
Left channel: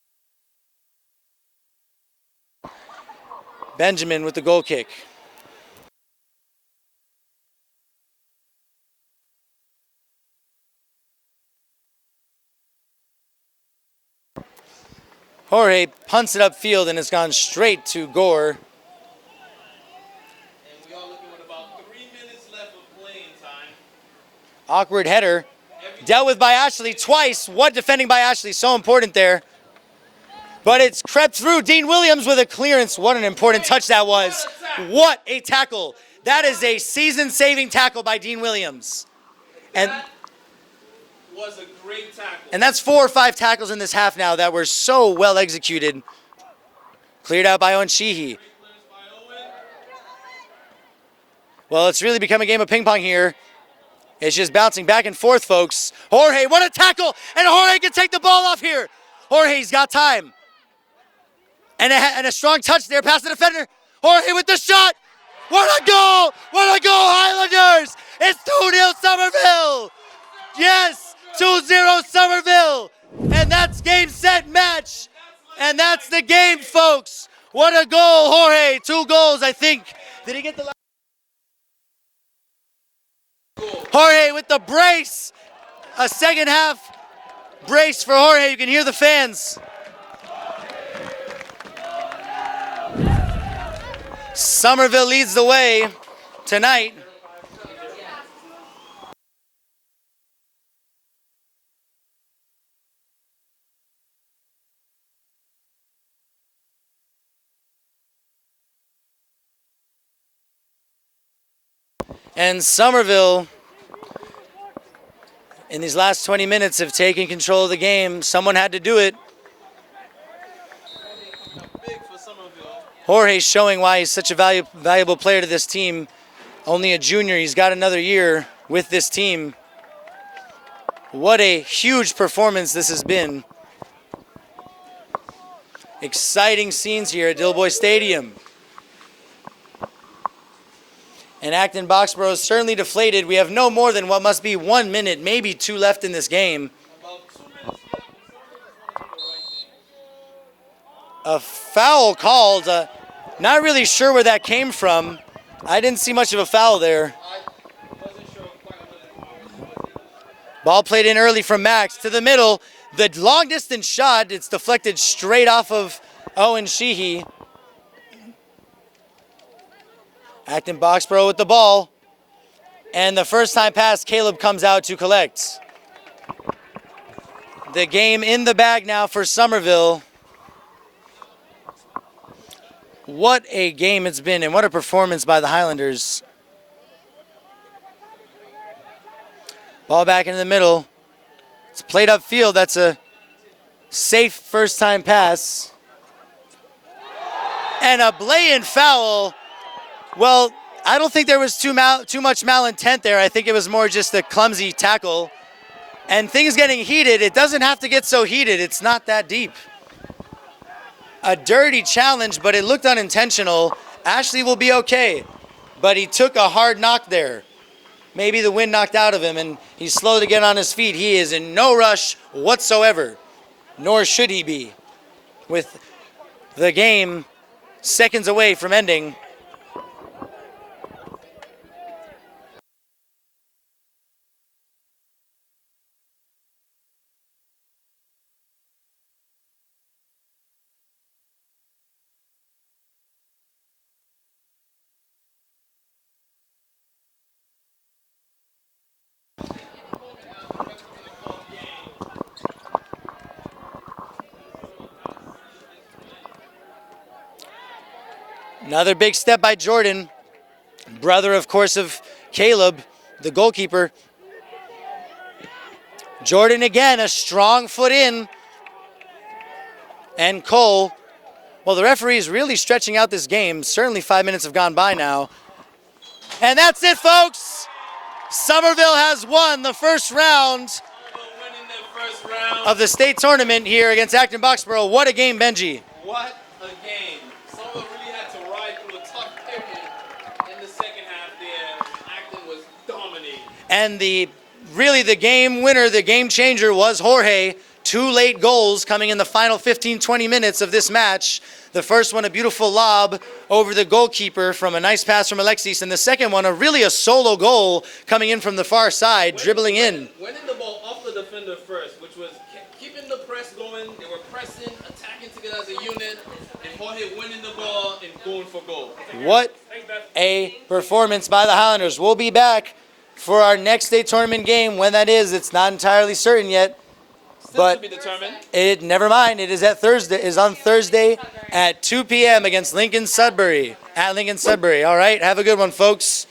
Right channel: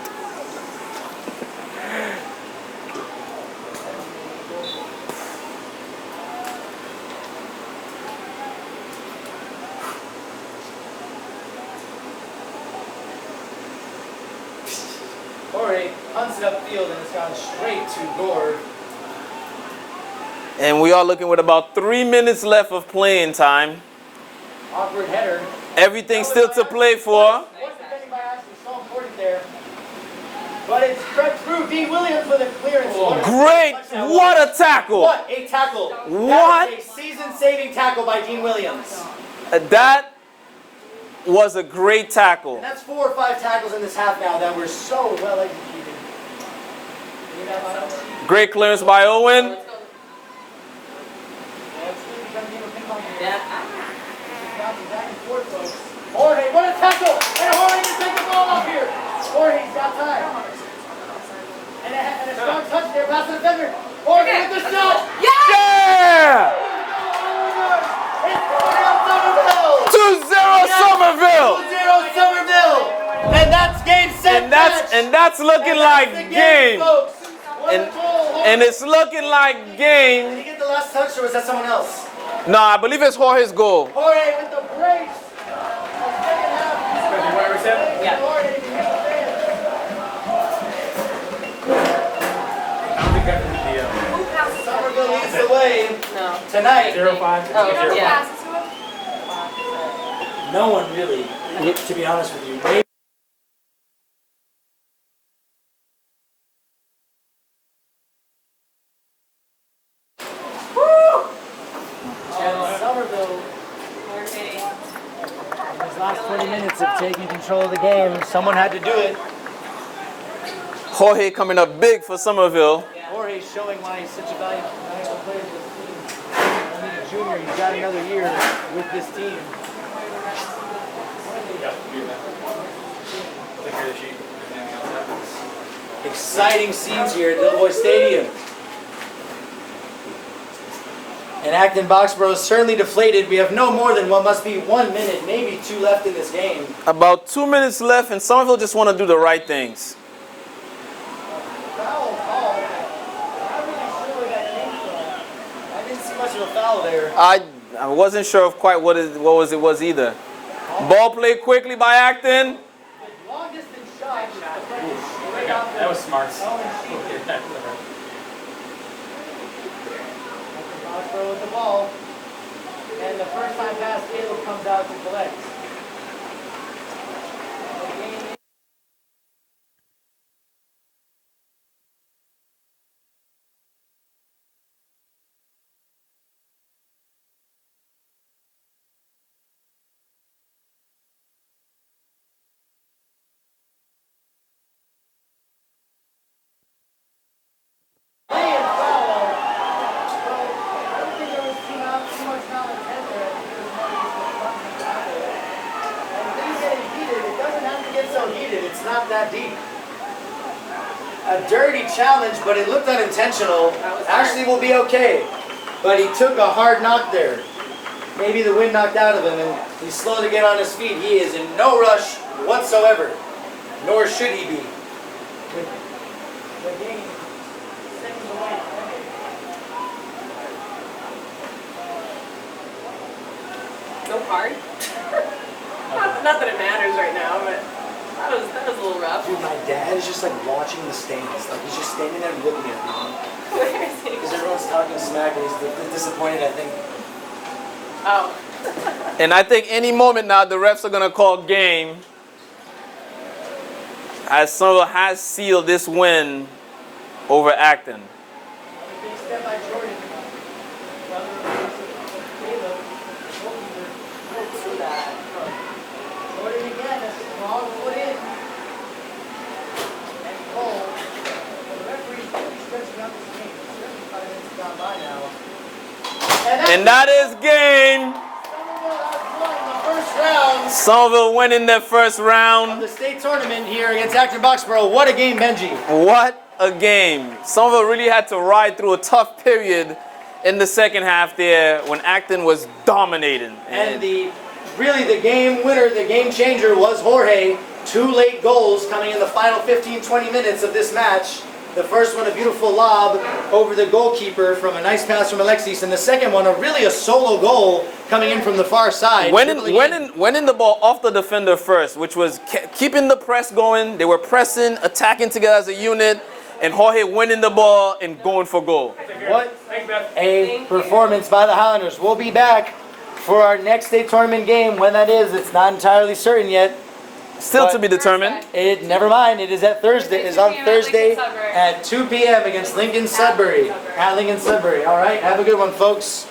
Benjamin with the goal kick. Jorge punts it upfield and it's gone straight to Gore. And we are looking with about 3 minutes left of playing time. Awkward header. Everything Dealt with still by to Ashley play twice. for. What defending by Ashley, so important there. But it's crept through. Dean Williams with a clearance. What an important touch that was. What a tackle. What a tackle. That What? is a season-saving tackle by Dean Williams. That was a great tackle. And that's 4 or 5 tackles in this half now that were so well executed. Cleared out by Owen Sheehy. Great clearance by Owen. Well, it's really become a game of ping pong here. It's just bouncing back and forth, folks. Jorge, what a tackle! And Jorge can take the ball off here. Jorge's got time. And a strong touch there past the defender. Jorge with the shot. Yeah! What a goal! What a goal, Highlanders! It's 2-0 Somerville. 2-0 Yes, Somerville. 2-0 Somerville. And that's game, set, match. And that's looking And that's like the game, folks. What a goal, Jorge. and it's 2 looking goals, I like think. game. Did he get the last touch, or was that someone else? No, I believe it's Jorge's goal. Jorge with the brace. A second half brace for Jorge. You can hear the fans. Somerville leads the way. No. tonight. 0-5. Oh, You know who yeah. passes to him? No one really, to be honest with you. Maybe And Somerville, Jorge. in these last 20 minutes, have taken control of the game. Someone had to do it. Jorge coming up big for Somerville. Jorge showing why he's such a valuable player to this team. Only a junior. He's got another year with this team. What a huge performance this has been. Exciting scenes here at Dilboy Stadium. And Acton-Boxboro is certainly deflated. We have no more than what must be 1 minute, maybe 2 left in this game. About 2 minutes left, and Somerville just want to do the right things. A foul called. Not really sure where that came from. I didn't see much of a foul there. I wasn't sure of quite what it was either. Ball played in Ball early played from quickly by Max to the Acton. middle. The long distance shot, it's deflected straight off of Owen Sheehy. Acton-Boxboro with the ball. And the first time pass, Caleb comes out to collect. The game in the bag now for Somerville. What a game it's been, and what a performance by the Highlanders. Ball back into the middle. It's played upfield. That's a safe first time pass. And a blatant foul. Well, I don't think there was too much malintent there. I think it was more just a clumsy tackle. And things getting heated, it doesn't have to get so heated. It's not that deep. A dirty challenge, but it looked unintentional. Ashley will be okay, but he took a hard knock there. Maybe the wind knocked out of him and he's slow to get on his feet. He is in no rush whatsoever, nor should he be, with the game seconds away from ending. No card? Not that it matters right now, but that was a little rough. dude, my dad is just like watching the stands. Like he's just standing there looking at me. Where is he? Because everyone's talking smack and he's disappointed, I think. Oh. And I think any moment now the refs are going to call game, as Somerville has sealed this win over Acton. Another big step by Jordan, brother, of course, of Caleb, the goalkeeper. Jordan again, a strong foot in. And Cole, well, the referee is really stretching out this game. Certainly 5 minutes have gone by now. And that's And it, that folks. is game. Somerville has won the first round Somerville winning their first round. of the state tournament here against Acton-Boxboro. What a game, Benji. What a game. Somerville really had to ride through a tough period in the second half there when Acton was dominating. And really the game winner, the game changer was Jorge. 2 late goals coming in the final 15-20 minutes of this match. The first one, a beautiful lob over the goalkeeper from a nice pass from Alexis. And the second one, a solo goal coming in from the far side, dribbling in. Winning the ball off the defender first, which was keeping the press going. They were pressing, attacking together as a unit, and Jorge winning the ball and going for goal. What a performance by the Highlanders. We'll be back for our next state tournament game. When that is, it's not entirely certain yet. Still But to be determined. Never mind. It is on Thursday at 2 p.m. against Lincoln Sudbury. At Lincoln Sudbury. All right. Have a good one, folks.